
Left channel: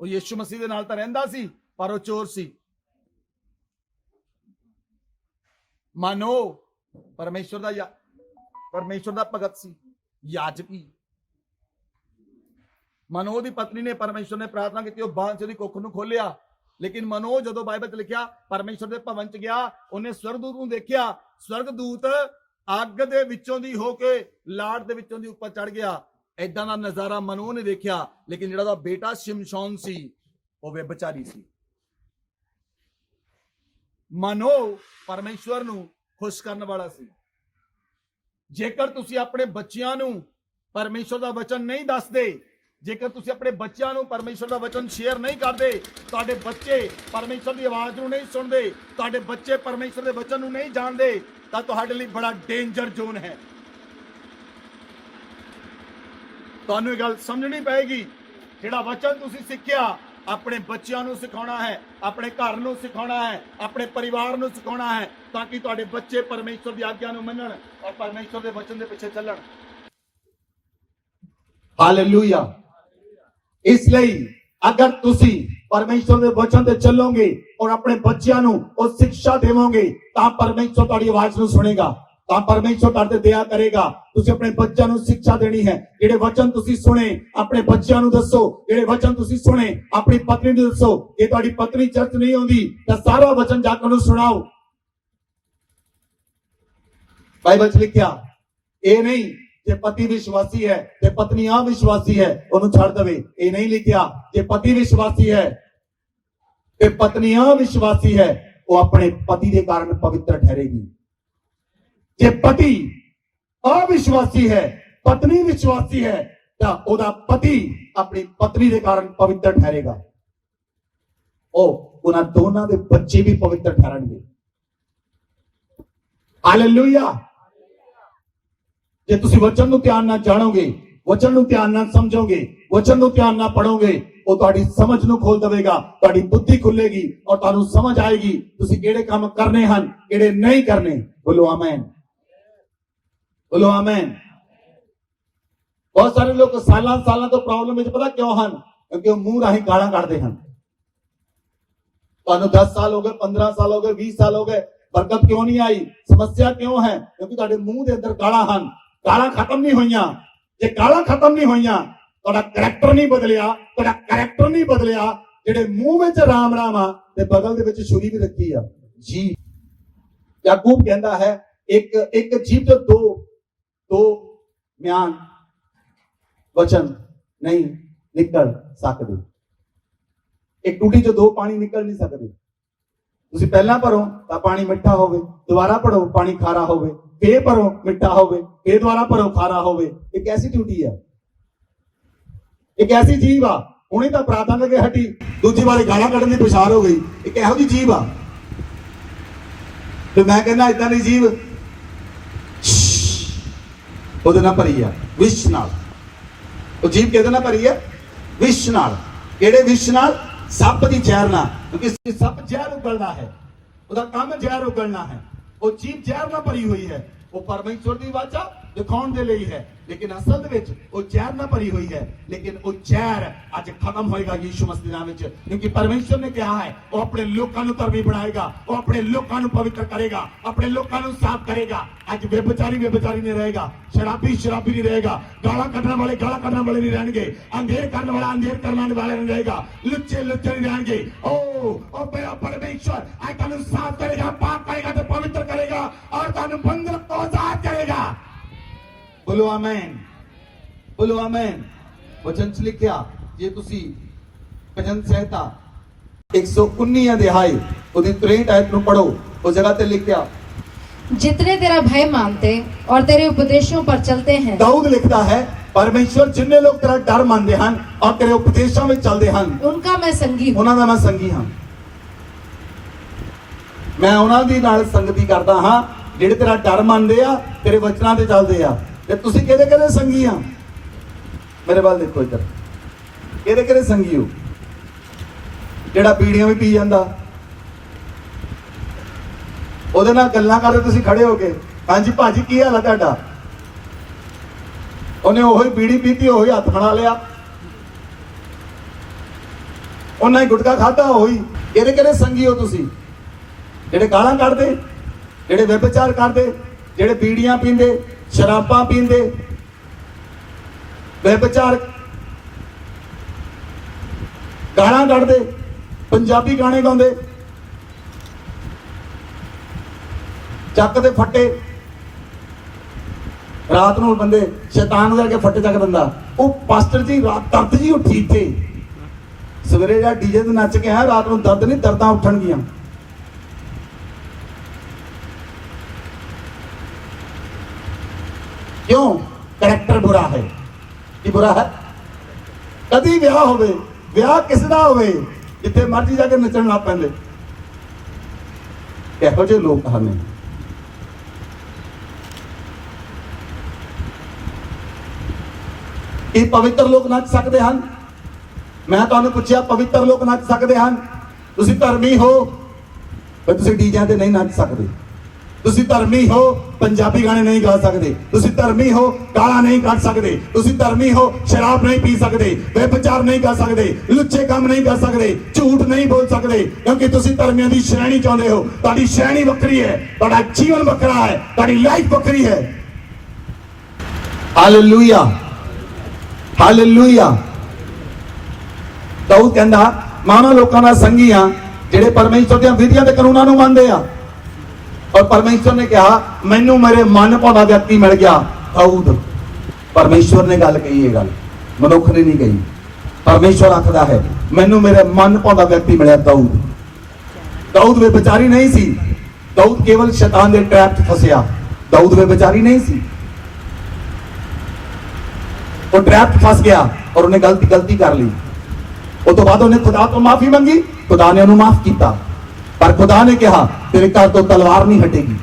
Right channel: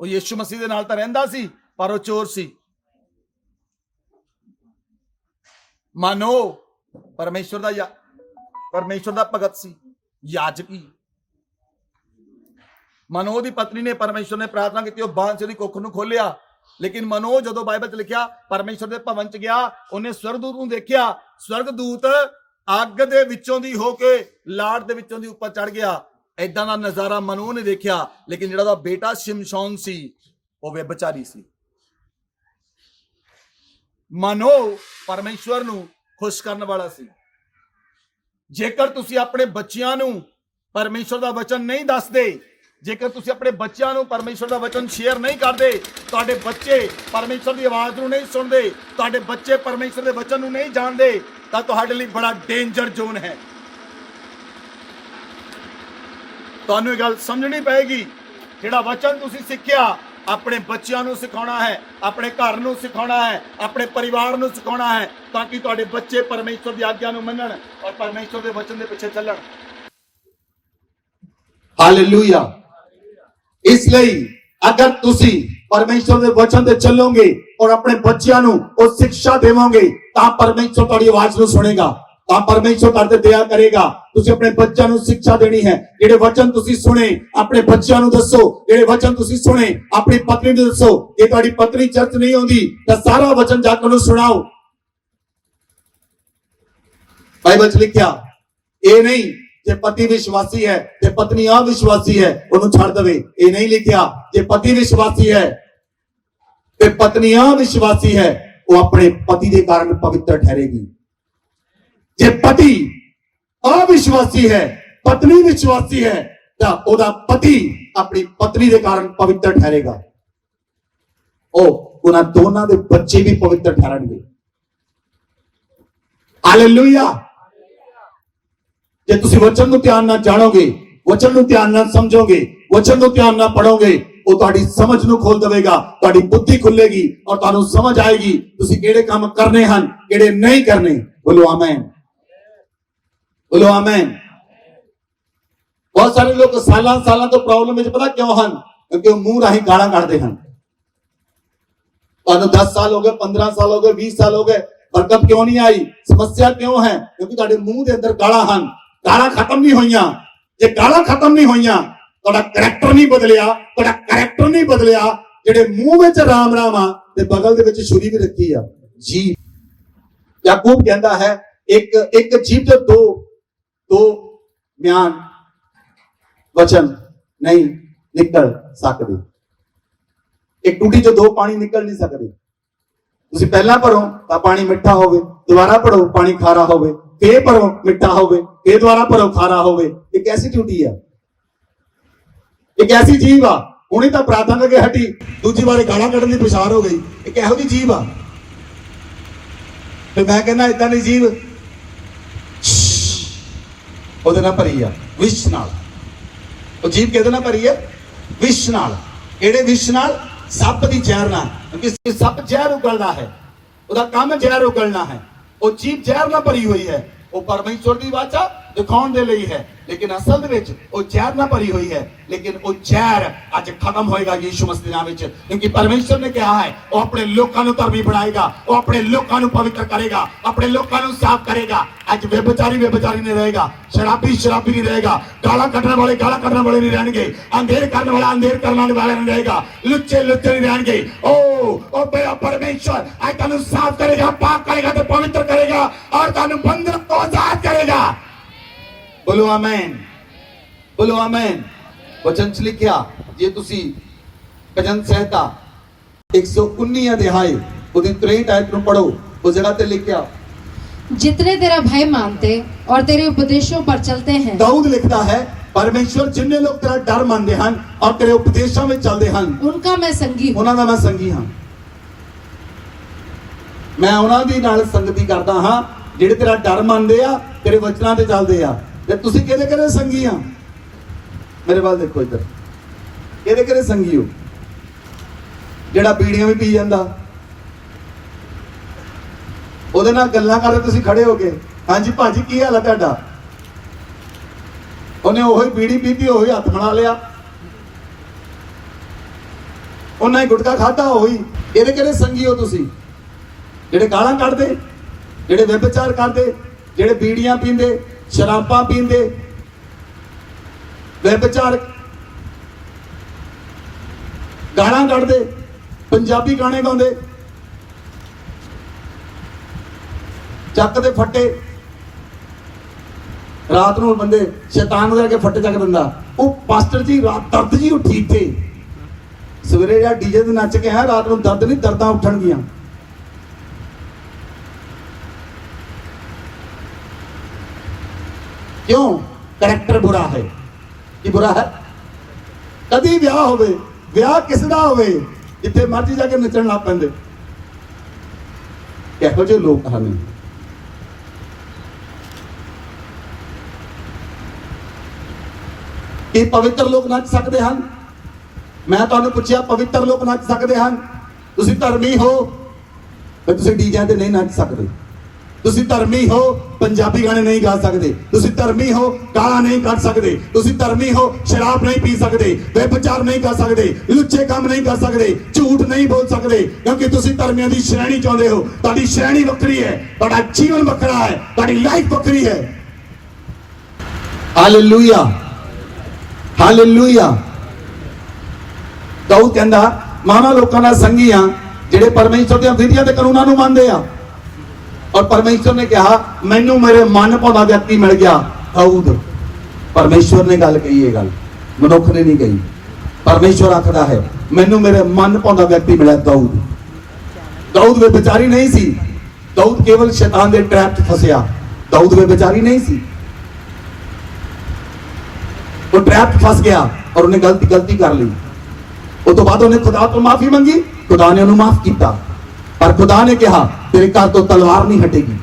ਉਹ ਯਿਸੂ ਮਸੀਹ ਦੇ ਨਾਲ ਤਾਂ ਰਹਿੰਦਾ ਸੀ ਪਰ ਉਹ ਚੋਰ ਸੀ। ਮਾਨੋ ਪਰਮੇਸ਼ਵਰ ਦਾ ਭਗਤ ਸੀ, ਯਾਜਕੀ। ਮਨੋ ਦੀ ਪਤਨੀ ਨੇ, ਪਰਮੇਸ਼ਵਰ ਨੇ ਪ੍ਰਾਰਥਨਾ ਕੀਤੀ, ਉਹ ਬਾਂਝ ਦੀ ਕੁੱਖ ਨੂੰ ਖੋਲਿਆ। ਲੇਕਿਨ ਮਨੋ ਜਦੋਂ ਬਾਈਬਲ 'ਚ ਲਿਖਿਆ ਪਰਮੇਸ਼ਵਰ ਦੇ ਭਵਨ 'ਚ ਗਿਆ, ਉਹਨੇ ਸਵਰਗਦੂਤ ਨੂੰ ਦੇਖਿਆ। ਸਵਰਗਦੂਤ ਅੱਗ ਦੇ ਵਿੱਚੋਂ ਦੀ ਹੋ ਕੇ ਲਾੜ ਦੇ ਵਿੱਚੋਂ ਦੀ ਉੱਪਰ ਚੜ ਗਿਆ। ਏਦਾਂ ਦਾ ਨਜ਼ਾਰਾ ਮਨੋ ਨੇ ਦੇਖਿਆ। ਲੇਕਿਨ ਜਿਹੜਾ ਉਹਦਾ ਬੇਟਾ ਸ਼ਿਮਸ਼ੋਨ ਸੀ ਉਹ ਵਿਭਚਾਰੀ ਸੀ। ਮਨੋ ਪਰਮੇਸ਼ਵਰ ਨੂੰ ਖੁਸ਼ ਕਰਨ ਵਾਲਾ ਸੀ। ਜੇਕਰ ਤੁਸੀਂ ਆਪਣੇ ਬੱਚਿਆਂ ਨੂੰ ਪਰਮੇਸ਼ਰ ਦਾ ਵਚਨ ਨਹੀਂ ਦੱਸਦੇ, ਜੇਕਰ ਤੁਸੀਂ ਆਪਣੇ ਬੱਚਿਆਂ ਨੂੰ ਪਰਮੇਸ਼ਰ ਦਾ ਵਚਨ ਸ਼ੇਅਰ ਨਹੀਂ ਕਰਦੇ, ਤੁਹਾਡੇ ਬੱਚੇ ਪਰਮੇਸ਼ਰ ਦੀ ਆਵਾਜ਼ ਨੂੰ ਨਹੀਂ ਸੁਣਦੇ, ਤੁਹਾਡੇ ਬੱਚੇ ਪਰਮੇਸ਼ਰ ਦੇ ਵਚਨ ਨੂੰ ਨਹੀਂ ਜਾਣਦੇ, ਤਾਂ ਤੁਹਾਡੇ ਲਈ ਬੜਾ ਡੇਂਜਰ ਜ਼ੋਨ ਹੈ। ਤੁਹਾਨੂੰ ਇਹ ਗੱਲ ਸਮਝਣੀ ਪਏਗੀ, ਜਿਹੜਾ ਵਚਨ ਤੁਸੀਂ ਸਿੱਖਿਆ ਆਪਣੇ ਬੱਚਿਆਂ ਨੂੰ ਸਿਖਾਉਣਾ ਹੈ, ਆਪਣੇ ਘਰ ਨੂੰ ਸਿਖਾਉਣਾ ਹੈ, ਆਪਣੇ ਪਰਿਵਾਰ ਨੂੰ ਸਿਖਾਉਣਾ ਹੈ, ਤਾਂ ਕਿ ਤੁਹਾਡੇ ਬੱਚੇ ਪਰਮੇਸ਼ਰ ਦੀ ਆਗਿਆ ਨੂੰ ਮੰਨਣ ਔਰ ਪਰਮੇਸ਼ਰ ਦੇ ਵਚਨ ਦੇ ਪਿੱਛੇ ਚੱਲਣ। ਹਾਲੇਲੂਇਆ। ਇਸ ਲਈ ਅਗਰ ਤੁਸੀਂ ਪਰਮੇਸ਼ਰ ਦੇ ਵਚਨ ਤੇ ਚੱਲੋਗੇ ਔਰ ਆਪਣੇ ਬੱਚਿਆਂ ਨੂੰ ਉਹ ਸਿੱਖਿਆ ਦੇਵੋਗੇ, ਤਾਂ ਪਰਮੇਸ਼ਰ ਤੁਹਾਡੀ ਆਵਾਜ਼ ਨੂੰ ਸੁਣੇਗਾ, ਤਾਂ ਪਰਮੇਸ਼ਰ ਤੁਹਾਡੇ ਤੇ ਦਇਆ ਕਰੇਗਾ। ਤੁਸੀਂ ਆਪਣੇ ਬੱਚਿਆਂ ਨੂੰ ਸਿੱਖਿਆ ਦੇਣੀ ਹੈ। ਜਿਹੜੇ ਵਚਨ ਤੁਸੀਂ ਸੁਣੇ ਆਪਣੇ ਬੱਚਿਆਂ ਨੂੰ ਦੱਸੋ, ਜਿਹੜੇ ਵਚਨ ਤੁਸੀਂ ਸੁਣੇ ਆਪਣੀ ਪਤਨੀ ਨੂੰ ਦੱਸੋ। ਜੇ ਤੁਹਾਡੀ ਪਤਨੀ ਚਰਚ ਨਹੀਂ ਆਉਂਦੀ ਤਾਂ ਸਾਰਾ ਵਚਨ ਜਾ ਕੇ ਉਹਨੂੰ ਸੁਣਾਓ। ਬਾਈਬਲ 'ਚ ਲਿਖਿਆ ਇਹ ਨਹੀਂ ਜੇ ਪਤੀ ਵਿਸ਼ਵਾਸੀ ਹੈ ਤੇ ਪਤਨੀ ਅਵਿਸ਼ਵਾਸੀ ਹੈ ਉਹਨੂੰ ਛੱਡ ਦੇਵੇ, ਇਹ ਨਹੀਂ ਲਿਖਿਆ। ਜੇ ਪਤੀ ਵਿਸ਼ਵਾਸੀ ਹੈ ਤੇ ਪਤਨੀ ਅਵਿਸ਼ਵਾਸੀ ਹੈ, ਉਹ ਆਪਣੇ ਪਤੀ ਦੇ ਕਾਰਨ ਪਵਿੱਤਰ ਠਹਿਰੇਗੀ। ਜੇ ਪਤੀ ਅਵਿਸ਼ਵਾਸੀ ਹੈ ਪਤਨੀ ਵਿਸ਼ਵਾਸੀ ਹੈ ਤਾਂ ਉਹਦਾ ਪਤੀ ਆਪਣੀ ਪਤਨੀ ਦੇ ਕਾਰਨ ਪਵਿੱਤਰ ਠਹਿਰੇਗਾ। ਉਹ ਉਹਨਾਂ ਦੋਨਾਂ ਦੇ ਬੱਚੇ ਵੀ ਪਵਿੱਤਰ ਠਹਿਰਨਗੇ। ਹਾਲੇਲੂਇਆ। ਜੇ ਤੁਸੀਂ ਵਚਨ ਨੂੰ ਧਿਆਨ ਨਾਲ ਜਾਣੋਗੇ, ਵਚਨ ਨੂੰ ਧਿਆਨ ਨਾਲ ਸਮਝੋਗੇ, ਵਚਨ ਨੂੰ ਧਿਆਨ ਨਾਲ ਪੜੋਗੇ, ਉਹ ਤੁਹਾਡੀ ਸਮਝ ਨੂੰ ਖੋਲ ਦੇਵੇਗਾ, ਤੁਹਾਡੀ ਬੁੱਧੀ ਖੁੱਲੇਗੀ ਔਰ ਤੁਹਾਨੂੰ ਸਮਝ ਆਏਗੀ ਤੁਸੀਂ ਕਿਹੜੇ ਕੰਮ ਕਰਨੇ ਹਨ, ਕਿਹੜੇ ਨਹੀਂ ਕਰਨੇ। ਬੋਲੋ ਆਮੇਨ, ਬੋਲੋ ਆਮੇਨ। ਬਹੁਤ ਸਾਰੇ ਲੋਕ ਸਾਲਾਂ ਤੋਂ ਪ੍ਰੋਬਲਮ ਵਿੱਚ ਪਤਾ ਕਿਉਂ ਹਨ? ਕਿਉਂਕਿ ਉਹ ਮੂੰਹ ਰਾਹੀਂ ਗਾਲਾਂ ਕੱਢਦੇ ਹਨ। ਤੁਹਾਨੂੰ 10 ਸਾਲ ਹੋ ਗਏ, 15 ਸਾਲ ਹੋ ਗਏ, 20 ਸਾਲ ਹੋ ਗਏ, ਬਰਕਤ ਕਿਉਂ ਨਹੀਂ ਆਈ? ਸਮੱਸਿਆ ਕਿਉਂ ਹੈ? ਕਿਉਂਕਿ ਤੁਹਾਡੇ ਮੂੰਹ ਦੇ ਅੰਦਰ ਗਾਲਾਂ ਹਨ। ਗਾਲਾਂ ਖਤਮ ਨਹੀਂ ਹੋਈਆਂ। ਜੇ ਗਾਲਾਂ ਖਤਮ ਨਹੀਂ ਹੋਈਆਂ, ਤੁਹਾਡਾ ਕਰੈਕਟਰ ਨਹੀਂ ਬਦਲਿਆ, ਤੁਹਾਡਾ ਕਰੈਕਟਰ ਨਹੀਂ ਬਦਲਿਆ। ਜਿਹੜੇ ਮੂੰਹ ਵਿੱਚ ਰਾਮ ਰਾਮ ਆ ਤੇ ਬਗਲ ਦੇ ਵਿੱਚ ਛੁਰੀ ਵੀ ਰੱਖੀ ਆ ਜੀ। ਯਾਕੂਬ ਕਹਿੰਦਾ ਹੈ ਇੱਕ ਜੀਭ ਦੇ ਦੋ ਬਿਆਨ ਵਚਨ ਨਹੀਂ ਨਿਕਲ ਸਕਦੇ। ਇੱਕ ਟੂਟੀ ਚੋਂ ਦੋ ਪਾਣੀ ਨਿਕਲ ਨਹੀਂ ਸਕਦੇ। ਤੁਸੀਂ ਪਹਿਲਾਂ ਭਰੋ ਤਾਂ ਪਾਣੀ ਮਿੱਠਾ ਹੋਵੇ, ਦੁਬਾਰਾ ਭਰੋ ਪਾਣੀ ਖਾਰਾ ਹੋਵੇ, ਫੇਰ ਭਰੋ ਮਿੱਠਾ ਹੋਵੇ, ਫੇਰ ਦੁਬਾਰਾ ਭਰੋ ਖਾਰਾ ਹੋਵੇ। ਇਹ ਕੈਸੀ ਟੂਟੀ ਆ? ਇਹ ਕੈਸੀ ਜੀਵ ਆ? ਹੁਣੇ ਤਾਂ ਪ੍ਰਾਰਥਨਾ ਕਰਕੇ ਹਟੀ, ਦੂਜੀ ਵਾਰੀ ਗਾਲਾਂ ਕੱਢਣ ਦੀ ਪਛਾਣ ਹੋ ਗਈ। ਇਹ ਕਿਹੋ ਜਿਹੀ ਜੀਵ ਆ? ਤੇ ਮੈਂ ਕਹਿੰਦਾ ਇਦਾਂ ਦੀ ਜੀਵ ਉਹਦੇ ਨਾਲ ਭਰੀ ਆ, ਵਿਸ਼ ਨਾਲ। ਉਹ ਜੀਵ ਕਿਹਦੇ ਨਾਲ ਭਰੀ ਆ? ਵਿਸ਼ ਨਾਲ। ਕਿਹੜੇ ਵਿਸ਼ ਨਾਲ? ਸੱਪ ਦੀ ਜ਼ਹਿਰ ਨਾਲ। ਕਿਉਂਕਿ ਸੱਪ ਜ਼ਹਿਰ ਉਗਲਦਾ ਹੈ, ਉਹਦਾ ਕੰਮ ਜ਼ਹਿਰ ਉਗਲਣਾ ਹੈ। ਉਹ ਜੀਵ ਜ਼ਹਿਰ ਨਾਲ ਭਰੀ ਹੋਈ ਹੈ। ਉਹ ਪਰਮੇਸ਼ਰ ਦੀ ਵਾਚਾ ਦਿਖਾਉਣ ਦੇ ਲਈ ਹੈ, ਲੇਕਿਨ ਅਸਲ ਦੇ ਵਿੱਚ ਉਹ ਜ਼ਹਿਰ ਨਾਲ ਭਰੀ ਹੋਈ ਹੈ। ਲੇਕਿਨ ਉਹ ਜ਼ਹਿਰ ਅੱਜ ਖਤਮ ਹੋਏਗਾ ਯੀਸ਼ੂ ਮਸੀਹ ਦੇ ਨਾਮ ਵਿੱਚ, ਕਿਉਂਕਿ ਪਰਮੇਸ਼ਰ ਨੇ ਕਿਹਾ ਹੈ ਉਹ ਆਪਣੇ ਲੋਕਾਂ ਨੂੰ ਧਰਮੀ ਬਣਾਏਗਾ, ਉਹ ਆਪਣੇ ਲੋਕਾਂ ਨੂੰ ਪਵਿੱਤਰ ਕਰੇਗਾ, ਆਪਣੇ ਲੋਕਾਂ ਨੂੰ ਸਾਫ਼ ਕਰੇਗਾ। ਅੱਜ ਵਿਭਚਾਰੀ ਨਹੀਂ ਰਹੇਗਾ, ਸ਼ਰਾਬੀ ਨਹੀਂ ਰਹੇਗਾ, ਗਾਲਾਂ ਕੱਢਣ ਵਾਲੇ ਗਾਲਾਂ ਕੱਢਣ ਵਾਲੇ ਨਹੀਂ ਰਹਿਣਗੇ, ਅੰਧੇਰ ਕਰਨ ਵਾਲਾ ਅੰਧੇਰ ਕਰਨ ਵਾਲਾ ਨਹੀਂ ਰਹੇਗਾ, ਲੁੱਚੇ ਨਹੀਂ ਰਹਿਣਗੇ। ਉਹ ਪਰਮੇਸ਼ਰ ਅੱਜ ਤੁਹਾਨੂੰ ਸਾਫ਼ ਕਰੇਗਾ, ਪਾਕ ਕਰੇਗਾ ਤੇ ਪਵਿੱਤਰ ਕਰੇਗਾ और ਤੁਹਾਨੂੰ ਬੰਧਨ ਤੋਂ ਆਜ਼ਾਦ ਕਰੇਗਾ। बोलो आमेन, बोलो आमेन। वचन च लिखिया जे तुसी भजन संहिता 119 अध्याय ਉਹਦੀ 63 आयत ਨੂੰ पढ़ो, उस जगह ते लिखिया जितने तेरा भय मानते और तेरे उपदेशों पर चलते हैं। दाऊद लिखता है परमेश्वर जिन्ने लोग तेरा डर मानते हैं और तेरे उपदेशों में चलते हैं, उनका मैं संगी हूं। ਉਹਨਾਂ ਦਾ ਮੈਂ ਸੰਗੀ ਹਾਂ। ਮੈਂ ਉਹਨਾਂ ਦੀ ਨਾਲ ਸੰਗਤੀ ਕਰਦਾ ਹਾਂ ਜਿਹੜੇ ਤੇਰਾ ਡਰ ਮੰਨਦੇ ਆ, ਤੇਰੇ ਵਚਨਾਂ ਤੇ ਚੱਲਦੇ ਆ। ਤੇ ਤੁਸੀਂ ਕਿਹਦੇ ਸੰਗੀ ਆ? ਮੇਰੇ ਵੱਲ ਦੇਖੋ ਇੱਧਰ, ਕਿਹਦੇ ਸੰਗੀ ਹੋ? ਜਿਹੜਾ ਬੀੜੀਆਂ ਵੀ ਪੀ ਜਾਂਦਾ, ਉਹਦੇ ਨਾਲ ਗੱਲਾਂ ਕਰਦੇ ਤੁਸੀਂ ਖੜੇ ਹੋ ਕੇ, ਹਾਂਜੀ ਭਾਜੀ ਕੀ ਹਾਲ ਹੈ ਤੁਹਾਡਾ? ਉਹਨੇ ਉਹੀ ਬੀੜੀ ਪੀਤੀ, ਉਹੀ ਹੱਥ ਬਣਾ ਲਿਆ, ਉਹਨੇ ਗੁਟਕਾ ਖਾਧਾ, ਉਹੀ। ਕਿਹਦੇ ਸੰਗੀ ਹੋ ਤੁਸੀਂ? ਜਿਹੜੇ ਗਾਲਾਂ ਕੱਢਦੇ, ਜਿਹੜੇ ਵਿਭਚਾਰ ਕਰਦੇ, ਜਿਹੜੇ ਬੀੜੀਆਂ ਪੀਂਦੇ, ਸ਼ਰਾਬਾਂ ਪੀਂਦੇ, ਵਿਭਚਾਰ, ਗਾਲਾਂ ਕੱਢਦੇ, ਪੰਜਾਬੀ ਗਾਣੇ ਗਾਉਂਦੇ, ਚੱਕ ਦੇ ਫੱਟੇ। ਰਾਤ ਨੂੰ ਬੰਦੇ ਸ਼ੈਤਾਨ ਜਾ ਕੇ ਫੱਟੇ ਚੱਕ ਦਿੰਦਾ। ਉਹ ਪਾਸਟਰ ਜੀ ਰਾਤ ਦਰਦ ਜੀ ਉੱਠੀ ਇੱਥੇ, ਸਵੇਰੇ ਜਾਂ ਡੀਜੇ ਤੇ ਨੱਚ ਕੇ ਆਇਆ, ਰਾਤ ਨੂੰ ਦਰਦ ਨਹੀਂ, ਦਰਦਾਂ ਉੱਠਣਗੀਆਂ। क्यों? ਕਰੈਕਟਰ ਬੁਰਾ ਹੈ। ਕੀ ਬੁਰਾ ਹੈ? ਕਦੀ ਵਿਆਹ ਹੋਵੇ, ਵਿਆਹ ਕਿਸ ਦਾ ਹੋਵੇ ਜਿੱਥੇ ਮਰਜ਼ੀ ਜਾ ਕੇ ਨੱਚਣ ਲੱਗ ਪੈਂਦੇ, ਇਹੋ ਜਿਹੇ ਲੋਕ ਹਨ। ਕੀ ਪਵਿੱਤਰ ਲੋਕ ਨੱਚ ਸਕਦੇ ਹਨ? ਮੈਂ ਤੁਹਾਨੂੰ ਪੁੱਛਿਆ, ਪਵਿੱਤਰ ਲੋਕ ਨੱਚ ਸਕਦੇ ਹਨ? ਤੁਸੀਂ ਧਰਮੀ ਹੋ ਤੇ ਤੁਸੀਂ ਡੀਜੇ ਤੇ ਨਹੀਂ ਨੱਚ ਸਕਦੇ। ਤੁਸੀਂ ਧਰਮੀ ਹੋ, ਪੰਜਾਬੀ ਗਾਣੇ ਨਹੀਂ ਗਾ ਸਕਦੇ। ਤੁਸੀਂ ਧਰਮੀ ਹੋ, ਗਾਲਾਂ ਨਹੀਂ ਕੱਢ ਸਕਦੇ। ਤੁਸੀਂ ਧਰਮੀ ਹੋ, ਸ਼ਰਾਬ ਨਹੀਂ ਪੀ ਸਕਦੇ, ਵਿਭਚਾਰ ਨਹੀਂ ਕਰ ਸਕਦੇ, ਲੁੱਚੇ ਕੰਮ ਨਹੀਂ ਕਰ ਸਕਦੇ, ਝੂਠ ਨਹੀਂ ਬੋਲ ਸਕਦੇ, ਕਿਉਂਕਿ ਤੁਸੀਂ ਧਰਮੀਆਂ ਦੀ ਸ਼੍ਰੇਣੀ ਚਾਹੁੰਦੇ ਹੋ। ਤੁਹਾਡੀ ਸ਼੍ਰੇਣੀ ਵੱਖਰੀ ਹੈ, ਤੁਹਾਡਾ ਜੀਵਨ ਵੱਖਰਾ ਹੈ, ਤੁਹਾਡੀ ਲਾਈਫ ਵੱਖਰੀ ਹੈ। Hallelujah, hallelujah. ਦਾਊਦ ਕਹਿੰਦਾ, ਮਾਵਾਂ ਲੋਕਾਂ ਦਾ ਸੰਗੀ ਆ ਜਿਹੜੇ ਪਰਮੇਸ਼ਰ ਦੀਆਂ ਵਿਧੀਆਂ ਤੇ ਕਾਨੂੰਨਾਂ ਨੂੰ ਮੰਨਦੇ ਆ। और परमेश्वर ने कहा, मैनू मेरे मन भादा व्यक्ति मिल गया। दाऊद, परमेश्वर ने गल कही, ये गल मनुख ने नहीं कही। परमेश्वर आखदा है, मैनू मेरे मन भादा व्यक्ति मिला। दाऊद, दाऊद वे बेचारी नहीं सी। दाऊद केवल शैतान दे ट्रैप च फसिया। दाऊद वे बेचारी नहीं सी, वो ट्रैप फस गया और उन्हें गलती कर ली। उस तो बाद उन्हें खुदा तो माफी मंगी, खुदा ने उन्हें माफ किया, पर खुदा ने कहा तेरे घर तो तलवार नहीं हटेगी।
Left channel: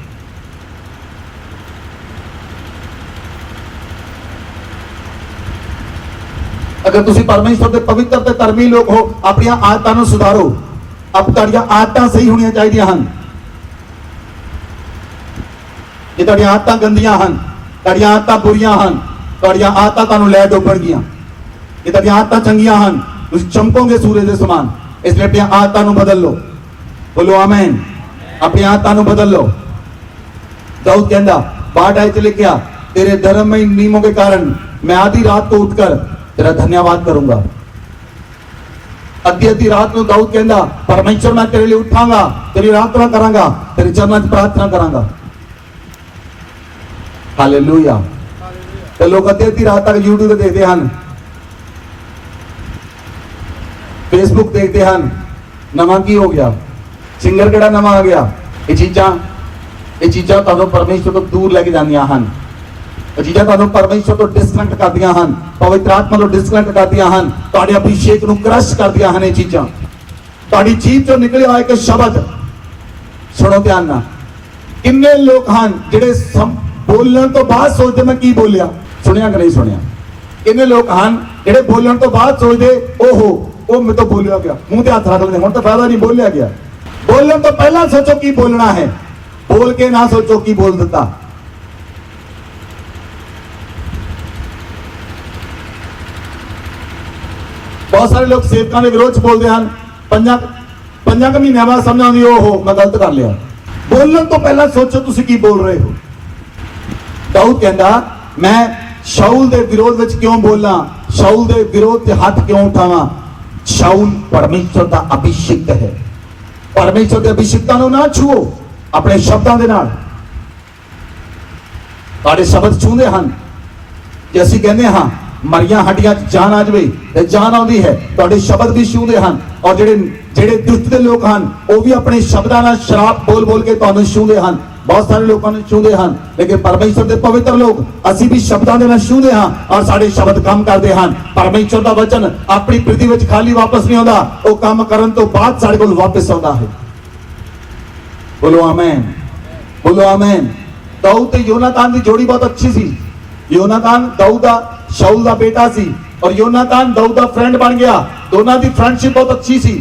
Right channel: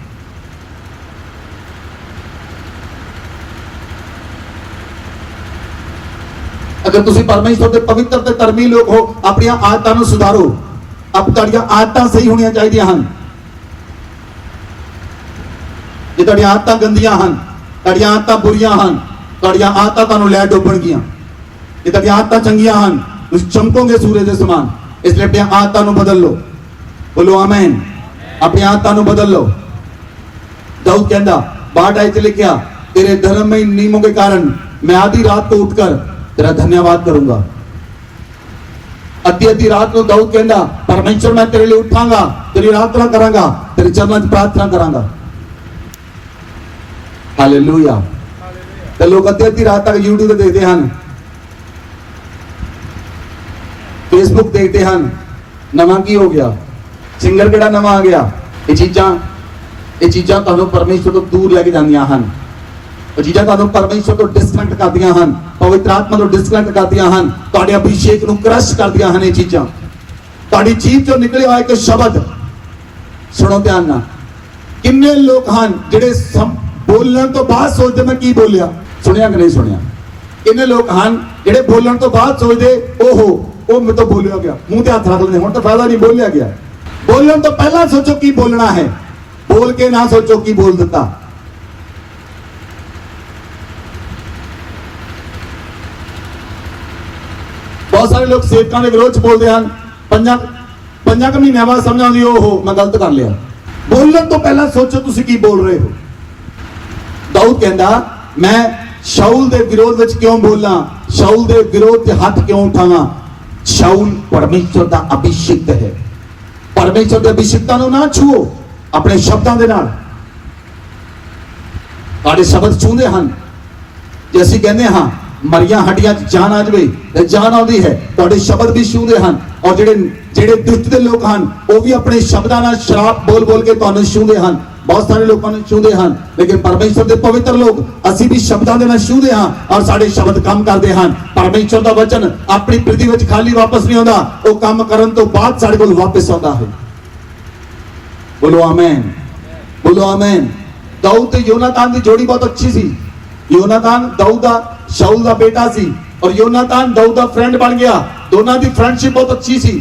अगर तुसी परमेश्वर के पवित्र ते धर्मी लोग हो, अपनी आदतों को सुधारो। अब तुहाडियां आदतां सही होनी चाहिए हैं। जे तुहाडियां आदतां गंदियां हैं, तुहाडियां आदतां बुरियां हैं, तुहाडियां आदतां तुहानूं लै डोबणगियां। जे तुहाडियां आदतां चंगियां हैं, तुसीं चमकोगे सूरज के समान। इसलिए अपनी आदतां नूं बदल लो। बोलो आमीन। अपनी आदतों बदल लो। दाऊद कहता, बाढ़ आए लिखा, तेरे धर्म में नियमों के कारण मैं आधी रात को उठकर तेरा धन्यवाद करूंगा। अद्धी रात को दाऊद कहता, परमेश्वर मैं तेरे लिए उठांगा, तेरी प्रार्थना करांगा, तेरे चरणों की प्रार्थना करांगा। हालेलुया। तो लोग अद्धी रात तक यूट्यूब देखते हैं, फेसबुक देखते हैं, नवा की हो गया, सिंगर केड़ा नवा आ गया। ये चीज़ां तुहानूं परमेश्वर तो दूर लेके जांदियां हन। ये चीज़ां तुहानूं परमेश्वर तो डिस्कनेक्ट करदियां हन, पवित्र आत्मा तो डिस्कनेक्ट करदियां हन, तुहाडे अभिषेक नूं क्रश करदियां हन। ये चीज़ां तुहाडी जीभ चों निकलिया होया एक शब्द सुनो ध्यान नाल। किन्ने लोग हन जिहड़े बोलण तो बाद सोचदे मैं की बोलिया। सुनिया कि नहीं सुनिया? किन्ने लोग हन जिहड़े बोलण तो बाद सोचदे ओहो ओ मैं तो बोलिया गया, मुंह ते हत्थ रख दिंदे, हुण तां फायदा नहीं, बोलिया गया। बोलने तो पहला सोचो की बोलना है, बोल के ना सोचो की बोल देता। बहुत सारे लोग सेवकां दे विरोध बोलते हैं, पंजा के महीने बाद समझ आती ओहो मैं गलत कर लिया। बोलने तो पहला सोचो तुसी की बोल रहे हो। दाऊद कहता, मैं शाऊल दे विरोध विच क्यों बोलना, शाऊल दे विरोध ते हाथ क्यों उठावां। शाऊल परमेश्वर दा अभिषिक्त है। परमेश्वर के अभिषिक्तां नूं ना छुओ अपने शब्दों के नाल। तुहाडे शब्द छूंदे हन। जे असीं कहंदे हां मरियां हड्डियां च जान आ जावे ते जान आउंदी है, तुहाडे शब्द भी छूंदे हन। और ਜਿਹੜੇ ਦੁਸ਼ਟ ਦੇ ਲੋਕ ਹਨ ਉਹ ਵੀ ਆਪਣੇ शब्दां नाल शराब बोल बोल के तुहानूं छूंदे हन। बहुत सारे लोगों ने छूंदे हैं, लेकिन परमेश्वर के पवित्र लोग असीं भी शब्दों के नाल छूंदे हां और साडे शब्द काम करते हैं। परमेश्वर का वचन अपनी पृथ्वी में खाली वापस नहीं आता, वो काम करन तो बाद साडे कोल वापस आता है। बोलो आमीन, बोलो आमीन। दाऊद ते योनातान की जोड़ी बहुत अच्छी सी। योनातान दाऊद दा शाऊल दा बेटा सी और योनातान दाऊद दा फ्रेंड बन गया। दोनों की फ्रेंडशिप बहुत अच्छी सी।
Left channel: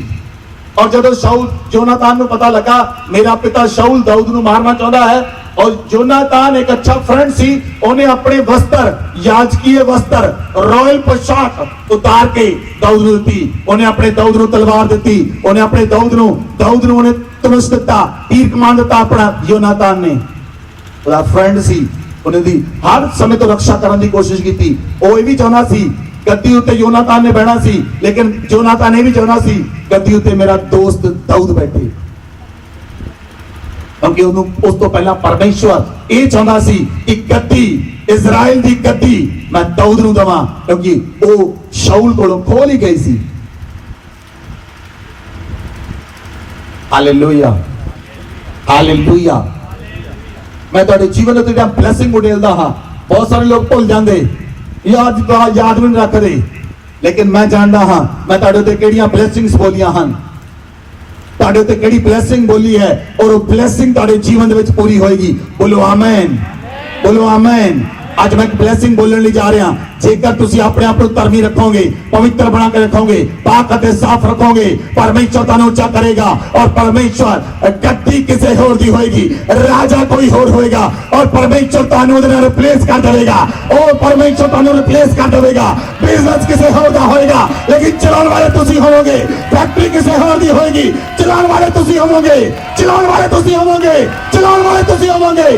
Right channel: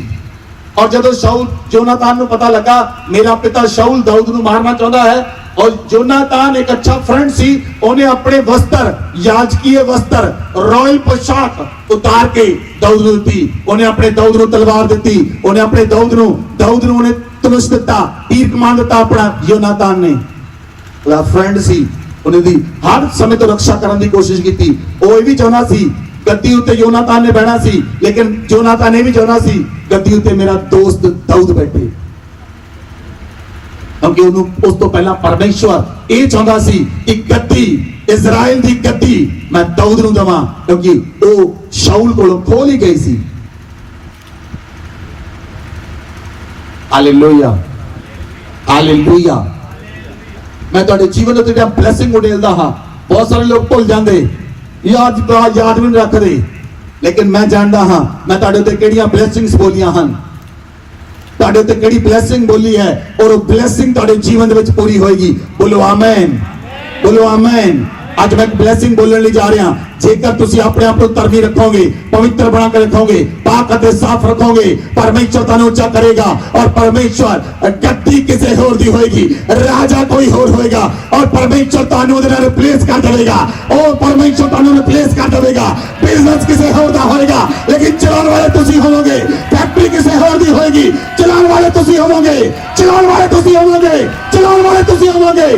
और जब शाऊल योनातान को पता लगा मेरा पिता शाऊल दाऊद को मारना चाहता है, और योनातान एक अच्छा फ्रेंड सी, उन्हें अपने वस्त्र, याजकीय वस्त्र, रॉयल पोशाक उतार के दाऊद को दी। उन्हें अपने दाऊद को तलवार दी, उन्हें अपने दाऊद को उन्हें धनुष दिता, तीर कमान दिता। अपना योनातान ने फ्रेंड सी, उन्हें दी हर समय तो रक्षा करने की कोशिश की थी। वो भी चाहना सी गद्दी उत्ते योनातान ने बैठा सी, लेकिन योनातान ने भी चाहना सी गद्दी उत्ते मेरा दोस्त दाऊद बैठे, क्योंकि उस तो पहला परमेश्वर ये चाहता सी कि गद्दी इजराइल की गद्दी मैं दाऊद नूं देवां, क्योंकि वो शाऊल कोलों खोल ही गई सी। Hallelujah, hallelujah. मैं तुहाडे जीवन उत्ते जिहड़ा ब्लैसिंग उडेलदा हां, बहुत सारे लोग भुल जाते, याद नहीं रखते, लेकिन मैं जानता हाँ मैं तुहाडे उत्ते किहड़ियां ब्लैसिंग्स बोलियां हन, तुहाडे उत्ते किहड़ी ब्लैसिंग बोली है और वो ब्लैसिंग तुहाडे जीवन दे विच पूरी होएगी। बोलो आमीन, बोलो आमीन। आज मैं ब्लैसिंग बोलने ਲਈ जा रहा। जेकर तुसी अपने आप को धर्मी रखोगे, पवित्र बना के रखोगे, पाक और साफ रखोगे, परमेश्वर तुहानू ऊंचा करेगा और परमेश्वर गद्दी किसी होर दी होएगी, राजा कोई होर होएगा और परमेश्वर तुहानू उहदे नाल रिप्लेस कर देगा, और परमेश्वर तुहानू रिप्लेस कर देगा। बिजनेस किसी होर दा होएगा लेकिन चलाने वाले तुसी होवोगे, फैक्ट्री किसी होर दी होएगी, चलाने वाले तुसी होवोगे, चलाने वाले तुसी होवोगे, चलाने वाले तुसी होवोगे।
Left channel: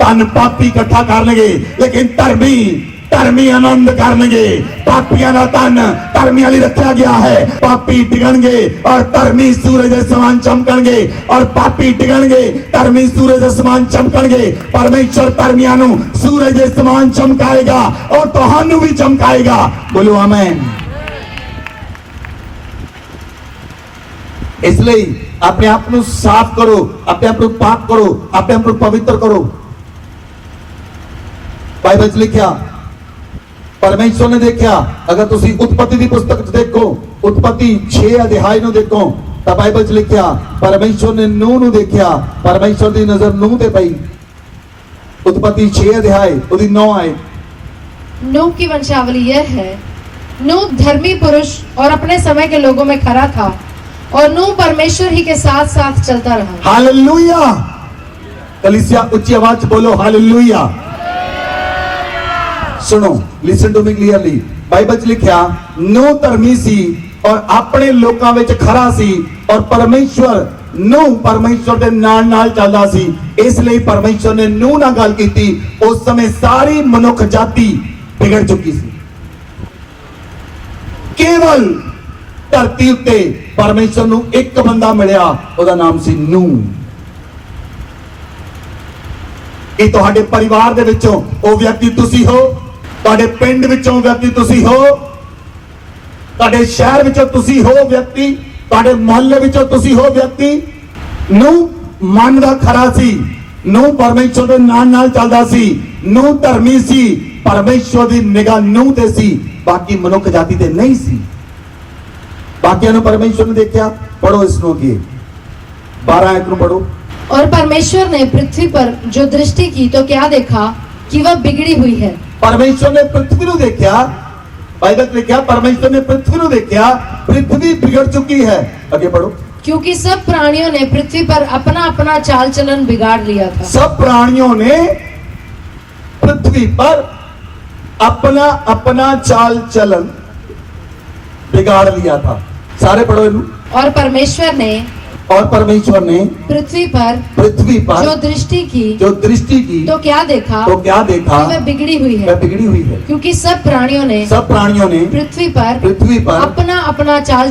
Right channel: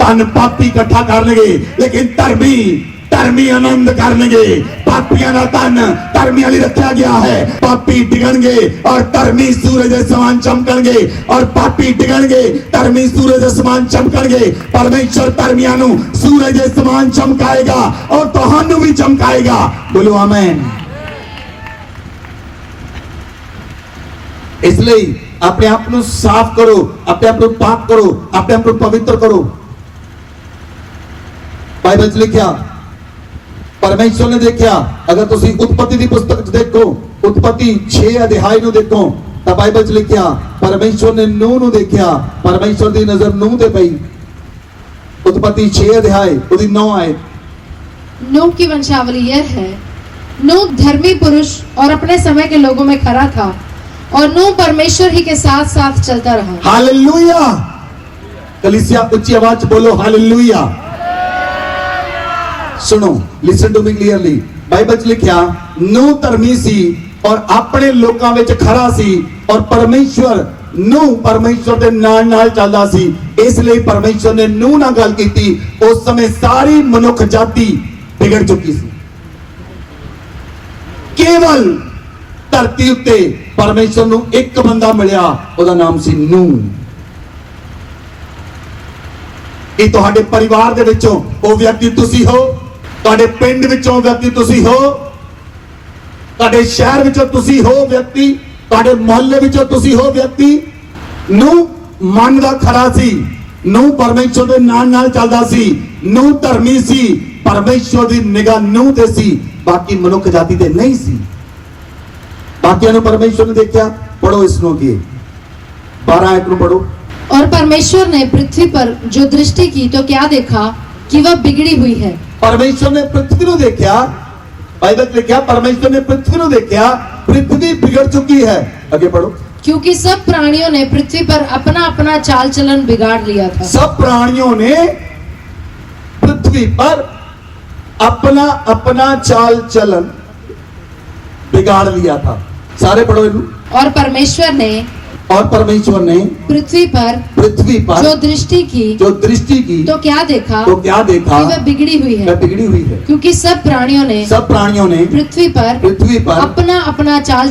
धन पापी इकट्ठा करनगे लेकिन धर्मी आनंद करनगे। पापियां दा धन धर्मियां लई रखा गया है। पापी डिगणगे और धर्मी सूरज दे समान चमकणगे, और पापी डिगणगे धर्मी सूरज दे समान चमकणगे। परमेश्वर धर्मियां नू सूरज दे समान चमकाएगा और तुहानू भी चमकाएगा। बोलो आमीन। इसलिए अपने आप को साफ करो, अपने आप को पाक करो, अपने आप को पवित्र करो। बाइबल च लिखा, परमेश्वर ने देखा, अगर तुसी उत्पत्ति की पुस्तक देखो, उत्पत्ति 6 अध्याय नु देखो तो बाइबल च लिखा परमेश्वर ने नूह नु देखा, परमेश्वर की नजर नूह ते पई। उत्पत्ति 6 अध्याय उदी 9 आए। नूह की वंशावली यह है, नूह धर्मी पुरुष और अपने समय के लोगों में खरा था, और नूह परमेश्वर ही के साथ साथ चलता रहा। हालेलुया। कलीसिया उच्ची आवाज बोलो हालेलुया। सुनो, listen to me clearly. Bible च लिखा नूह धर्मी सी और अपने लोकां विच खरा सी, और नूह परमेश्वर दे नाल चलदा सी। इसलिए परमेश्वर ने नूह नाल गल कीती। उस समय सारी मनुख जाति बिगड़ चुकी सी। केवल धरती उत्ते परमेश्वर नू एक बंदा मिलिया, उसदा नाम सी नूह। ये तुहाडे परिवार दे विचों ओ व्यक्ति तुसी हो, तुहाडे पिंड विचों व्यक्ति तुसी हो, तुहाडे शहर विचों तुसी हो व्यक्ति, तुहाडे मोहल्ले विचों तुसी हो व्यक्ति। नूह मन दा खरा सी, नूह परमेश्वर दे नाल चलदा सी, नूह धर्मी सी, परमेश्वर दी निगाह नूह ते सी, बाकी मनुख जाति ते नहीं सी। बाकियों ने परमेश्वर ने देखा। पढ़ो इसको अगे 12 आयत पढ़ो। और परमेश्वर ने पृथ्वी पर जो दृष्टि की तो क्या देखा कि वह बिगड़ी हुई है। परमेश्वर ने पृथ्वी को देखा, बाइबल ने लिखा परमेश्वर ने पृथ्वी को देखा, पृथ्वी बिगड़ चुकी है। आगे पढ़ो। क्योंकि सब प्राणियों ने पृथ्वी पर अपना अपना चाल चलन बिगाड़ लिया था। सब प्राणियों ने पृथ्वी पर अपना अपना चाल चलन बिगाड़ लिया था। सारे पढ़ो। और परमेश्वर ने पृथ्वी पर जो दृष्टि की तो क्या देखा कि वह बिगड़ी हुई है। क्योंकि सब प्राणियों ने पृथ्वी पर अपना अपना चाल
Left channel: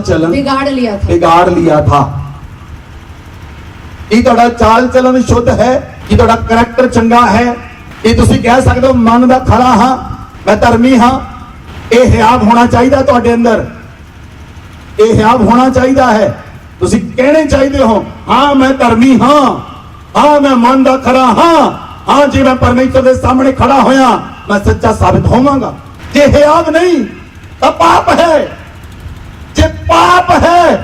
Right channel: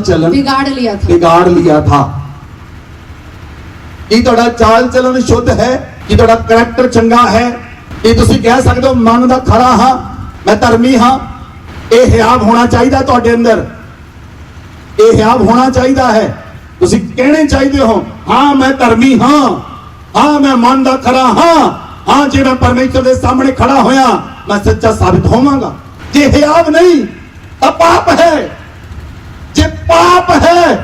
चलन बिगाड़ लिया था। ये तुहाडा चाल चलन शुद्ध है, ये तुहाडा करैक्टर चंगा है, ये तुसी कह सकदे हो मन दा खरा हां, मैं धर्मी हां। ये हियाब होना चाहिए तुहाडे अंदर, ये हियाब होना चाहिए है। तुसी कहने चाहिए हो हाँ मैं धर्मी हाँ, हाँ मैं मन दा खरा हाँ, हाँ जी मैं परमेश्वर के सामने खड़ा होया मैं सच्चा साबित होवांगा। जे हियाब नहीं तो पाप है, जे पाप है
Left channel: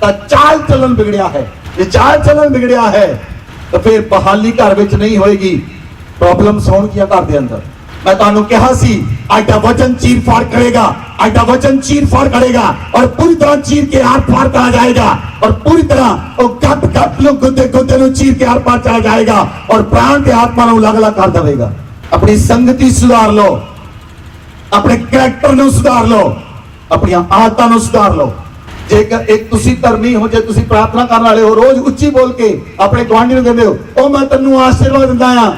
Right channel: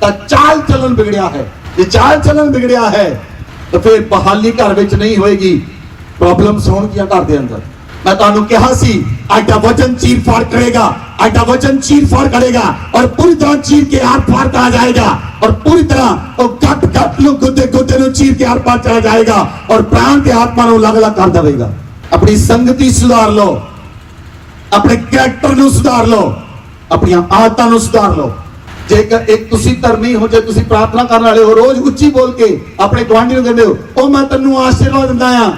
तो चाल चलन बिगड़िया है। जे चाल चलन बिगड़िया है तो फिर बहाली घर विच नहीं होएगी, प्रॉब्लम्स होणगियां घर दे अंदर। मैं तुहानू कहा सी एडा वचन चीर फाड़ करेगा, एडा वचन चीर फाड़ करेगा और पूरी तरह चीर के आर पार करा जाएगा, और पूरी तरह वो गप गप लो गुद्दे गुद्दे नु चीर के आर पार चला जाएगा और प्राण के आत्मा नु अलग अलग कर देगा। अपनी संगति सुधार लो, अपने कैरेक्टर नु सुधार लो, अपनी आदतां नु सुधार लो। जेकर एक तुसी धर्मी हो, जे तुसी प्रार्थना करने वाले हो, रोज उच्ची बोल के अपने गुआंढी नु कहंदे हो ओ मैं तन्नू आशीर्वाद दिंदा आ,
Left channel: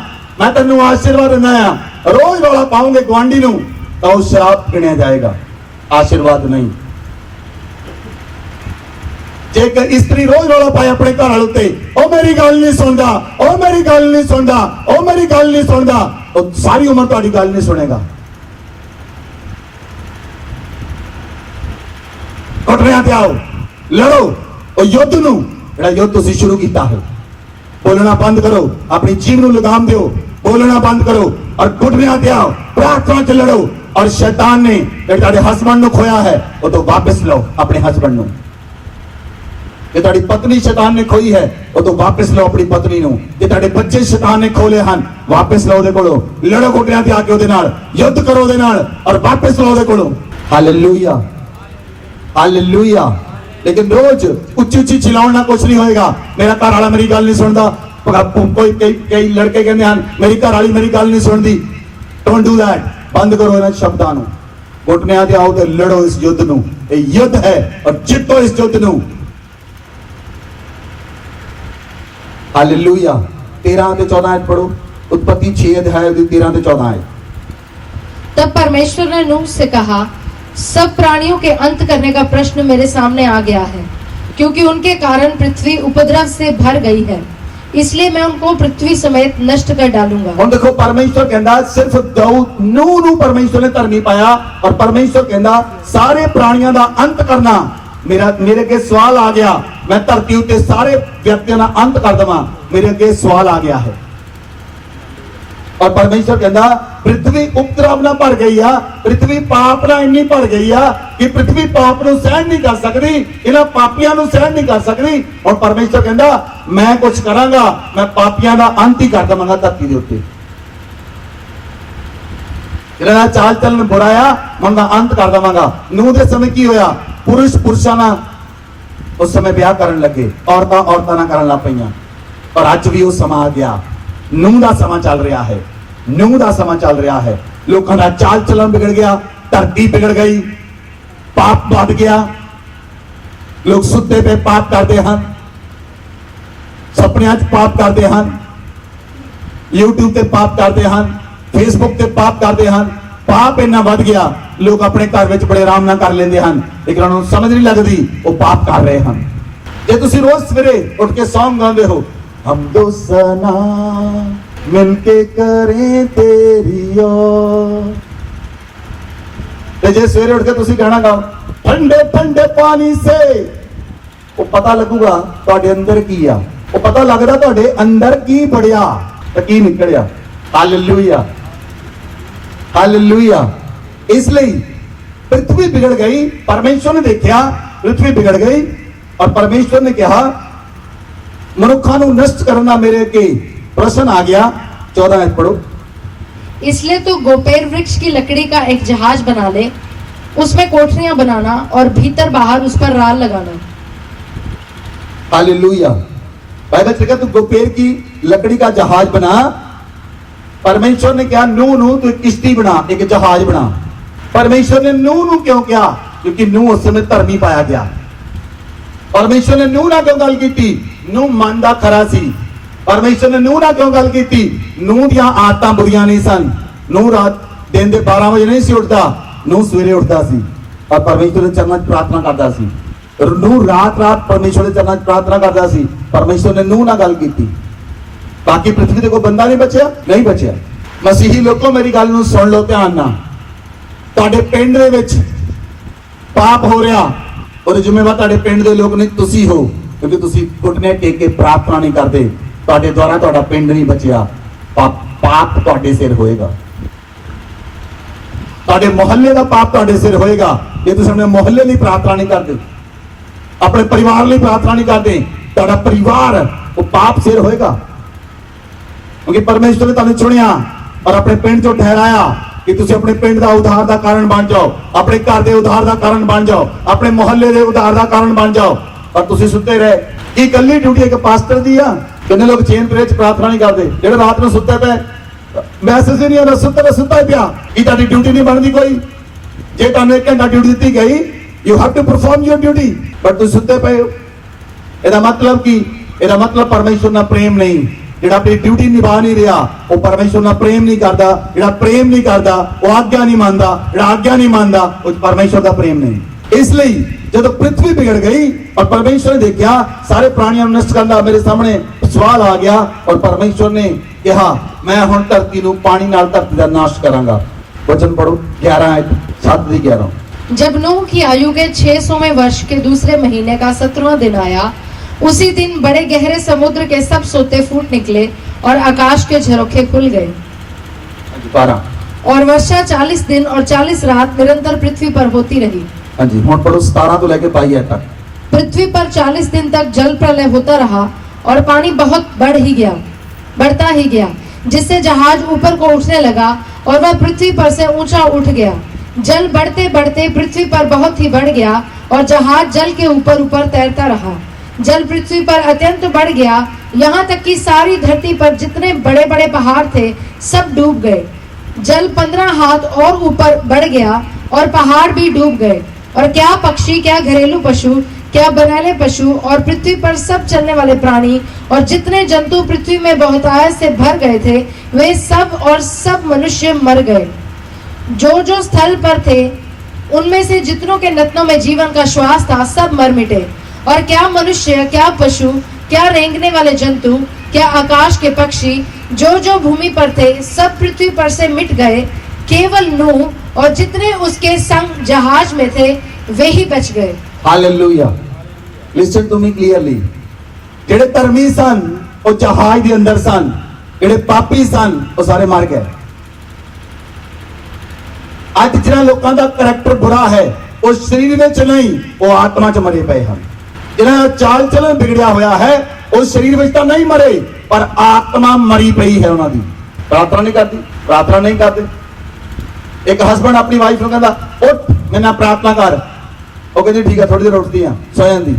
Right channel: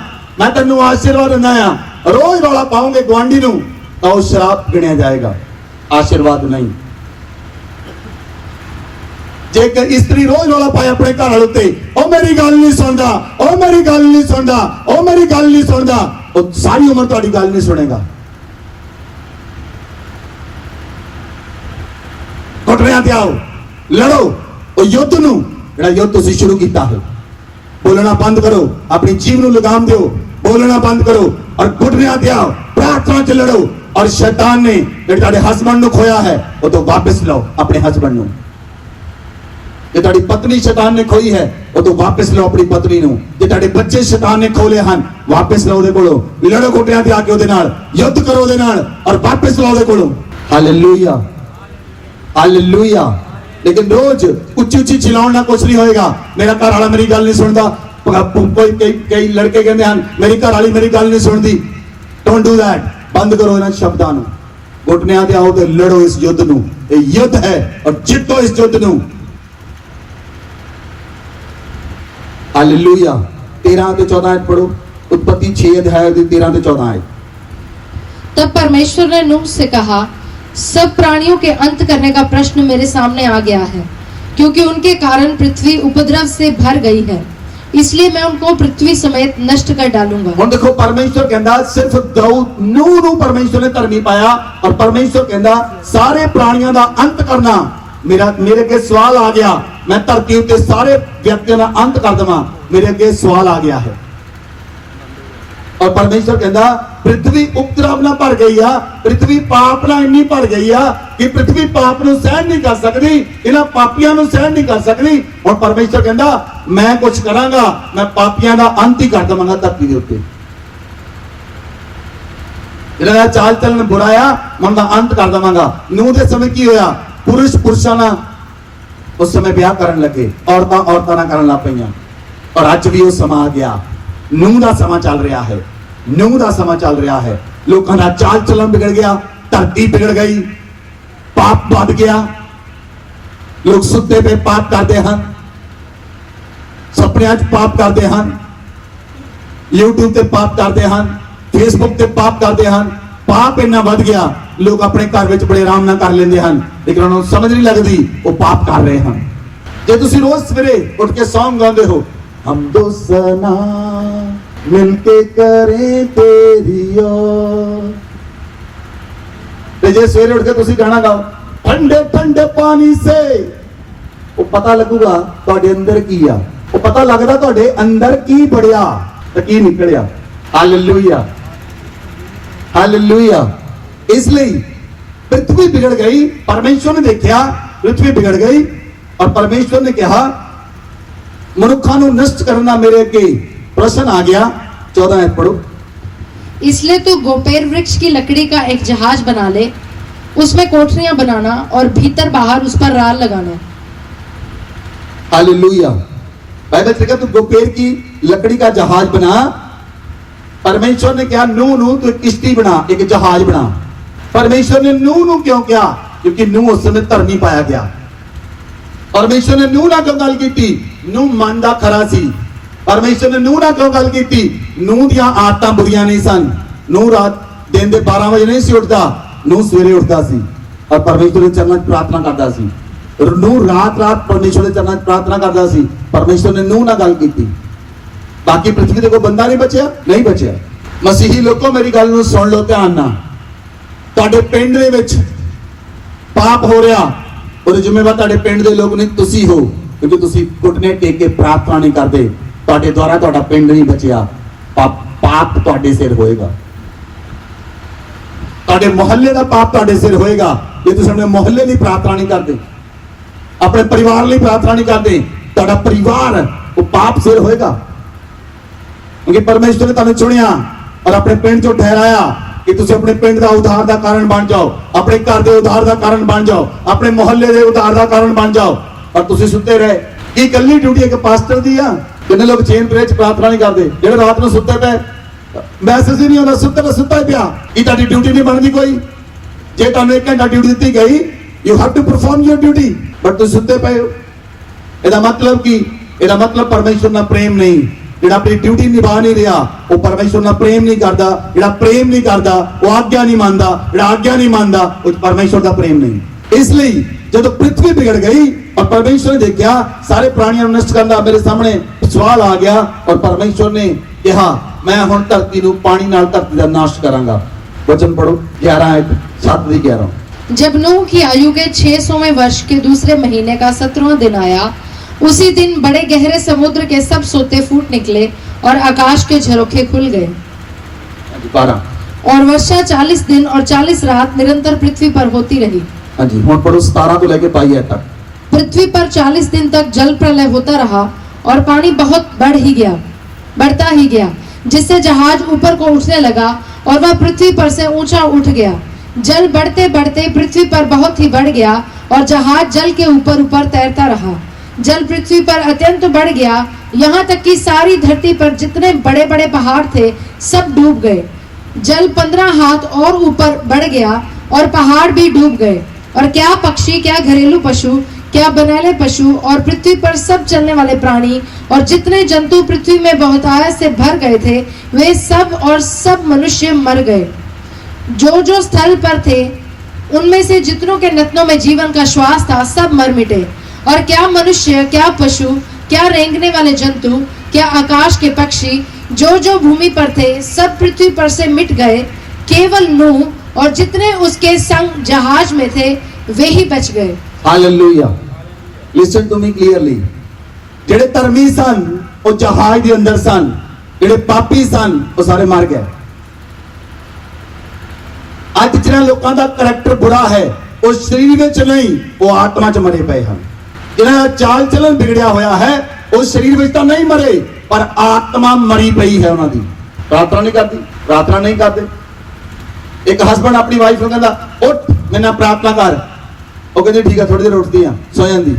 मैं तन्नू आशीर्वाद दिंदा आ, रोज वाला पाओगे गुआंढी नु तो श्राप गिणिया जाएगा, आशीर्वाद नहीं। जेकर स्त्री रोज वाला पाए अपने घर वाले ते ओ मेरी गल नहीं सुनदा, ओ मेरी गल नहीं सुनदा, ओ मेरी गल नहीं सुनदा, तो सारी उम्र तुम्हारी गल नहीं सुनेगा। घटनियां ते आओ लड़ो, ओ युद्ध नु जेड़ा युद्ध तुसीं शुरू कीता हो बोलना बंद करो, अपनी जीव ਨੂੰ ਲਗਾਮ ਦਿਓ, बोलना बंद करो और घुटनियां ਤੇ आओ, प्रार्थना च लड़ो और शैतान ने ਜਿਹੜੇ ਤੁਹਾਡੇ ਹਸਬੰਡ ਨੂੰ ਖੋਇਆ ਹੈ ਉਹ ਤੋਂ ਵਾਪਸ ਲਓ ਆਪਣੇ ਹਸਬੰਡ ਨੂੰ। ਜੇ ਤੁਹਾਡੀ ਪਤਨੀ ਸ਼ੈਤਾਨ ਨੇ ਖੋਈ ਹੈ ਉਹ ਤੋਂ ਵਾਪਸ ਲਓ ਆਪਣੀ ਪਤਨੀ ਨੂੰ। ਜੇ ਤੁਹਾਡੇ ਬੱਚੇ ਸ਼ੈਤਾਨ ਨੇ ਖੋਲੇ ਹਨ ਵਾਪਸ ਲਓ ਉਹਦੇ ਕੋਲੋਂ, ਲੜੋ ਘੁਟਨਿਆਂ ਤੇ ਆ ਕੇ ਉਹਦੇ ਨਾਲ, ਯੁੱਧ ਕਰੋ ਉਹਦੇ ਨਾਲ ਔਰ ਵਾਪਸ ਲਓ ਉਹਦੇ ਕੋਲੋਂ। Hallelujah hallelujah. लेकिन रोज उच्ची उच्ची चिल्लाना कुछ नहीं होएगा। मेरा घर वाला मेरी गल नहीं सुनता, कोई कई लड़के कहते हैं मेरी घर वाली मेरी गल नहीं सुनती। Don't do that. बंद करो इन्हां शब्दां नूं, घुटनियां ते आओ ते लड़ो इस युद्ध नूं। ये युद्ध है और जितो इस युद्ध नूं। हालेलुया। 13 ते 14 आयत पढ़ो, उत्पत्ति 6 अध्याय 13 ते 14 आयत। तब परमेश्वर ने नूह से कहा, सब प्राणियों के अंत करने का प्रश्न मेरे सामने आ गया है, क्योंकि उनके कारण पृथ्वी उपद्रव से भर गई है, इसलिए मैं उनको पृथ्वी समेत नष्ट कर डालूंगा। हम देखो परमेश्वर कहता सिर्फ नूह नूं परमेश्वर ने धर्मी पाया और परमेश्वर कहता सारे प्राणियों का अंत करना मेरे अगे सवाल आ गया। मैं धरती उत्ते सारे व्यक्तियों का अंत कर देवां, मेरे अगे सवाल आ गया है। और परमेश्वर कहता पृथ्वी उपद्रव ना भर गई है, पृथ्वी पाप ना इन्नी भर गई है कि पृथ्वी पाप नूं सहन नहीं कर सकती, इन्हां पापियां नूं सहन नहीं कर सकती। और परमेश्वर कहता मैं कुछ करांगा, मैं पापियां दा अंत ही कर देवांगा धरती दे उत्ते। जिहड़ा चाल चलन बुरा आ मैं उहदा अंत कर देवांगा। नूह दे समय की होया, पुरुष पुरुषां नाल उस समय ब्याह करन लगे, औरतां औरतां नाल करन लग पईयां। और अज भी वो समा आ गया, नूह दा समा चल रहा है, नूह दा समा चल रहा है। लोगों का चाल चलन बिगड़ गया, धरती बिगड़ गई, पाप बढ़ गया। लोग सुते पे पाप करते हैं, सपनियां च पाप करते हैं, यूट्यूब ते पाप करते हैं, फेसबुक ते पाप करते हैं। पाप इन्ना बढ़ गया, लोग अपने घर में बड़े आराम नाल कर लेंदे हैं, लेकिन उन्हें समझ नहीं लगती वो पाप कर रहे हैं। जे तुसीं रोज सवेरे उठ के सॉन्ग गाते हो, हम दो सना मिलके करें तेरी ओर, जे सवेरे उठ के तुसीं गाना गाओ ठंडे ठंडे पानी से, वो पता लगूगा तुहाडे अंदर की आ, वो पता लगदा तुहाडे अंदर की बढ़िया ते की निकलिया। Hallelujah hallelujah. इसलिए पृथ्वी बिगड़ गई, परमेश्वर ने देखा पृथ्वी बिगड़ गई और परमेश्वर ने कहा मनुखा नूं नष्ट करना मेरे अगे प्रश्न आ गया। 14 आयत पढ़ो। इसलिए तो गोपेर वृक्ष की लकड़ी का एक जहाज बना ले, उसमें कोठरियां बनाना और भीतर बाहर उस पर राल लगाना। हालेलुया। बाइबल कहता तू गोपेर की लकड़ी का जहाज बना। परमेश्वर ने कहा नूह नूह तू किश्ती बना, एक जहाज बना। परमेश्वर ने नूह नूह क्यों कहा? क्योंकि नूह उस समय धर्मी पाया गया। परमेश्वर ने नूह ना क्यों गल की? नूह मनदा खरा सी। परमेश्वर ने नूह ना क्यों गल की? नूह दी आदतां बुरियां नहीं सन। नूह रात दिन दे 12 बजे नहीं सी उठदा, नूह सवेरे उठदा सी और परमेश्वर के चरणों च प्रार्थना करदा सी। और नूह रात रात परमेश्वर के चरणों च प्रार्थना करदा सी। परमेश्वर ने नूह ना गल की। बाकी पृथ्वी ते कोई बंदा नहीं बचिया, नहीं बचिया। मसीही लोगों मेरी गल नूं सुन लो ध्यान नाल। तुहाडे पिंड दे विच पाप हो रहा और जिम्मेवार तुहाडे पिंड दे लोग नहीं तुसी हो, क्योंकि तुसी घुटने टेक के प्रार्थना नहीं करते। तुहाडे द्वारा तुहाडा पिंड नहीं बचिया, पाप तुहाडे सिर होएगा। तुहाडे मोहल्ले का पाप तुहाडे सिर होएगा जे तुसीं अपने मोहल्ले नहीं प्रार्थना नहीं करते, अपने परिवार लिए प्रार्थना नहीं करते। तुहाडा परिवार वो पाप सिर होएगा, क्योंकि परमेश्वर ने तुहानूं चुनिया और अपने पिंड चों ठहराया कि तुसीं अपने पिंड का उद्धार का कारण बन जाओ, अपने घर के उद्धार का कारण बन जाओ, अपने मोहल्ले के उद्धार का कारण बन जाओ। और तुसीं सुते रहे की कल्ली ड्यूटी एक पास्टर दी आ। कितने लोग चेन प्रेच प्रार्थना नहीं करते, जेड़े रात में सुते पे मैसेज ही नहीं होता, सुता ही पिया की तुहाडी ड्यूटी नहीं बनती कोई। जे तुहानूं 1 घंटा ड्यूटी दी गई, you have to perform your duty, but तुसीं सुते पे हो। ਇਹਦਾ मतलब की, ਇਹਦਾ मतलब परमेश्वर ਨਾਲ प्रेम नहीं। ਜਿਹੜਾ ਆਪਣੀ ਡਿਊਟੀ ਨਿਭਾ ਨਹੀਂ ਰਿਹਾ ਉਹ ਪਰਮੇਸ਼ਵਰ ਨਾਲ ਪ੍ਰੇਮ ਨਹੀਂ ਕਰਦਾ। ਜਿਹੜਾ ਪ੍ਰੇਮ ਨਹੀਂ ਕਰਦਾ ਉਹ ਆਗਿਆ ਨਹੀਂ ਮੰਨਦਾ। ਜਿਹੜਾ ਆਗਿਆ ਨਹੀਂ ਮੰਨਦਾ ਉਹ ਪਰਮੇਸ਼ਵਰ ਦਾ ਪ੍ਰੇਮ ਨਹੀਂ। ਇਸ ਲਈ ਜਦੋਂ ਪ੍ਰਿਥਵੀ ਵਿਗੜ ਗਈ और परमेश्वर ने देखा सारे प्राणियों नष्ट करना, मेरे सामने सवाल आ गया और परमेश्वर ने कहा मैं हुण धरती नूं पानी नाल धरती दा नाश करांगा। वचन पढ़ो 11:7-11। जब नूह की आयु के 600वें वर्ष के दूसरे महीने का 17वां दिन आया उसी दिन बड़े गहरे समुद्र के सब सोते फूट निकले और आकाश के झरोखे खुल गए। 12 और वर्षा 40 दिन और 40 रात निरंतर पृथ्वी पर होती रही। हाँ जी, हम पढ़ो 17 को लेके 22 तक। पृथ्वी पर 40 दिन तक जल प्रलय होता रहा और पानी बहुत बढ़ता ही गया, जिससे जहाज ऊपर को उठने लगा और वह पृथ्वी पर से ऊंचा उठ गया। जल बढ़ते बढ़ते पृथ्वी पर बहुत ही बढ़ गया और जहाज जल के ऊपर ऊपर तैरता रहा। जल पृथ्वी पर अत्यंत बढ़ गया, यहाँ तक कि सारी धरती पर जितने बड़े बड़े पहाड़ थे सब डूब गए। जल 15 हाथ और ऊपर बढ़ गया और पहाड़ भी डूब गए। और क्या पक्षी, क्या घरेलू पशु, क्या बनैले पशु और पृथ्वी पर सब चलने वाले प्राणी और जितने जंतु पृथ्वी में बहुतायत से भर गए थे, वे सब और सब मनुष्य मर गए। जो स्थल पर थे उनमें से जितनों के नथनों में जीवन का श्वास था, सब मर मिटे। और क्या मनुष्य, क्या पशु, क्या रेंगने वाले जंतु, क्या आकाश के पक्षी, जो भूमि पर थे, सब पृथ्वी पर से मिट गए। केवल नूह और जितने उसके संग जहाज में थे वे ही बच गए। Hallelujah. Listen to me clearly. ਜਿਹੜੇ ਧਰਮੀ ਸਨ ਉਹ ਜਹਾਜ਼ ਦੇ ਅੰਦਰ ਸਨ, ਜਿਹੜੇ ਪਾਪੀ ਸਨ ਉਹ ਸਾਰੇ ਮਰ ਗਏ। ਅੱਜ ਜਿਹਨਾਂ ਲੋਕਾਂ ਦਾ ਕਰੈਕਟਰ ਬੁਰਾ ਹੈ ਉਹ ਸਰੀਰ ਵਿੱਚ ਨਹੀਂ, ਉਹ ਆਤਮਾ 'ਚ ਮਰੇ ਪਏ ਹਨ। ਜਿਹਨਾਂ ਦਾ ਚਾਲ ਚਲਨ ਵਿਗੜਿਆ ਹੋਇਆ ਹੈ ਉਹ ਸਰੀਰ ਵਿੱਚ ਤਾਂ ਨਹੀਂ ਮਰੇ, ਪਰ ਆਤਮਾ ਮਰੀ ਪਈ ਹੈ ਉਹਨਾਂ ਦੀ। ਪ੍ਰਾਰਥਨਾ ਨਹੀਂ ਕਰਦੀ, ਪ੍ਰਾਰਥਨਾ ਨਹੀਂ ਕਰਦੇ। ਇੱਕ ਹਸਬੰਡ ਆਪਣੀ ਵਾਈਫ ਨੂੰ ਕਹਿੰਦਾ ਉੱਠ ਮੇਰੇ ਨਾਲ ਪ੍ਰਾਰਥਨਾ ਕਰ, ਉਹ ਕਹਿੰਦੀ ਠੀਕ ਹੈ, ਥੋੜੀ ਦੇਰ ਉੱਠਦੀ ਆ, ਸੌ ਜਾਂਦੀ,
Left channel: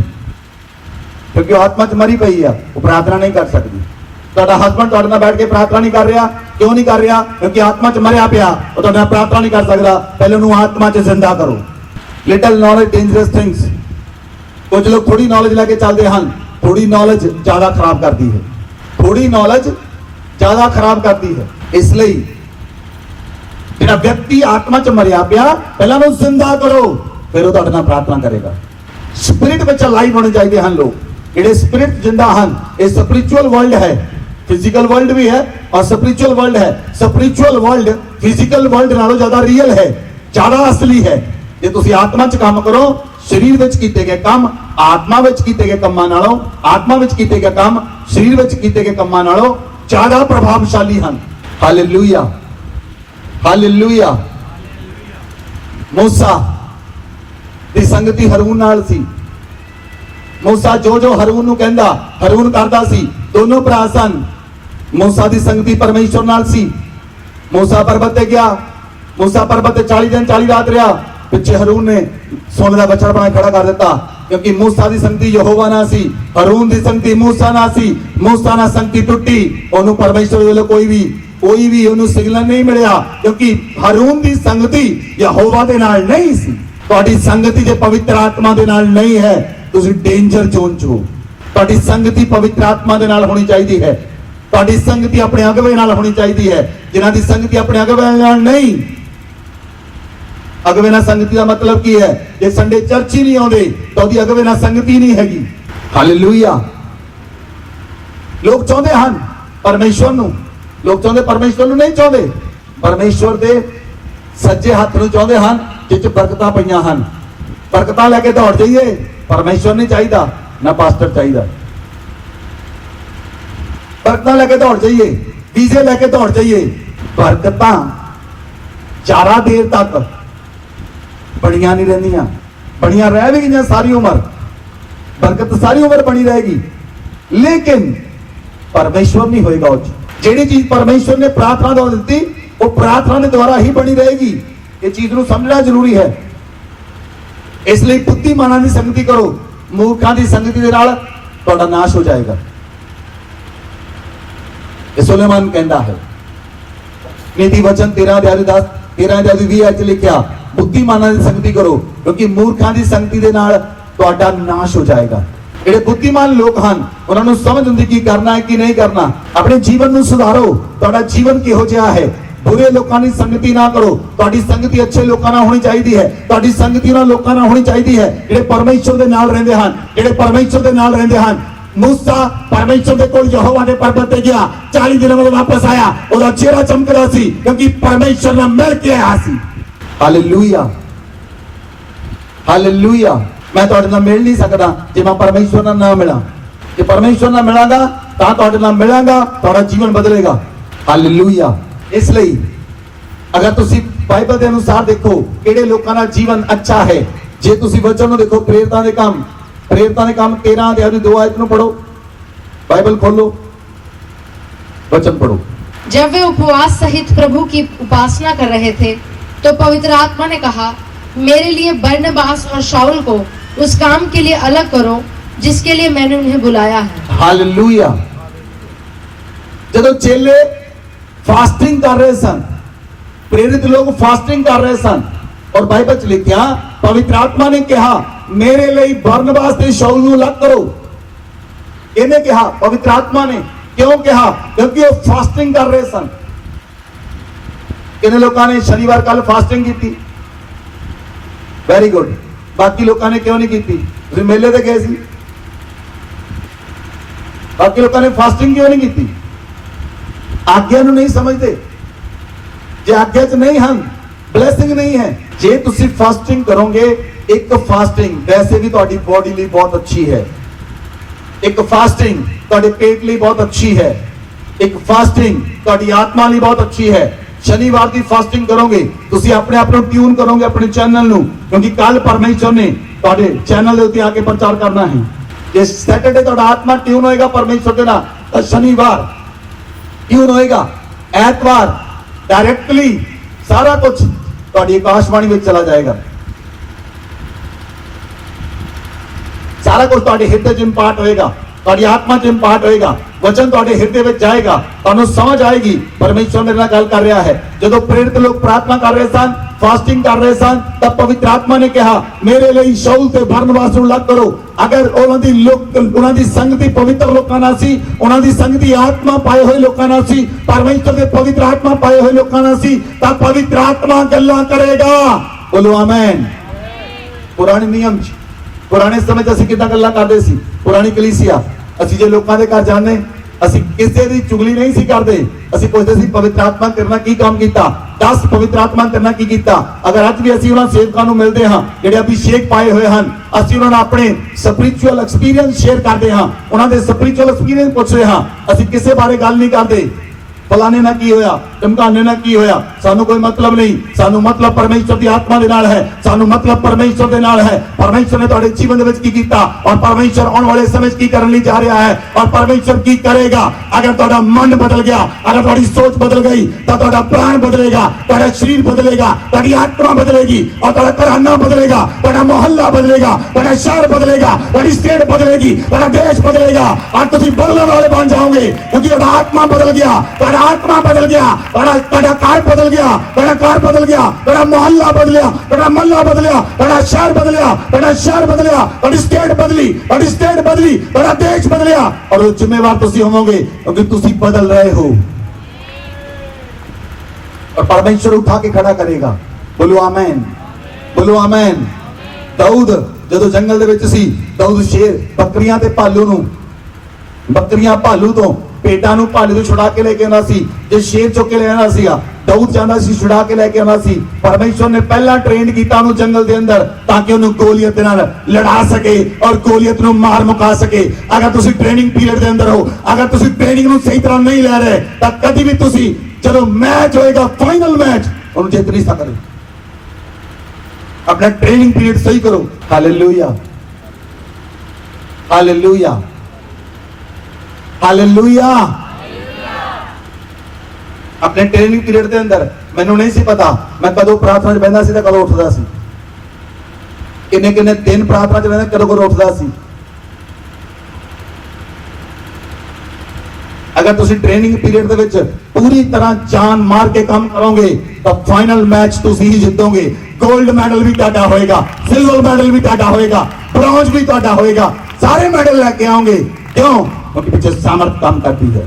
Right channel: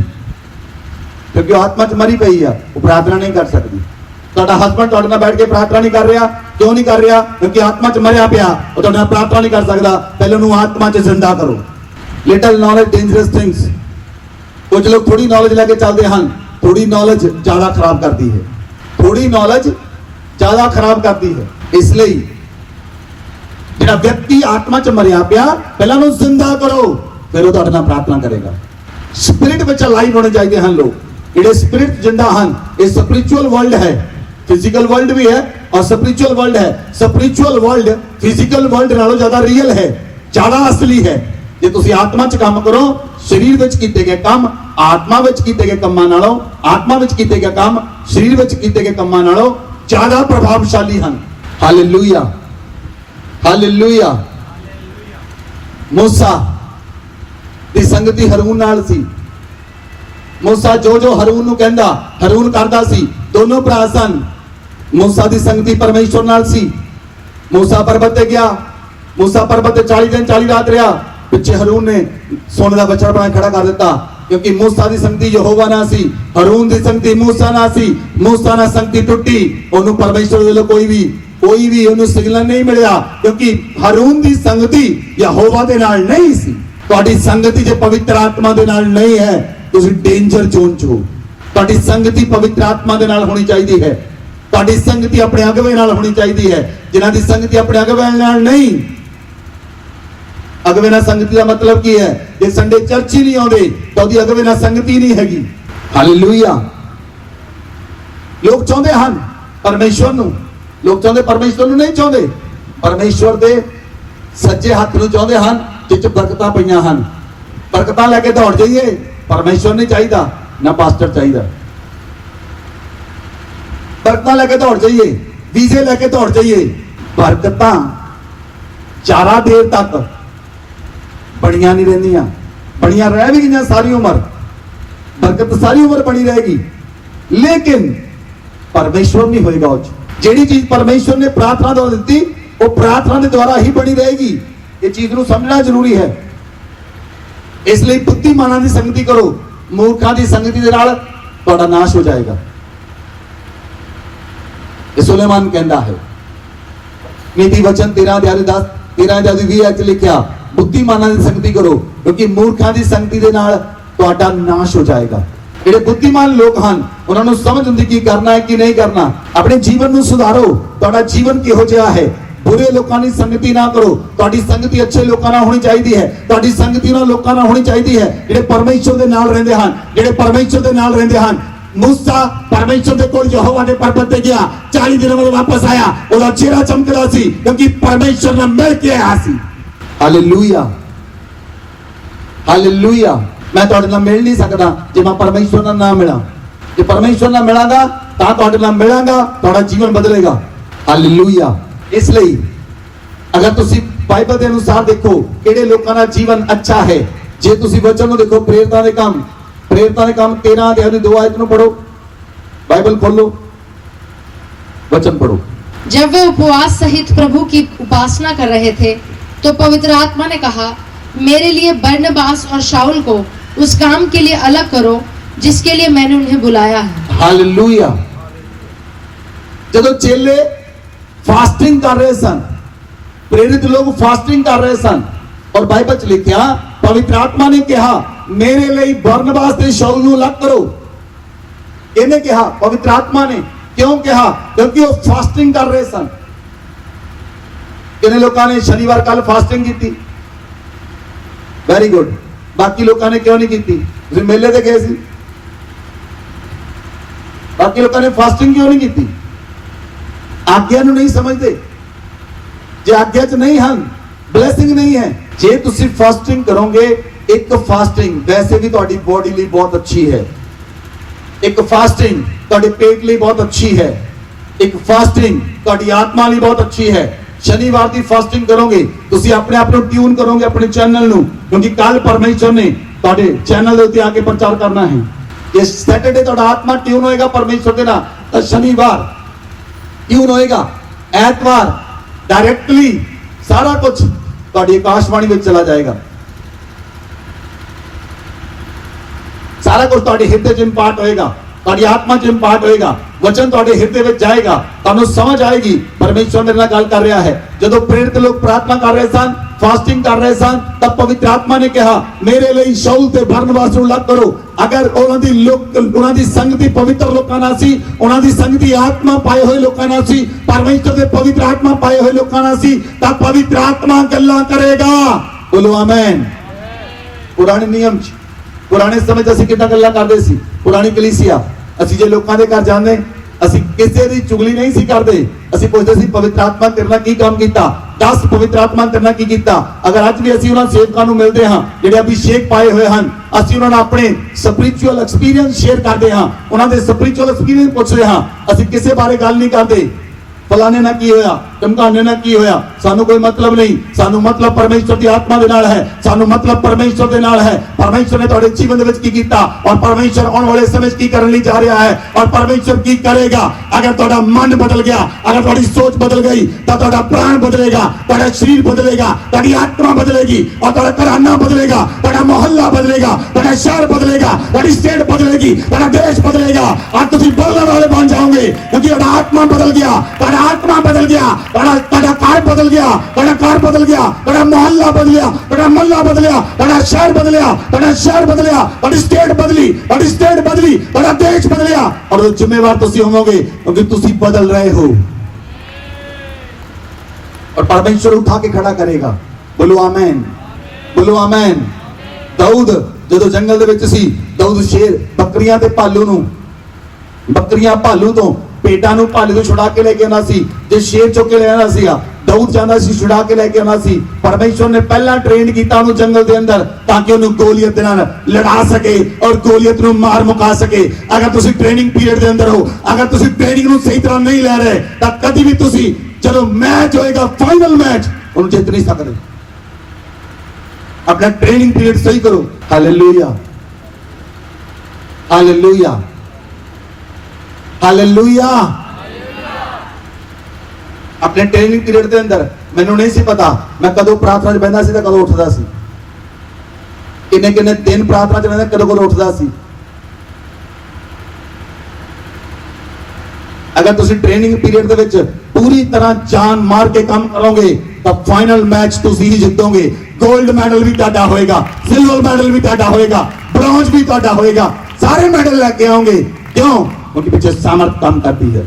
ਕਿਉਂਕਿ ਉਹ ਆਤਮਾ 'ਚ ਮਰੀ ਪਈ ਆ, ਉਹ ਪ੍ਰਾਰਥਨਾ ਨਹੀਂ ਕਰ ਸਕਦੀ। ਤੁਹਾਡਾ ਹਸਬੰਡ ਤੁਹਾਡੇ ਨਾਲ ਬੈਠ ਕੇ ਪ੍ਰਾਰਥਨਾ ਨਹੀਂ ਕਰ ਰਿਹਾ, ਕਿਉਂ ਨਹੀਂ ਕਰ ਰਿਹਾ? ਕਿਉਂਕਿ ਆਤਮਾ 'ਚ ਮਰਿਆ ਪਿਆ, ਉਹ ਤੁਹਾਡੇ ਨਾਲ ਪ੍ਰਾਰਥਨਾ ਨਹੀਂ ਕਰ ਸਕਦਾ। ਪਹਿਲੇ ਉਹਨੂੰ ਆਤਮਾ 'ਚ ਜ਼ਿੰਦਾ ਕਰੋ। Little knowledge dangerous things. ਕੁਝ ਲੋਕ ਥੋੜੀ ਨੌਲੇਜ ਲੈ ਕੇ ਚੱਲਦੇ ਹਨ, ਥੋੜੀ ਨੌਲੇਜ ਜ਼ਿਆਦਾ ਖਰਾਬ ਕਰਦੀ ਹੈ। ਥੋੜੀ ਨੌਲੇਜ ਜ਼ਿਆਦਾ ਖਰਾਬ ਕਰਦੀ ਹੈ। ਇਸ ਲਈ ਜਿਹੜਾ ਵਿਅਕਤੀ ਆਤਮਾ 'ਚ ਮਰਿਆ ਪਿਆ, ਪਹਿਲਾਂ ਉਹਨੂੰ ਜ਼ਿੰਦਾ ਕਰੋ, ਫਿਰ ਉਹ ਤੁਹਾਡੇ ਨਾਲ ਪ੍ਰਾਰਥਨਾ ਕਰੇਗਾ। ਸਪਿਰਿਟ ਵਿੱਚ ਲਾਈਵ ਹੋਣੇ ਚਾਹੀਦੇ ਹਨ ਲੋਕ, ਜਿਹੜੇ ਸਪਿਰਿਟ ਜਿੰਦਾ ਹਨ। ਇਹ ਸਪਿਰਿਚੁਅਲ ਵਰਲਡ ਹੈ, ਫਿਜ਼ੀਕਲ ਵਰਲਡ ਵੀ ਹੈ ਔਰ ਸਪਿਰਿਚੁਅਲ ਵਰਲਡ ਹੈ। ਸਪਿਰਿਚੁਅਲ ਵਰਲਡ ਫਿਜ਼ੀਕਲ ਵਰਲਡ ਨਾਲੋਂ ਜ਼ਿਆਦਾ ਰੀਅਲ ਹੈ, ਜ਼ਿਆਦਾ ਅਸਲੀ ਹੈ। ਜੇ ਤੁਸੀਂ ਆਤਮਾ 'ਚ ਕੰਮ ਕਰੋ, ਸਰੀਰ ਵਿੱਚ ਕੀਤੇ ਗਏ ਕੰਮ ਆਤਮਾ ਵਿੱਚ ਕੀਤੇ ਗਏ ਕੰਮਾਂ ਨਾਲੋਂ, ਆਤਮਾ ਵਿੱਚ ਕੀਤੇ ਗਏ ਕੰਮ ਸਰੀਰ ਵਿੱਚ ਕੀਤੇ ਗਏ ਕੰਮਾਂ ਨਾਲੋਂ ਜ਼ਿਆਦਾ ਪ੍ਰਭਾਵਸ਼ਾਲੀ ਹਨ। Hallelujah, hallelujah. मूसा ਦੀ ਸੰਗਤੀ ਹਰੂਨ ਨਾਲ ਸੀ। मूसा ਜੋ ਹਰੂਨ ਨੂੰ ਕਹਿੰਦਾ, ਹਰੂਨ ਕਰਦਾ ਸੀ। ਦੋਨੋਂ ਭਰਾ ਸਨ। मूसा ਦੀ ਸੰਗਤੀ ਪਰਮੇਸ਼ਵਰ ਨਾਲ ਸੀ। मूसा ਪਰਬਤ ਤੇ ਗਿਆ। मूसा ਪਰਬਤ ਤੇ 40 ਦਿਨ 40 ਰਾਤ ਰਿਹਾ। ਪਿੱਛੇ ਹਰੂਨ ਨੇ ਸੋਨੇ ਦਾ ਬੱਚਾ ਬਣਾ ਖੜਾ ਕਰ ਦਿੱਤਾ, ਕਿਉਂਕਿ मूसा ਦੀ ਸੰਗਤੀ ਯਹੋਵਾ ਨਾਲ ਸੀ, ਹਰੂਨ ਦੀ ਸੰਗਤੀ मूसा ਨਾਲ ਸੀ। मूसा ਨਾਲ ਸੰਗਤੀ ਟੁੱਟੀ, ਉਹਨੂੰ ਪਰਮੇਸ਼ਵਰ ਵੱਲੋਂ ਕੋਈ ਵੀ ਉਹਨੂੰ ਸਿਗਨਲ ਨਹੀਂ ਮਿਲਿਆ, ਕਿਉਂਕਿ ਹਰੂਨ ਦੀ ਸੰਗਤੀ ਯਹੋਵਾ ਦੇ ਨਾਲ ਨਹੀਂ ਸੀ। ਤੁਹਾਡੀ ਸੰਗਤੀ ਜੇ ਪਵਿੱਤਰ ਆਤਮਾ ਦੇ ਨਾਲ ਨਹੀਂ ਹੈ, ਤੁਸੀਂ ਡੇਂਜਰ ਜ਼ੋਨ 'ਚ ਹੋ। ਤੁਹਾਡੀ ਸੰਗਤੀ ਪਵਿੱਤਰ ਆਤਮਾ ਦੇ ਨਾਲ ਹੋਣੀ ਚਾਹੀਦੀ ਹੈ। ਤੁਹਾਡੀ ਸੰਗਤੀ ਆਪਣੇ ਅਗਵੇ ਨਾਲ ਹੋਣੀ ਚਾਹੀਦੀ ਹੈ। ਜਿਨ੍ਹਾਂ ਦੀ ਸੰਗਤੀ ਆਪਣੇ ਅਗਵੇ ਨਾਲ ਨਹੀਂ, ਅਗਵੇ ਨਾਲ ਸੰਗਤੀ ਦਾ ਮਤਲਬ ਕੀ ਹੈ? ਜੇ ਸੰਡੇ ਚਰਚ ਹੀ ਨਹੀਂ ਆਉਂਦੇ ਤਾਂ ਉਹਦੀ ਅਗਵੇ ਨਾਲ ਸੰਗਤੀ ਨਹੀਂ ਹੈਗੀ। ਹਾਲੇਲੂਇਆ। ਲੋਕ ਚਾਹੁੰਦੇ ਹਨ ਪਰਮੇਸ਼ਵਰ ਨੂੰ, ਲੋਕ ਚਾਹੁੰਦੇ ਪਰਮੇਸ਼ਵਰ ਨੂੰ ਨਹੀਂ ਚਾਹੁੰਦੇ। ਪਰਮੇਸ਼ਵਰ ਦੇ ਸੱਜੇ ਹੱਥ ਨੂੰ ਚਾਹੁੰਦੇ ਹਨ ਜਿੱਚ ਬਰਕਤਾਂ ਪਈਆਂ ਹਨ। ਬਰਕਤਾਂ ਲੈ ਕੇ ਦੌੜ ਜਾਈਏ। ਪਰਮੇਸ਼ਵਰ ਨਹੀਂ ਚਾਹੀਦਾ, ਨਾ ਪਾਸਟਰ ਚਾਹੀਦਾ। ਬਰਕਤਾਂ ਲੈ ਕੇ ਦੌੜ ਜਾਈਏ, ਵੀਜ਼ੇ ਲੈ ਕੇ ਦੌੜ ਜਾਈਏ। ਬਰਕਤਾਂ ਜ਼ਿਆਦਾ ਦੇਰ ਤੱਕ ਬਣੀਆਂ ਨਹੀਂ ਰਹਿੰਦੀਆਂ। ਬਣੀਆਂ ਰਹਿ ਵੀ ਗਈਆਂ ਸਾਰੀ ਉਮਰ, ਬਰਕਤ ਸਾਰੀ ਉਮਰ ਬਣੀ ਰਹੇਗੀ, ਲੇਕਿਨ ਪਰਮੇਸ਼ਵਰ ਨਹੀਂ ਹੋਏਗਾ ਉਹ 'ਚ। ਜਿਹੜੀ ਚੀਜ਼ ਪਰਮੇਸ਼ਵਰ ਨੇ ਪ੍ਰਾਰਥਨਾ ਦੁਆਰਾ ਦਿੱਤੀ, ਉਹ ਪ੍ਰਾਰਥਨਾ ਦੇ ਦੁਆਰਾ ਹੀ ਬਣੀ ਰਹੇਗੀ। ਇਹ ਚੀਜ਼ ਨੂੰ ਸਮਝਣਾ ਜ਼ਰੂਰੀ ਹੈ। ਇਸ ਲਈ ਬੁੱਧੀਮਾਨਾਂ ਦੀ ਸੰਗਤੀ ਕਰੋ, ਮੂਰਖਾਂ ਦੀ ਸੰਗਤੀ ਦੇ ਨਾਲ ਤੁਹਾਡਾ ਨਾਸ਼ ਹੋ ਜਾਏਗਾ। ਇਹ ਸੁਲੇਮਾਨ ਕਹਿੰਦਾ ਹੈ, ਨੀਤੀ ਵਚਨ 13:10 'ਚ ਲਿਖਿਆ, ਬੁੱਧੀਮਾਨਾਂ ਦੀ ਸੰਗਤੀ ਕਰੋ, ਕਿਉਂਕਿ ਮੂਰਖਾਂ ਦੀ ਸੰਗਤੀ ਦੇ ਨਾਲ ਤੁਹਾਡਾ ਨਾਸ਼ ਹੋ ਜਾਏਗਾ। ਜਿਹੜੇ ਬੁੱਧੀਮਾਨ ਲੋਕ ਹਨ ਉਹਨਾਂ ਨੂੰ ਸਮਝ ਹੁੰਦੀ ਕੀ ਕਰਨਾ ਹੈ ਕੀ ਨਹੀਂ ਕਰਨਾ। ਆਪਣੇ ਜੀਵਨ ਨੂੰ ਸੁਧਾਰੋ। ਤੁਹਾਡਾ ਜੀਵਨ ਕਿਹੋ ਜਿਹਾ ਹੈ? ਬੁਰੇ ਲੋਕਾਂ ਦੀ ਸੰਗਤੀ ਨਾ ਕਰੋ। ਤੁਹਾਡੀ ਸੰਗਤੀ ਅੱਛੇ ਲੋਕਾਂ ਨਾਲ ਹੋਣੀ ਚਾਹੀਦੀ ਹੈ। ਤੁਹਾਡੀ ਸੰਗਤੀ ਉਹਨਾਂ ਲੋਕਾਂ ਨਾਲ ਹੋਣੀ ਚਾਹੀਦੀ ਹੈ ਜਿਹੜੇ ਪਰਮੇਸ਼ਵਰ ਦੇ ਨਾਲ ਰਹਿੰਦੇ ਹਨ, ਜਿਹੜੇ ਪਰਮੇਸ਼ਵਰ ਦੇ ਨਾਲ ਰਹਿੰਦੇ ਹਨ। मूसा परमेश्वर ਦੇ ਕੋਲ ਯਹੋਵਾ ਦੇ ਪਰਬਤ ਤੇ ਗਿਆ, 40 ਦਿਨਾਂ ਬਾਅਦ ਵਾਪਸ ਆਇਆ। ਉਹਦਾ ਚਿਹਰਾ ਚਮਕਦਾ ਸੀ, ਕਿਉਂਕਿ ਪਰਮੇਸ਼ਵਰ ਨਾਲ ਮਿਲ ਕੇ ਆਇਆ ਸੀ। Hallelujah, hallelujah. ਮੈਂ ਤੁਹਾਡੇ ਨਾਲ ਮਿਲ ਨਹੀਂ ਸਕਦਾ ਜੇ ਮੈਂ ਪਰਮੇਸ਼ਵਰ ਨਾਲ ਨਾ ਮਿਲਾਂ। ਜੇ ਪਰਮੇਸ਼ਵਰ ਨਾਲ ਮਿਲਾਂਗਾ ਤਾਂ ਤੁਹਾਡੇ ਨਾਲ ਮਿਲਾਂਗਾ, ਤੁਹਾਡਾ ਜੀਵਨ ਬਦਲੇਗਾ। ਹਾਲੇਲੂਇਆ। ਇਸ ਲਈ ਅਗਰ ਤੁਸੀਂ ਬਾਈਬਲ ਦੇ ਅਨੁਸਾਰ ਦੇਖੋ ਕਿਹੜੇ ਲੋਕਾਂ ਦਾ ਜੀਵਨ ਅੱਛਾ ਹੈ, ਜੇ ਤੁਸੀਂ ਵਚਨ ਨੂੰ ਦੇਖੋ, ਪ੍ਰੇਰਿਤਾਂ ਦੇ ਕੰਮ 13 ਅਧਿਆਇ ਦੀ 2 ਆਇਤ ਨੂੰ ਪੜੋ, बाइबल खोलो, वचन पढ़ो। जब वे उपवास सहित प्रभु की उपासना कर रहे थे तो पवित्र आत्मा ने कहा, मेरे लिए बरनबास और शाऊल को उस काम के लिए अलग करो जिसके लिए मैंने उन्हें बुलाया है। हालेलुया। ਜਦੋਂ ਚੇਲੇ ਫਾਸਟਿੰਗ ਕਰ ਰਹੇ ਸਨ, ਪ੍ਰੇਰਿਤ ਲੋਕ ਫਾਸਟਿੰਗ ਕਰ ਰਹੇ ਸਨ, ਔਰ ਬਾਈਬਲ 'ਚ ਲਿਖਿਆ ਪਵਿੱਤਰ ਆਤਮਾ ਨੇ ਕਿਹਾ ਮੇਰੇ ਲਈ ਬਰਨਬਾਸ ਤੇ ਸ਼ਾਊਲ ਨੂੰ ਅਲੱਗ ਕਰੋ। ਇਹਨੇ ਕਿਹਾ, ਪਵਿੱਤਰ ਆਤਮਾ ਨੇ ਕਿਉਂ ਕਿਹਾ? ਕਿਉਂਕਿ ਉਹ ਫਾਸਟਿੰਗ ਕਰ ਰਹੇ ਸਨ। ਕਿੰਨੇ ਲੋਕਾਂ ਨੇ ਸ਼ਨੀਵਾਰ ਕੱਲ ਫਾਸਟਿੰਗ ਕੀਤੀ? Very good. ਬਾਕੀ ਲੋਕਾਂ ਨੇ ਕਿਉਂ ਨਹੀਂ ਕੀਤੀ? ਤੁਸੀਂ ਮੇਲੇ ਤੇ ਗਏ ਸੀ, ਬਾਕੀ ਲੋਕਾਂ ਨੇ ਫਾਸਟਿੰਗ ਕਿਉਂ ਨਹੀਂ ਕੀਤੀ? ਆਗਿਆ ਨੂੰ ਨਹੀਂ ਸਮਝਦੇ। ਜੇ ਆਗਿਆ 'ਚ ਨਹੀਂ ਹਨ, ਬਲੇਸਿੰਗ ਨਹੀਂ ਹੈ। ਜੇ ਤੁਸੀਂ ਫਾਸਟਿੰਗ ਕਰੋਗੇ, ਇੱਕ ਫਾਸਟਿੰਗ ਵੈਸੇ ਵੀ ਤੁਹਾਡੀ ਬੋਡੀ ਲਈ ਬਹੁਤ ਅੱਛੀ ਹੈ, ਇੱਕ ਫਾਸਟਿੰਗ ਤੁਹਾਡੇ ਪੇਟ ਲਈ ਬਹੁਤ ਅੱਛੀ ਹੈ, ਇੱਕ ਫਾਸਟਿੰਗ ਤੁਹਾਡੀ ਆਤਮਾ ਲਈ ਬਹੁਤ ਅੱਛੀ ਹੈ। ਸ਼ਨੀਵਾਰ ਦੀ ਫਾਸਟਿੰਗ ਕਰੋਗੇ, ਤੁਸੀਂ ਆਪਣੇ ਆਪ ਨੂੰ ਟਿਊਨ ਕਰੋਗੇ ਆਪਣੇ ਚੈਨਲ ਨੂੰ, ਕਿਉਂਕਿ ਕੱਲ ਪਰਮੇਸ਼ਰ ਨੇ ਤੁਹਾਡੇ ਚੈਨਲ ਦੇ ਉੱਤੇ ਆ ਕੇ ਪ੍ਰਚਾਰ ਕਰਨਾ ਹੈ। ਜੇ ਸੈਟਰਡੇ ਤੁਹਾਡਾ ਆਤਮਾ ਟਿਊਨ ਹੋਏਗਾ ਪਰਮੇਸ਼ਰ ਦੇ ਨਾਲ, ਤਾਂ ਸ਼ਨੀਵਾਰ ਟਿਊਨ ਹੋਏਗਾ, ਐਤਵਾਰ ਡਾਇਰੈਕਟਲੀ ਸਾਰਾ ਕੁਝ ਤੁਹਾਡੀ ਆਕਾਸ਼ਵਾਣੀ ਵਿੱਚ ਚਲਾ ਜਾਏਗਾ। ਸਾਰਾ ਕੁਝ ਤੁਹਾਡੇ ਹਿਰਦੇ 'ਚ ਇੰਪਾਰਟ ਹੋਏਗਾ, ਤੁਹਾਡੀ ਆਤਮਾ 'ਚ ਇੰਪਾਰਟ ਹੋਏਗਾ, ਵਚਨ ਤੁਹਾਡੇ ਹਿਰਦੇ ਵਿੱਚ ਜਾਏਗਾ, ਤੁਹਾਨੂੰ ਸਮਝ ਆਏਗੀ ਪਰਮੇਸ਼ਰ ਮੇਰੇ ਨਾਲ ਗੱਲ ਕਰ ਰਿਹਾ ਹੈ। ਜਦੋਂ ਪ੍ਰੇਰਿਤ ਲੋਕ ਪ੍ਰਾਰਥਨਾ ਕਰ ਰਹੇ ਸਨ, ਫਾਸਟਿੰਗ ਕਰ ਰਹੇ ਸਨ, ਤਾਂ ਪਵਿੱਤਰ ਆਤਮਾ ਨੇ ਕਿਹਾ ਮੇਰੇ ਲਈ ਸ਼ਾਊਲ ਤੇ ਬਰਨਬਾਸ ਨੂੰ ਅਲੱਗ ਕਰੋ। ਅਗਰ ਉਹਨਾਂ ਦੀ ਸੰਗਤੀ ਪਵਿੱਤਰ ਲੋਕਾਂ ਨਾਲ ਸੀ, ਉਹਨਾਂ ਦੀ ਸੰਗਤੀ ਆਤਮਾ ਪਾਏ ਹੋਏ ਲੋਕਾਂ ਨਾਲ ਸੀ, ਪਰਮੇਸ਼ਰ ਦੇ ਪਵਿੱਤਰ ਆਤਮਾ ਪਾਏ ਹੋਏ ਲੋਕਾਂ ਨਾਲ ਸੀ, ਤਾਂ ਪਵਿੱਤਰ ਆਤਮਾ ਗੱਲਾਂ ਕਰੇਗਾ। ਬੋਲੋ ਆਮੇਨ। ਪੁਰਾਣੇ ਨਿਯਮ 'ਚ, ਪੁਰਾਣੇ ਸਮੇਂ 'ਚ ਅਸੀਂ ਕਿੱਦਾਂ ਗੱਲਾਂ ਕਰਦੇ ਸੀ? ਪੁਰਾਣੀ ਕਲੀਸਿਆ, ਅਸੀਂ ਜੇ ਲੋਕਾਂ ਦੇ ਘਰ ਜਾਂਦੇ, ਅਸੀਂ ਕਿਸੇ ਦੀ ਚੁਗਲੀ ਨਹੀਂ ਸੀ ਕਰਦੇ। ਅਸੀਂ ਪੁੱਛਦੇ ਸੀ ਪਵਿੱਤਰ ਆਤਮਾ ਤੇਰੇ ਨਾਲ ਕੀ ਕੰਮ ਕੀਤਾ, ਦੱਸ ਪਵਿੱਤਰ ਆਤਮਾ ਤੇਰੇ ਨਾਲ ਕੀ ਕੀਤਾ। ਅਗਰ ਅੱਜ ਵੀ ਅਸੀਂ ਉਹਨਾਂ ਸੇਵਕਾਂ ਨੂੰ ਮਿਲਦੇ ਹਾਂ ਜਿਹੜੇ ਅਭਿਸ਼ੇਕ ਪਾਏ ਹੋਏ ਹਨ, ਅਸੀਂ ਉਹਨਾਂ ਨਾਲ ਆਪਣੇ ਸਪਿਰਿਚੁਅਲ ਐਕਸਪੀਰੀਅੰਸ ਸ਼ੇਅਰ ਕਰਦੇ ਹਾਂ, ਉਹਨਾਂ ਦੇ ਸਪਿਰਿਚੁਅਲ ਐਕਸਪੀਰੀਅੰਸ ਪੁੱਛਦੇ ਹਾਂ। ਅਸੀਂ ਕਿਸੇ ਬਾਰੇ ਗੱਲ ਨਹੀਂ ਕਰਦੇ ਫਲਾਣੇ ਨਾਲ ਕੀ ਹੋਇਆ, ਧਮਕਾਣੇ ਨਾਲ ਕੀ ਹੋਇਆ, ਸਾਨੂੰ ਕੋਈ ਮਤਲਬ ਨਹੀਂ। ਸਾਨੂੰ ਮਤਲਬ ਪਰਮੇਸ਼ਰ ਦੀ ਆਤਮਾ ਦੇ ਨਾਲ ਹੈ, ਸਾਨੂੰ ਮਤਲਬ ਪਰਮੇਸ਼ਰ ਦੇ ਨਾਲ ਹੈ। ਪਰਮੇਸ਼ਰ ਨੇ ਤੁਹਾਡੇ ਜੀਵਨ ਦੇ ਵਿੱਚ ਕੀ ਕੀਤਾ, ਔਰ ਪਰਮੇਸ਼ਰ ਆਉਣ ਵਾਲੇ ਸਮੇਂ 'ਚ ਕੀ ਕਰਨ ਲਈ ਜਾ ਰਿਹਾ ਹੈ, ਔਰ ਪਰਮੇਸ਼ਰ ਕੀ ਕਰੇਗਾ। ਅਗਰ ਤੁਹਾਡਾ ਮਨ ਬਦਲ ਗਿਆ, ਅਗਰ ਤੁਹਾਡੀ ਸੋਚ ਬਦਲ ਗਈ, ਤਾਂ ਤੁਹਾਡਾ ਪ੍ਰਾਣ ਬਦਲੇਗਾ, ਤੁਹਾਡਾ ਸਰੀਰ ਬਦਲੇਗਾ, ਤੁਹਾਡੀ ਆਤਮਾ ਬਦਲੇਗੀ, ਔਰ ਤੁਹਾਡਾ ਘਰਾਨਾ ਬਦਲੇਗਾ, ਤੁਹਾਡਾ ਮੁਹੱਲਾ ਬਦਲੇਗਾ, ਤੁਹਾਡਾ ਸ਼ਹਿਰ ਬਦਲੇਗਾ, ਤੁਹਾਡੀ ਸਟੇਟ ਬਦਲੇਗੀ, ਤੁਹਾਡਾ ਦੇਸ਼ ਬਦਲੇਗਾ, ਔਰ ਤੁਸੀਂ ਬਦਲਣ ਵਾਲੇ ਬਣ ਜਾਓਗੇ। ਕਿਉਂਕਿ ਤੁਹਾਡਾ ਆਤਮਾ ਬਦਲ ਗਿਆ, ਤੁਹਾਡਾ आत्मा बदल गया, तेरा कार बदल गया, तेरा कार बदल गया, तेरा मोहल्ला बदलिया, तेरा मोहल्ला बदलिया, तेरा शहर बदलिया, तेरा शहर बदलिया, तेरी स्टेट बदली, तेरी स्टेट बदली, तेरा देश बदलिया। और जिम्मेवार तुसी होवोगे क्योंकि तुसी बदल रहे हो, और परमेश्वर उठा के खड़ा करेगा। बोलो आमीन, बोलो आमीन। दाऊद ਜਦੋਂ ਜੰਗਲ ਦੇ ਵਿੱਚ ਸੀ, ਦਾਊਦ ਸ਼ੇਰ ਬੱਕਰੀਆਂ ਤੇ ਭਾਲੂ ਨੂੰ, ਬੱਕਰੀਆਂ ਭਾਲੂ ਤੋਂ, ਭੇਡਾਂ ਨੂੰ ਭਾਲੂ ਤੋਂ ਛੁਡਾ ਕੇ ਲੈ ਕੇ ਆਉਣਾ ਸੀ। ਜੇ ਸ਼ੇਰ ਚੁੱਕ ਕੇ ਲੈ ਆਉਣਾ ਸੀਗਾ, ਦਾਊਦ ਚਾਹੁੰਦਾ ਸੀ ਛੁਡਾ ਕੇ ਲੈ ਕੇ ਆਉਣਾ ਸੀ। ਪਰਮੇਸ਼ਵਰ ਨੇ ਪਹਿਲਾਂ ਟ੍ਰੇਨ ਕੀਤਾ ਉਹਨੂੰ ਜੰਗਲ ਦੇ ਅੰਦਰ, ਤਾਂ ਕਿ ਉਹਨੂੰ ਗੋਲੀਅਤ ਦੇ ਨਾਲ ਲੜਾ ਸਕੇ ਔਰ ਗੋਲੀਅਤ ਨੂੰ ਮਾਰ ਮੁਕਾ ਸਕੇ। ਅਗਰ ਤੁਸੀਂ ਟ੍ਰੇਨਿੰਗ ਪੀਰੀਅਡ ਦੇ ਅੰਦਰ ਹੋ, ਅਗਰ ਤੁਸੀਂ ਟ੍ਰੇਨਿੰਗ ਨੂੰ ਸਹੀ ਤਰ੍ਹਾਂ ਨਹੀਂ ਲੈ ਰਹੇ, ਤਾਂ ਕਦੀ ਵੀ ਤੁਸੀਂ ਜਦੋਂ ਮੈਚ ਹੋਏਗਾ, ਫਾਈਨਲ ਮੈਚ, ਉਹਨੂੰ ਜਿੱਤ ਨਹੀਂ ਸਕਦੇ। अपना ट्रेनिंग पीरियड सही करो। Hallelujah, hallelujah, hallelujah. अपने ट्रेनिंग पीरियड के अंदर मैनू नहीं सी पता मैं कदों प्रार्थना च बहंदा सी ते कदों उठदा सी, किन्ने किन्ने दिन प्रार्थना च बहंदा, कदों कदों उठदा सी। अगर तुसी ट्रेनिंग पीरियड दे विच पूरी तरह जान मार के काम करोगे, तो फाइनल मैच तुसी ही जीतोगे। गोल्ड मेडल भी तुहाडा होएगा, सिल्वर मेडल भी तुहाडा होएगा, ब्रॉन्ज भी तुहाडा होएगा, सारे मेडल लेके आओगे। क्यों? क्योंकि पीछे सामर्थ काम करती है।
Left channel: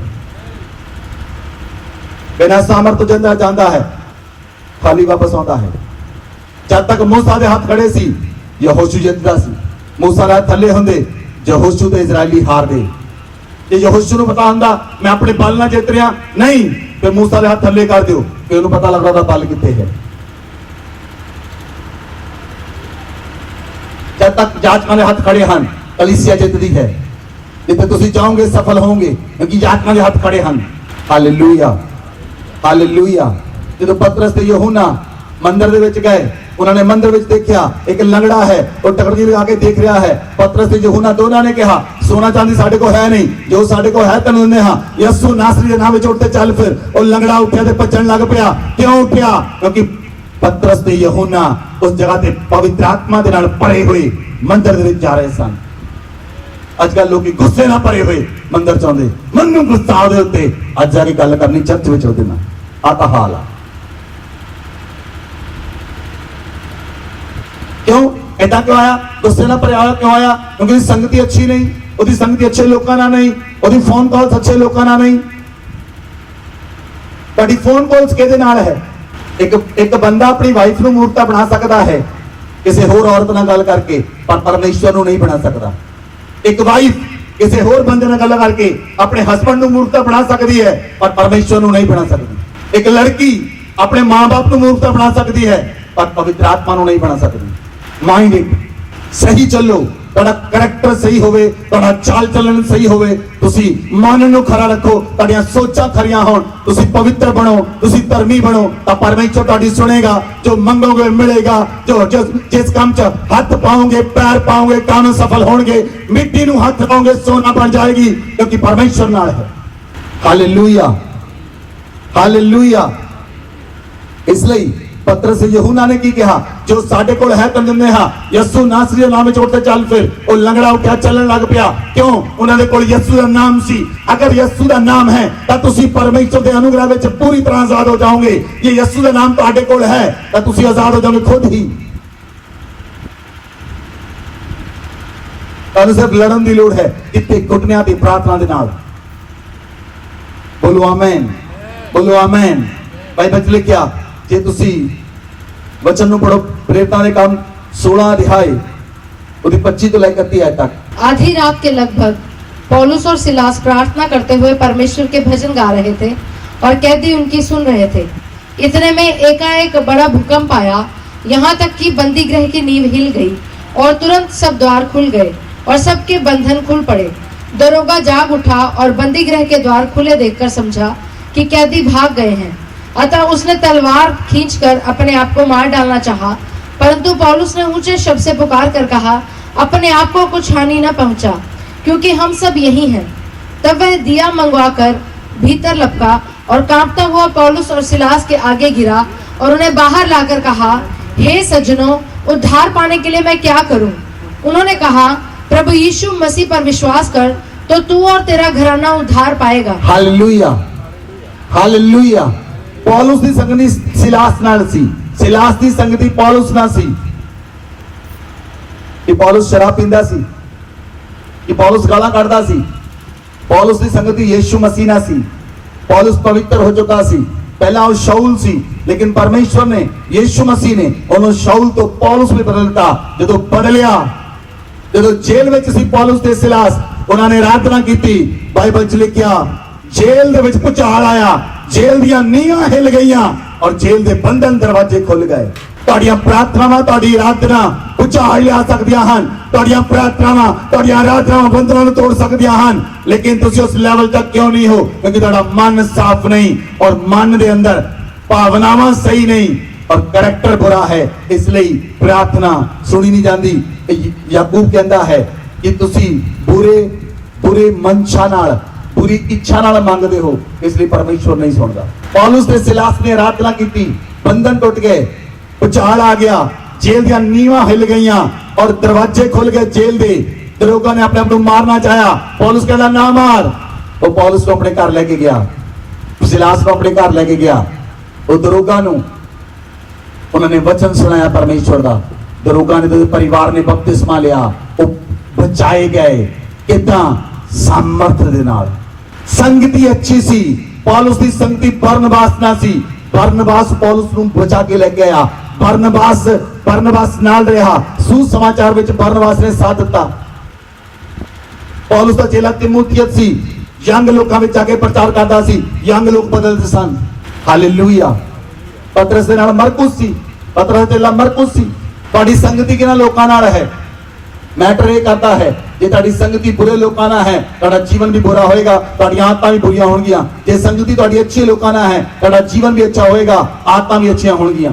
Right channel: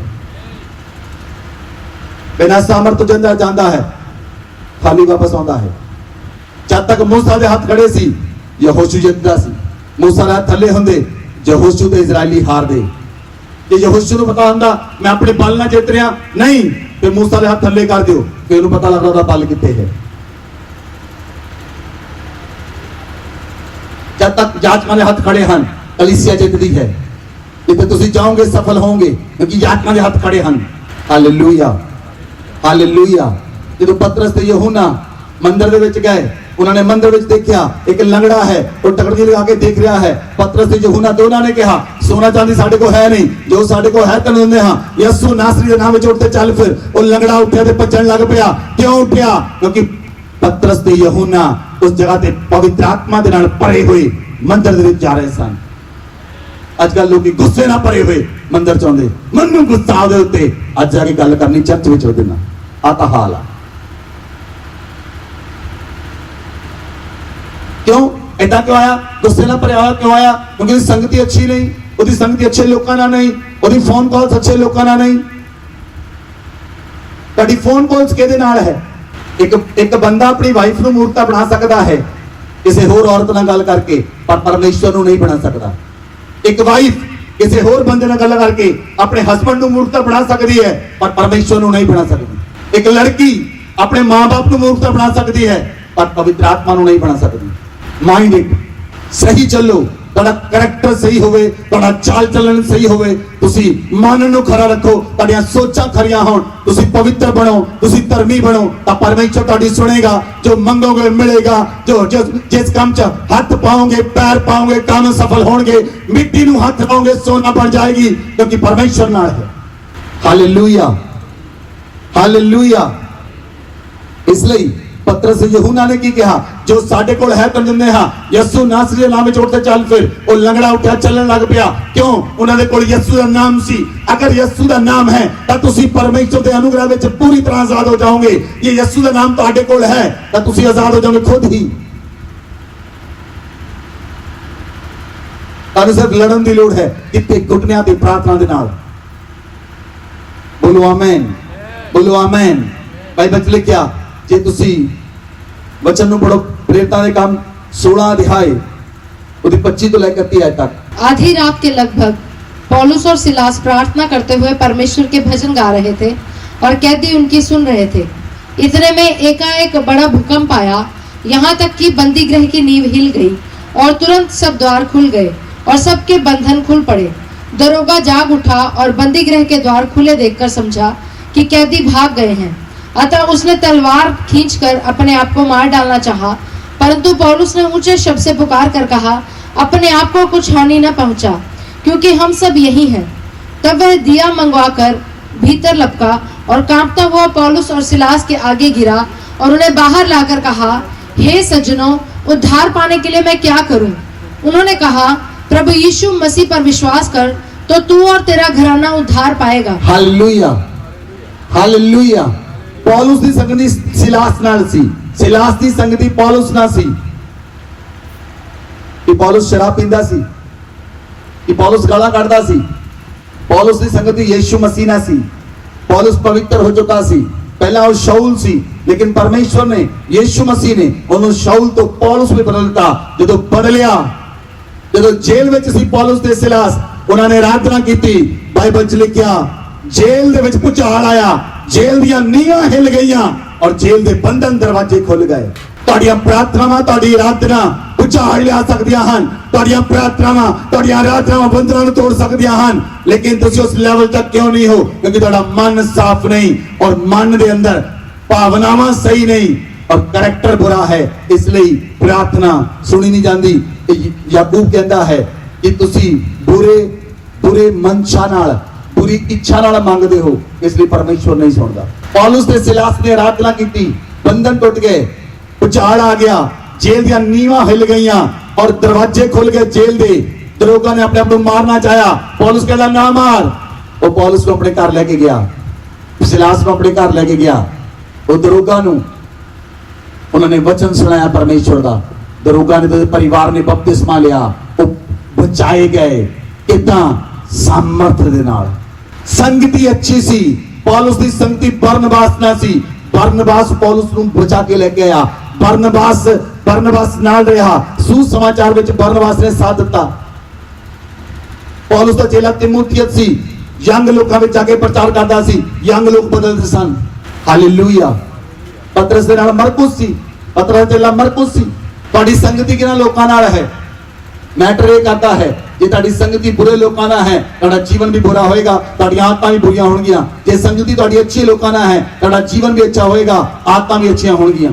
बिना सामर्थ तो जंदा जाता है, खाली वापस आता है। जब तक मूसा दे हाथ खड़े सी, यहोशू जितदा सी। मूसा दे हाथ थल्ले हुंदे, यहोशू ते इजरायली हार गए। ਜੇ ਯਹੋਸ਼ੂ ਨੂੰ ਪਤਾ ਹੁੰਦਾ ਮੈਂ ਆਪਣੇ ਬਲ ਨਾਲ ਜਿੱਤ ਰਿਹਾ, ਨਹੀਂ, ਤੇ ਮੂਸਾ ਦੇ ਹੱਥ ਥੱਲੇ ਕਰ ਦਿਓ, ਕਿ ਉਹਨੂੰ ਪਤਾ ਲੱਗਦਾ ਉਹਦਾ ਬਲ ਕਿੱਥੇ ਹੈ। ਜਦ ਤੱਕ ਜਾਤ ਵਾਲੇ ਹੱਥ ਖੜੇ ਹਨ, ਕਲੀਸਿਆ ਜਿੱਤਦੀ ਹੈ। ਜਿੱਥੇ ਤੁਸੀਂ ਜਾਓਗੇ ਸਫਲ ਹੋਵੋਗੇ ਕਿਉਂਕਿ ਆਤਮਾ ਦੇ ਹੱਥ ਖੜੇ ਹਨ। Hallelujah hallelujah. ਜਦੋਂ ਪਤਰਸ ਤੇ ਯਹੂਨਾ ਮੰਦਰ ਦੇ ਵਿੱਚ ਗਏ, ਉਹਨਾਂ ਨੇ ਮੰਦਰ ਵਿੱਚ ਦੇਖਿਆ ਇੱਕ ਲੰਗੜਾ ਹੈ, ਉਹ ਟਕਰਕੀ ਲਗਾ ਕੇ ਦੇਖ ਰਿਹਾ ਹੈ। ਪਤਰਸ ਤੇ ਯਹੂਨਾ ਦੋਨਾਂ ਨੇ ਕਿਹਾ ਸੋਨਾ ਚਾਂਦੀ ਸਾਡੇ ਕੋਲ ਹੈ ਨਹੀਂ, ਜੋ ਸਾਡੇ ਕੋਲ ਹੈ ਤੈਨੂੰ ਦਿੰਦੇ ਹਾਂ। ਯਿਸੂ ਨਾਸਰੀ ਦੇ ਨਾਮ ਵਿੱਚ ਉੱਠ ਤੇ ਚੱਲ। ਫਿਰ ਉਹ ਲੰਗੜਾ ਉੱਠਿਆ ਤੇ ਭੱਜਣ ਲੱਗ ਪਿਆ। ਕਿਉਂ ਉੱਠਿਆ? ਕਿਉਂਕਿ ਪਤਰਸ ਤੇ ਯਹੂਨਾ ਉਸ ਜਗ੍ਹਾ ਤੇ ਪਵਿੱਤਰ ਆਤਮਾ ਦੇ ਨਾਲ ਭਰੇ ਹੋਏ ਮੰਦਰ ਦੇ ਵਿੱਚ ਜਾ ਰਹੇ ਸਨ। ਅੱਜ ਕੱਲ ਲੋਕੀ ਗੁੱਸੇ ਨਾਲ ਭਰੇ ਹੋਏ ਮੰਦਰ ਚ ਆਉਂਦੇ, ਮਨ ਨੂੰ ਗੁੱਸਾ ਦੇ ਉੱਤੇ ਅੱਜ ਜਾ ਕੇ ਗੱਲ ਕਰਨੀ ਚਰਚ ਵਿੱਚ ਰੱਖਦੇ ਨਾ। ਆ ਤਾਂ ਹਾਲ ਆ। ਕਿਉਂ ਏਦਾਂ ਕਿਉਂ ਆਇਆ? ਗੁੱਸੇ ਨਾਲ ਭਰਿਆ ਹੋਇਆ ਕਿਉਂ ਆਇਆ? ਕਿਉਂਕਿ ਉਹਦੀ ਸੰਗਤੀ ਅੱਛੀ ਨਹੀਂ, ਉਹਦੀ ਸੰਗਤੀ ਅੱਛੇ ਲੋਕਾਂ ਨਾਲ ਨਹੀਂ, ਉਹਦੀ ਫੋਨ ਕਾਲਸ ਅੱਛੇ ਲੋਕਾਂ ਨਾਲ ਨਹੀਂ। ਤੁਹਾਡੀ ਫੋਨ ਕਾਲਸ ਕਿਹਦੇ ਨਾਲ ਹੈ? ਇੱਕ ਬੰਦਾ ਆਪਣੀ ਵਾਈਫ ਨੂੰ ਮੂਰਤਾ ਬਣਾ ਸਕਦਾ ਹੈ ਕਿਸੇ ਹੋਰ ਔਰਤ ਨਾਲ ਗੱਲ ਕਰਕੇ, ਪਰ ਪਰਮੇਸ਼ਵਰ ਨੂੰ ਨਹੀਂ ਬਣਾ ਸਕਦਾ। ਇੱਕ ਵਾਈਫ ਕਿਸੇ ਹੋਰ ਬੰਦੇ ਨਾਲ ਗੱਲ ਕਰਕੇ ਆਪਣੇ ਹਸਬੰਡ ਨੂੰ ਮੂਰਤਾ ਬਣਾ ਸਕਦੀ ਹੈ, ਪਰ ਪਰਮੇਸ਼ਵਰ ਨੂੰ ਨਹੀਂ ਬਣਾ ਸਕਦੀ। ਇੱਕ ਲੜਕੀ ਆਪਣੇ ਮਾਂ-ਬਾਪ ਨੂੰ ਮੂਰਤਾ ਬਣਾ ਸਕਦੀ ਹੈ, ਪਰ ਪਵਿੱਤਰ ਆਤਮਾ ਨੂੰ ਨਹੀਂ ਬਣਾ ਸਕਦੀ। ਮਾਈਂਡ ਇਟ ਸਹੀ ਚੱਲੋ, ਤੁਹਾਡਾ ਕਰੈਕਟਰ ਸਹੀ ਹੋਵੇ, ਤੁਹਾਡਾ ਚਾਲ ਚੱਲਣ ਸਹੀ ਹੋਵੇ, ਤੁਸੀਂ ਮਨ ਨੂੰ ਖਰਾ ਰੱਖੋ, ਤੁਹਾਡੀਆਂ ਸੋਚਾਂ ਖਰੀਆਂ ਹੋਣ, ਤੁਸੀਂ ਪਵਿੱਤਰ ਬਣੋ, ਤੁਸੀਂ ਧਰਮੀ ਬਣੋ, ਤਾਂ ਪਰਮੇਸ਼ਰ ਤੁਹਾਡੀ ਸੁਣੇਗਾ। ਜੋ ਮੰਗੋਗੇ ਮਿਲੇਗਾ। ਜੋ ਜਿਸ ਕੰਮ 'ਚ ਹੱਥ ਪਾਓਗੇ, ਪੈਰ ਪਾਓਗੇ, ਕੰਮ ਸਫਲ ਹੋਣਗੇ। ਮਿੱਟੀ ਨੂੰ ਹੱਥ ਪਾਓਗੇ, ਸੋਨਾ ਬਣ ਜਾਏਗੀ, ਕਿਉਂਕਿ ਪਰਮੇਸ਼ਰ ਨਾਲ ਹੈ। Hallelujah hallelujah. ਇਸ ਲਈ ਪਤਰਸ ਯਹੂਨਾ ਨੇ ਕੀ ਕਿਹਾ? ਜੋ ਸਾਡੇ ਕੋਲ ਹੈ ਤੈਨੂੰ ਦਿੰਦੇ ਹਾਂ। ਯਿਸੂ ਨਾਸਰੀ ਦੇ ਨਾਮ ਵਿੱਚ ਉੱਠ ਤੇ ਚੱਲ। ਫਿਰ ਉਹ ਲੰਗੜਾ ਉੱਠਿਆ, ਚੱਲਣ ਲੱਗ ਪਿਆ। ਕਿਉਂ? ਉਹਨਾਂ ਦੇ ਕੋਲ ਯਿਸੂ ਦਾ ਨਾਮ ਸੀ। ਅਗਰ ਯਿਸੂ ਦਾ ਨਾਮ ਹੈ ਤਾਂ ਤੁਸੀਂ ਪਰਮੇਸ਼ਰ ਦੇ ਅਨੁਗ੍ਰਹ ਵਿੱਚ ਪੂਰੀ ਤਰ੍ਹਾਂ ਆਜ਼ਾਦ ਹੋ ਜਾਓਗੇ। ਜੇ ਯਿਸੂ ਦਾ ਨਾਮ ਤੁਹਾਡੇ ਕੋਲ ਹੈ ਤਾਂ ਤੁਸੀਂ ਆਜ਼ਾਦ ਹੋ ਜਾਓਗੇ ਖੁਦ ਹੀ। ਤੁਹਾਨੂੰ ਸਿਰਫ ਲੜਨ ਦੀ ਲੋੜ ਹੈ, ਕਿਤੇ ਘੁਟਨਿਆਂ ਦੀ ਪ੍ਰਾਰਥਨਾ ਦੇ ਨਾਲ। ਬੋਲੋ ਆਮੇਨ, ਬੋਲੋ ਆਮੇਨ। ਬਾਈਬਲ ਵਿੱਚ ਲਿਖਿਆ, ਜੇ ਤੁਸੀਂ वचन ਨੂੰ पढ़ो, प्रेरितां दे काम 16 अध्याय ਉਹਦੀ 25 ਤੋਂ ਲੈ ਕੇ 30 आयत तक। आधी रात के लगभग पौलुस और सिलास प्रार्थना करते हुए परमेश्वर के भजन गा रहे थे और कैदी उनकी सुन रहे थे। इतने में एकाएक बड़ा भूकंप आया, यहाँ तक कि बंदी गृह की नींव हिल गई और तुरंत सब द्वार खुल गए और सबके बंधन खुल पड़े। दरोगा जाग उठा और बंदी गृह के द्वार खुले देखकर समझा कि कैदी भाग गए हैं। अतः उसने तलवार खींचकर अपने आप को मार डालना चाहा, परंतु पौलुस ने ऊंचे शब्द से पुकार कर कहा, अपने आप को कुछ हानि न पहुंचा, क्योंकि हम सब यही हैं। तब वह दिया मंगवाकर भीतर लपका और कांपता हुआ पौलुस और सिलास के आगे गिरा और उन्हें बाहर लाकर कहा, हे सज्जनों, उद्धार पाने के लिए मैं क्या करूं? उन्होंने कहा, प्रभु यीशु मसीह पर विश्वास कर तो तू और तेरा घराना उद्धार पाएगा। Hallelujah hallelujah. पौलुस ਦੀ ਸੰਗਤੀ ਸਿਲਾਸ ਨਾਲ ਸੀ, ਸਿਲਾਸ ਦੀ ਸੰਗਤੀ ਪੌਲੁਸ ਨਾਲ ਸੀ। ਕਿ ਪੌਲੁਸ ਸ਼ਰਾਬ ਪੀਂਦਾ ਸੀ, ਕਿ ਪੌਲੁਸ ਗਾਲਾਂ ਕੱਢਦਾ ਸੀ। ਪੌਲੁਸ ਦੀ ਸੰਗਤੀ ਯੀਸ਼ੂ ਮਸੀਹ ਨਾਲ ਸੀ। ਪੌਲੁਸ ਪਵਿੱਤਰ ਹੋ ਚੁੱਕਾ ਸੀ। ਪਹਿਲਾਂ ਉਹ ਸ਼ਾਉਲ ਸੀ, ਲੇਕਿਨ ਪਰਮੇਸ਼ਵਰ ਨੇ, ਯੀਸ਼ੂ ਮਸੀਹ ਨੇ ਉਹਨੂੰ ਸ਼ਾਉਲ ਤੋਂ ਪੌਲੁਸ ਵਿੱਚ ਬਦਲ ਦਿੱਤਾ। ਜਦੋਂ ਬਦਲਿਆ, ਜਦੋਂ ਜੇਲ੍ਹ ਵਿੱਚ ਸੀ ਪੌਲੁਸ ਤੇ ਸਿਲਾਸ, ਉਹਨਾਂ ਨੇ ਆਰਾਧਨਾ ਕੀਤੀ। ਬਾਈਬਲ 'ਚ ਲਿਖਿਆ, ਜੇਲ੍ਹ ਦੇ ਵਿੱਚ ਭੁਚਾਲ ਆਇਆ, ਜੇਲ੍ਹ ਦੀਆਂ ਨੀਹਾਂ ਹਿੱਲ ਗਈਆਂ ਔਰ ਜੇਲ੍ਹ ਦੇ ਬੰਧਨ ਦਰਵਾਜ਼ੇ ਖੁੱਲ ਗਏ। ਤੁਹਾਡੀਆਂ ਪ੍ਰਾਰਥਨਾਵਾਂ, ਤੁਹਾਡੀ ਆਰਾਧਨਾ ਭੁਚਾਲ ਲਿਆ ਸਕਦੀਆਂ ਹਨ। ਤੁਹਾਡੀਆਂ ਪ੍ਰਾਰਥਨਾਵਾਂ, ਤੁਹਾਡੀਆਂ ਆਰਾਧਨਾਵਾਂ ਬੰਧਨਾਂ ਨੂੰ ਤੋੜ ਸਕਦੀਆਂ ਹਨ। ਲੇਕਿਨ ਤੁਸੀਂ ਉਸ ਲੈਵਲ ਤੱਕ ਕਿਉਂ ਨਹੀਂ ਹੋ? ਕਿਉਂਕਿ ਤੁਹਾਡਾ ਮਨ ਸਾਫ਼ ਨਹੀਂ ਔਰ ਮਨ ਦੇ ਅੰਦਰ ਭਾਵਨਾਵਾਂ ਸਹੀ ਨਹੀਂ ਔਰ ਕਰੈਕਟਰ ਬੁਰਾ ਹੈ। ਇਸ ਲਈ ਪ੍ਰਾਰਥਨਾ ਸੁਣੀ ਨਹੀਂ ਜਾਂਦੀ। ਯਾਕੂਬ ਕਹਿੰਦਾ ਹੈ ਕਿ ਤੁਸੀਂ ਬੁਰੇ ਮਨਸ਼ਾ ਨਾਲ, बुरी इच्छा नाल मांगते हो, इसलिए परमेश्वर नहीं सुनता। पौलुस ते सिलास ने आराधना की, बंधन टूट गए, भूचाल आ गया, जेल दी नीवां हिल गईयां और दरवाजे खुल गए जेल दे। दरोगा ने अपने आप को मारना चाहा, पौलुस कहता ना मार। वो पौलुस को अपने घर लेके गया, सिलास को अपने घर लेके गया। वो दरोगा नूं उन्होंने वचन सुनाया परमेश्वर दा। दरोगा ने, परिवार ने बपतिस्मा लिया, वो बचाए गए। किदां? सामर्थ दे नाल। संगति अच्छी सी। पौलुस दी संगति बरनबास ना सी। बरनबास पौलुस ਨੂੰ ਬਚਾ ਕੇ ਲੈ ਕੇ ਆਇਆ। ਬਰਨਬਾਸ ਨਾਲ ਰਿਹਾ। ਸੁਸਮਾਚਾਰ ਵਿੱਚ ਬਰਨਬਾਸ ਨੇ ਸਾਥ ਦਿੱਤਾ। ਪੌਲੁਸ ਦਾ ਚੇਲਾ ਤਿਮੋਥੀਅਸ ਸੀ, ਯੰਗ ਲੋਕਾਂ ਵਿੱਚ ਜਾ ਕੇ ਪ੍ਰਚਾਰ ਕਰਦਾ ਸੀ। ਯੰਗ ਲੋਕ ਬਦਲਦੇ ਸਨ। ਹਾਲੇਲੂਇਆ। ਪਤਰਸ ਦੇ ਨਾਲ ਮਰਕੁਸ ਸੀ, ਪਤਰਸ ਦੇ ਨਾਲ ਮਰਕੁਸ ਸੀ। ਤੁਹਾਡੀ ਸੰਗਤੀ ਕਿਹਨਾਂ ਲੋਕਾਂ ਨਾਲ ਹੈ? मैटर ये करता है जे ਤੁਹਾਡੀ ਸੰਗਤੀ ਬੁਰੇ ਲੋਕਾਂ ਨਾਲ ਹੈ ਤੁਹਾਡਾ ਜੀਵਨ ਵੀ ਬੁਰਾ ਹੋਏਗਾ ਤੁਹਾਡੀਆਂ ਆਦਤਾਂ ਵੀ ਬੁਰੀਆਂ ਹੋਣਗੀਆਂ ਜੇ ਸੰਗਤੀ ਤੁਹਾਡੀ ਅੱਛੀ ਲੋਕਾਂ ਨਾਲ ਹੈ ਤੁਹਾਡਾ ਜੀਵਨ ਵੀ ਅੱਛਾ ਹੋਏਗਾ ਆਦਤਾਂ ਵੀ ਅੱਛੀਆਂ ਹੋਣਗੀਆਂ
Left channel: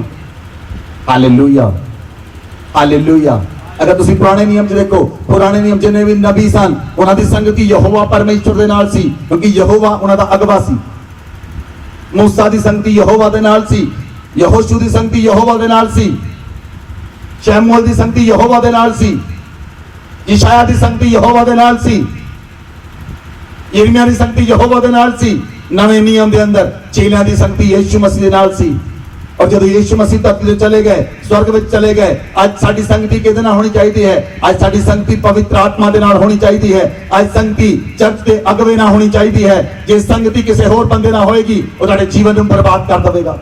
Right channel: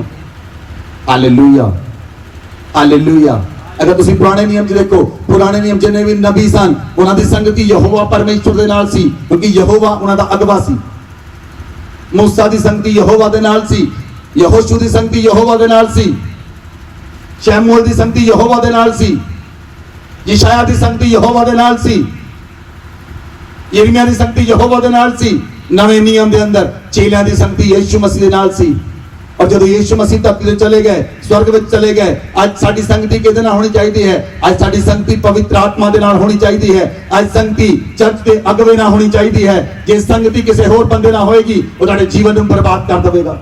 ਹਾਲੇਲੂਇਆ ਹਾਲੇਲੂਇਆ ਅਗਰ ਤੁਸੀਂ ਪੁਰਾਣੇ ਨਿਯਮ 'ਚ ਦੇਖੋ ਪੁਰਾਣੇ ਨਿਯਮ ਜਿੰਨੇ ਵੀ ਨਬੀ ਸਨ ਉਹਨਾਂ ਦੀ ਸੰਗਤੀ ਯਹੋਵਾ ਪਰਮੇਸ਼ਰ ਦੇ ਨਾਲ ਸੀ ਕਿਉਂਕਿ ਯਹੋਵਾ ਉਹਨਾਂ ਦਾ ਅਗਵਾ ਸੀ मूसा ਦੀ ਸੰਗਤੀ ਯਹੋਵਾ ਦੇ ਨਾਲ ਸੀ ਯਹੋਸ਼ੂ ਦੀ ਸੰਗਤੀ ਯਹੋਵਾ ਦੇ ਨਾਲ ਸੀ ਸ਼ੈਮੂਅਲ ਦੀ ਸੰਗਤੀ ਯਹੋਵਾ ਦੇ ਨਾਲ ਸੀ ਯਸ਼ਾਇਆ ਦੀ ਸੰਗਤੀ ਯਹੋਵਾ ਦੇ ਨਾਲ ਸੀ ਯਿਰਮੀਆ ਦੀ ਸੰਗਤੀ ਯਹੋਵਾ ਦੇ ਨਾਲ ਸੀ ਨਵੇਂ ਨਿਯਮ ਦੇ ਅੰਦਰ ਚੇਲਿਆਂ ਦੀ ਸੰਗਤੀ ਯਿਸੂ ਮਸੀਹ ਦੇ ਨਾਲ ਸੀ और जब यीशु मसीह धरती से चले गए स्वर्ग में चले गए आज साडी संगति किहदे नाल होनी चाहिए है आज साडी संगति पवित्र आत्मा दे नाल होनी चाहिए है आज संगति चर्च के अगवे नाल होनी चाहिए है जे संगति किसी होर बंदे नाल होएगी वो तुहाडे जीवन नूं बर्बाद कर देवेगा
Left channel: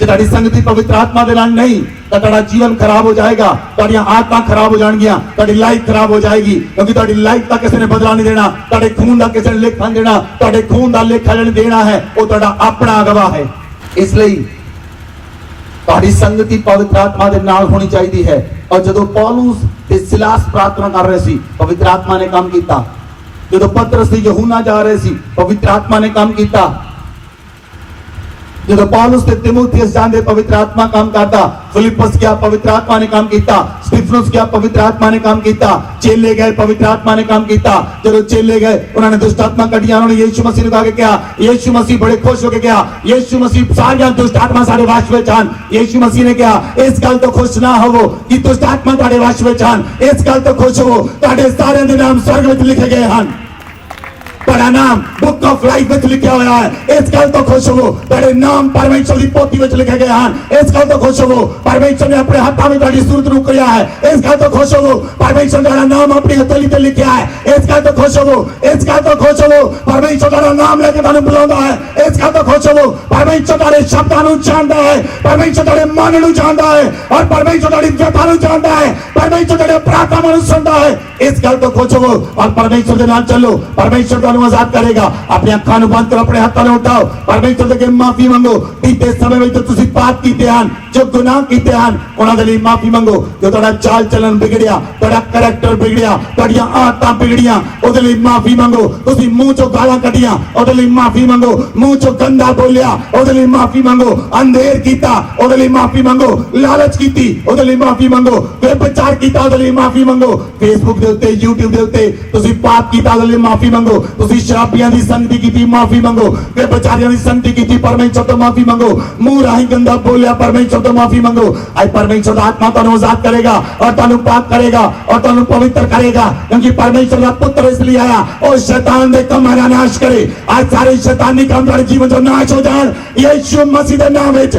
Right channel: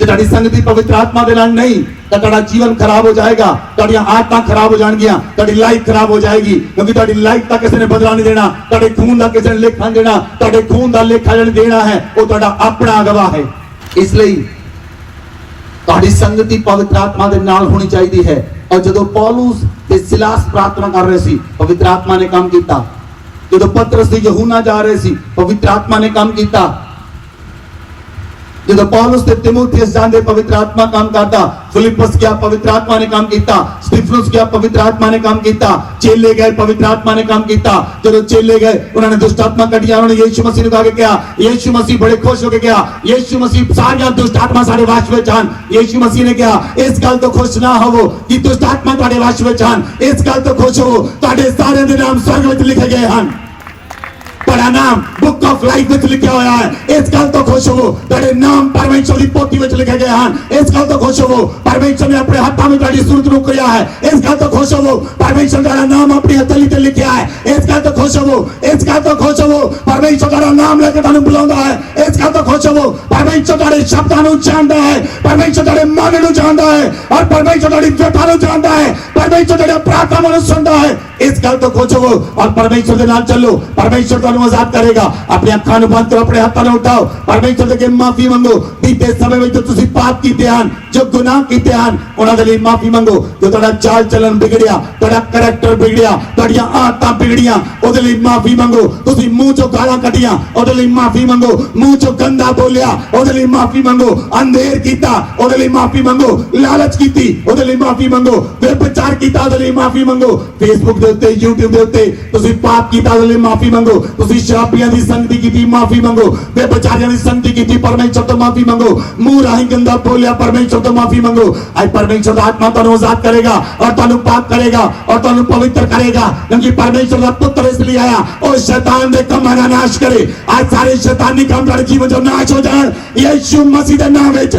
जे तुहाडी संगति पवित्र आत्मा दे नाल नहीं तो तुहाडा जीवन खराब हो जाएगा तुहाडीआं आदतां खराब हो जाणगीआं तुहाडी लाइफ खराब हो जाएगी क्योंकि तुहाडी लाइफ दा किसी ने बदला नहीं देना तुहाडे खून दा किसी ने लेखा देना तुहाडे खून दा लेखा जण देना है वो तुहाडा अपना गवाह है इसलिए तुहाडी संगति पवित्र आत्मा दे नाल होनी चाहिए है और जदों पौलुस ते सिलास प्रार्थना कर रहे सी पवित्र आत्मा ने काम कीता जदों पतरस ते यूहन्ना जा रहे सी पवित्र आत्मा ने काम कीता जब पौलुस ते तीमुथियुस जांदे पवित्र आत्मा काम करता फिलिप्पस क्या पवित्र आत्मा ने काम किया स्टीफनुस क्या पवित्र आत्मा ने काम किया चेले गए पवित्र आत्मा ने काम किया जब चेले गए उन्होंने दुष्ट आत्मा कटिया उन्होंने यीशु मसीह ने कहा क्या यीशु मसीह बड़े खुश होकर क्या यीशु मसीह सारियां दुष्ट आत्मा सारे वश में आन यीशु मसीह ने कहा इस गल तो खुश ना होवो कि दुष्ट आत्मा तुहाडे वश में आन इस गल तो खुश होवो तुहाडे सारे दे नाम स्वर्ग में लिखे गए हैं तेरा नाम बुक ऑफ लाइफ में लिखा हुआ है इस गल तो खुश हो तेरे नाम परमेश्वर की पोथी में लिखे गए हैं इस गल तो खुश हो परमेश्वर ने अपने हाथों में तेरी सूरत नु किया है इस गल तो खुश हो परमेश्वर तेरा नाम अपने हथेली पे लिखा है इस गल तो खुश हो इस गल तो खुश हो परमेश्वर तेरा नाम लेके तेनु बुलांदा है इस गल तो खुश हो परमेश्वर तेरे शब्दां नु जानदा है परमेश्वर तेरे मन नु जानदा है और परमेश्वर तेरी व्यथा नु जानदा है परमेश्वर तेरे प्रार्थना नु सुनदा है इस गल तो खुश हो और परमेश्वर के नाल चलो परमेश्वर का आजाद करेगा अपने अखां नूं बंद करो अपने हाथों नूं उठाओ परमेश्वर दे माफी मंगो बीते समय में जो तुसीं पाप कीते हन जो गुनाह कीते हन उन्हां दे लई माफी मंगो जो तुहाडा चाल चलन बिगड़िया तुहाडा करैक्टर बिगड़िया तुहाडीआं आदतां बिगड़ियां ओहदे लई माफी मंगो तुसीं मूंह चों गालां कढियां ओहदे लई माफी मंगो मूंह चों गंदा बोलिया ओहदे लई माफी मंगो अंधेर कीता ओहदे लई माफी मंगो लालच कीती ओहदे लई माफी मंगो व्यभिचार कीता ओहदे लई माफी मंगो फेसबुक दे उत्ते यूट्यूब दे उत्ते तुसीं पाप कीता ओहदे लई माफी मंगो तुसीं शराबियां दी संगति कीती माफी मंगो व्यभिचारियां दी संगति कीती परमेश्वर तो माफी मंगो मुंह राही गंदा बोलिया परमेश्वर तो माफी मंगो आज परमेश्वर आत्मा तुहानू आजाद करेगा और तुहानू पाक करेगा और तुहानू पवित्र करेगा क्योंकि परमेश्वर का पुत्र इसलिए आया और शैतान दे कमां दा नाश करे आज सारे शैतानी काम तुहाडे जीवन चों नाश हो जाण यीशु मसीह दे नाम विच।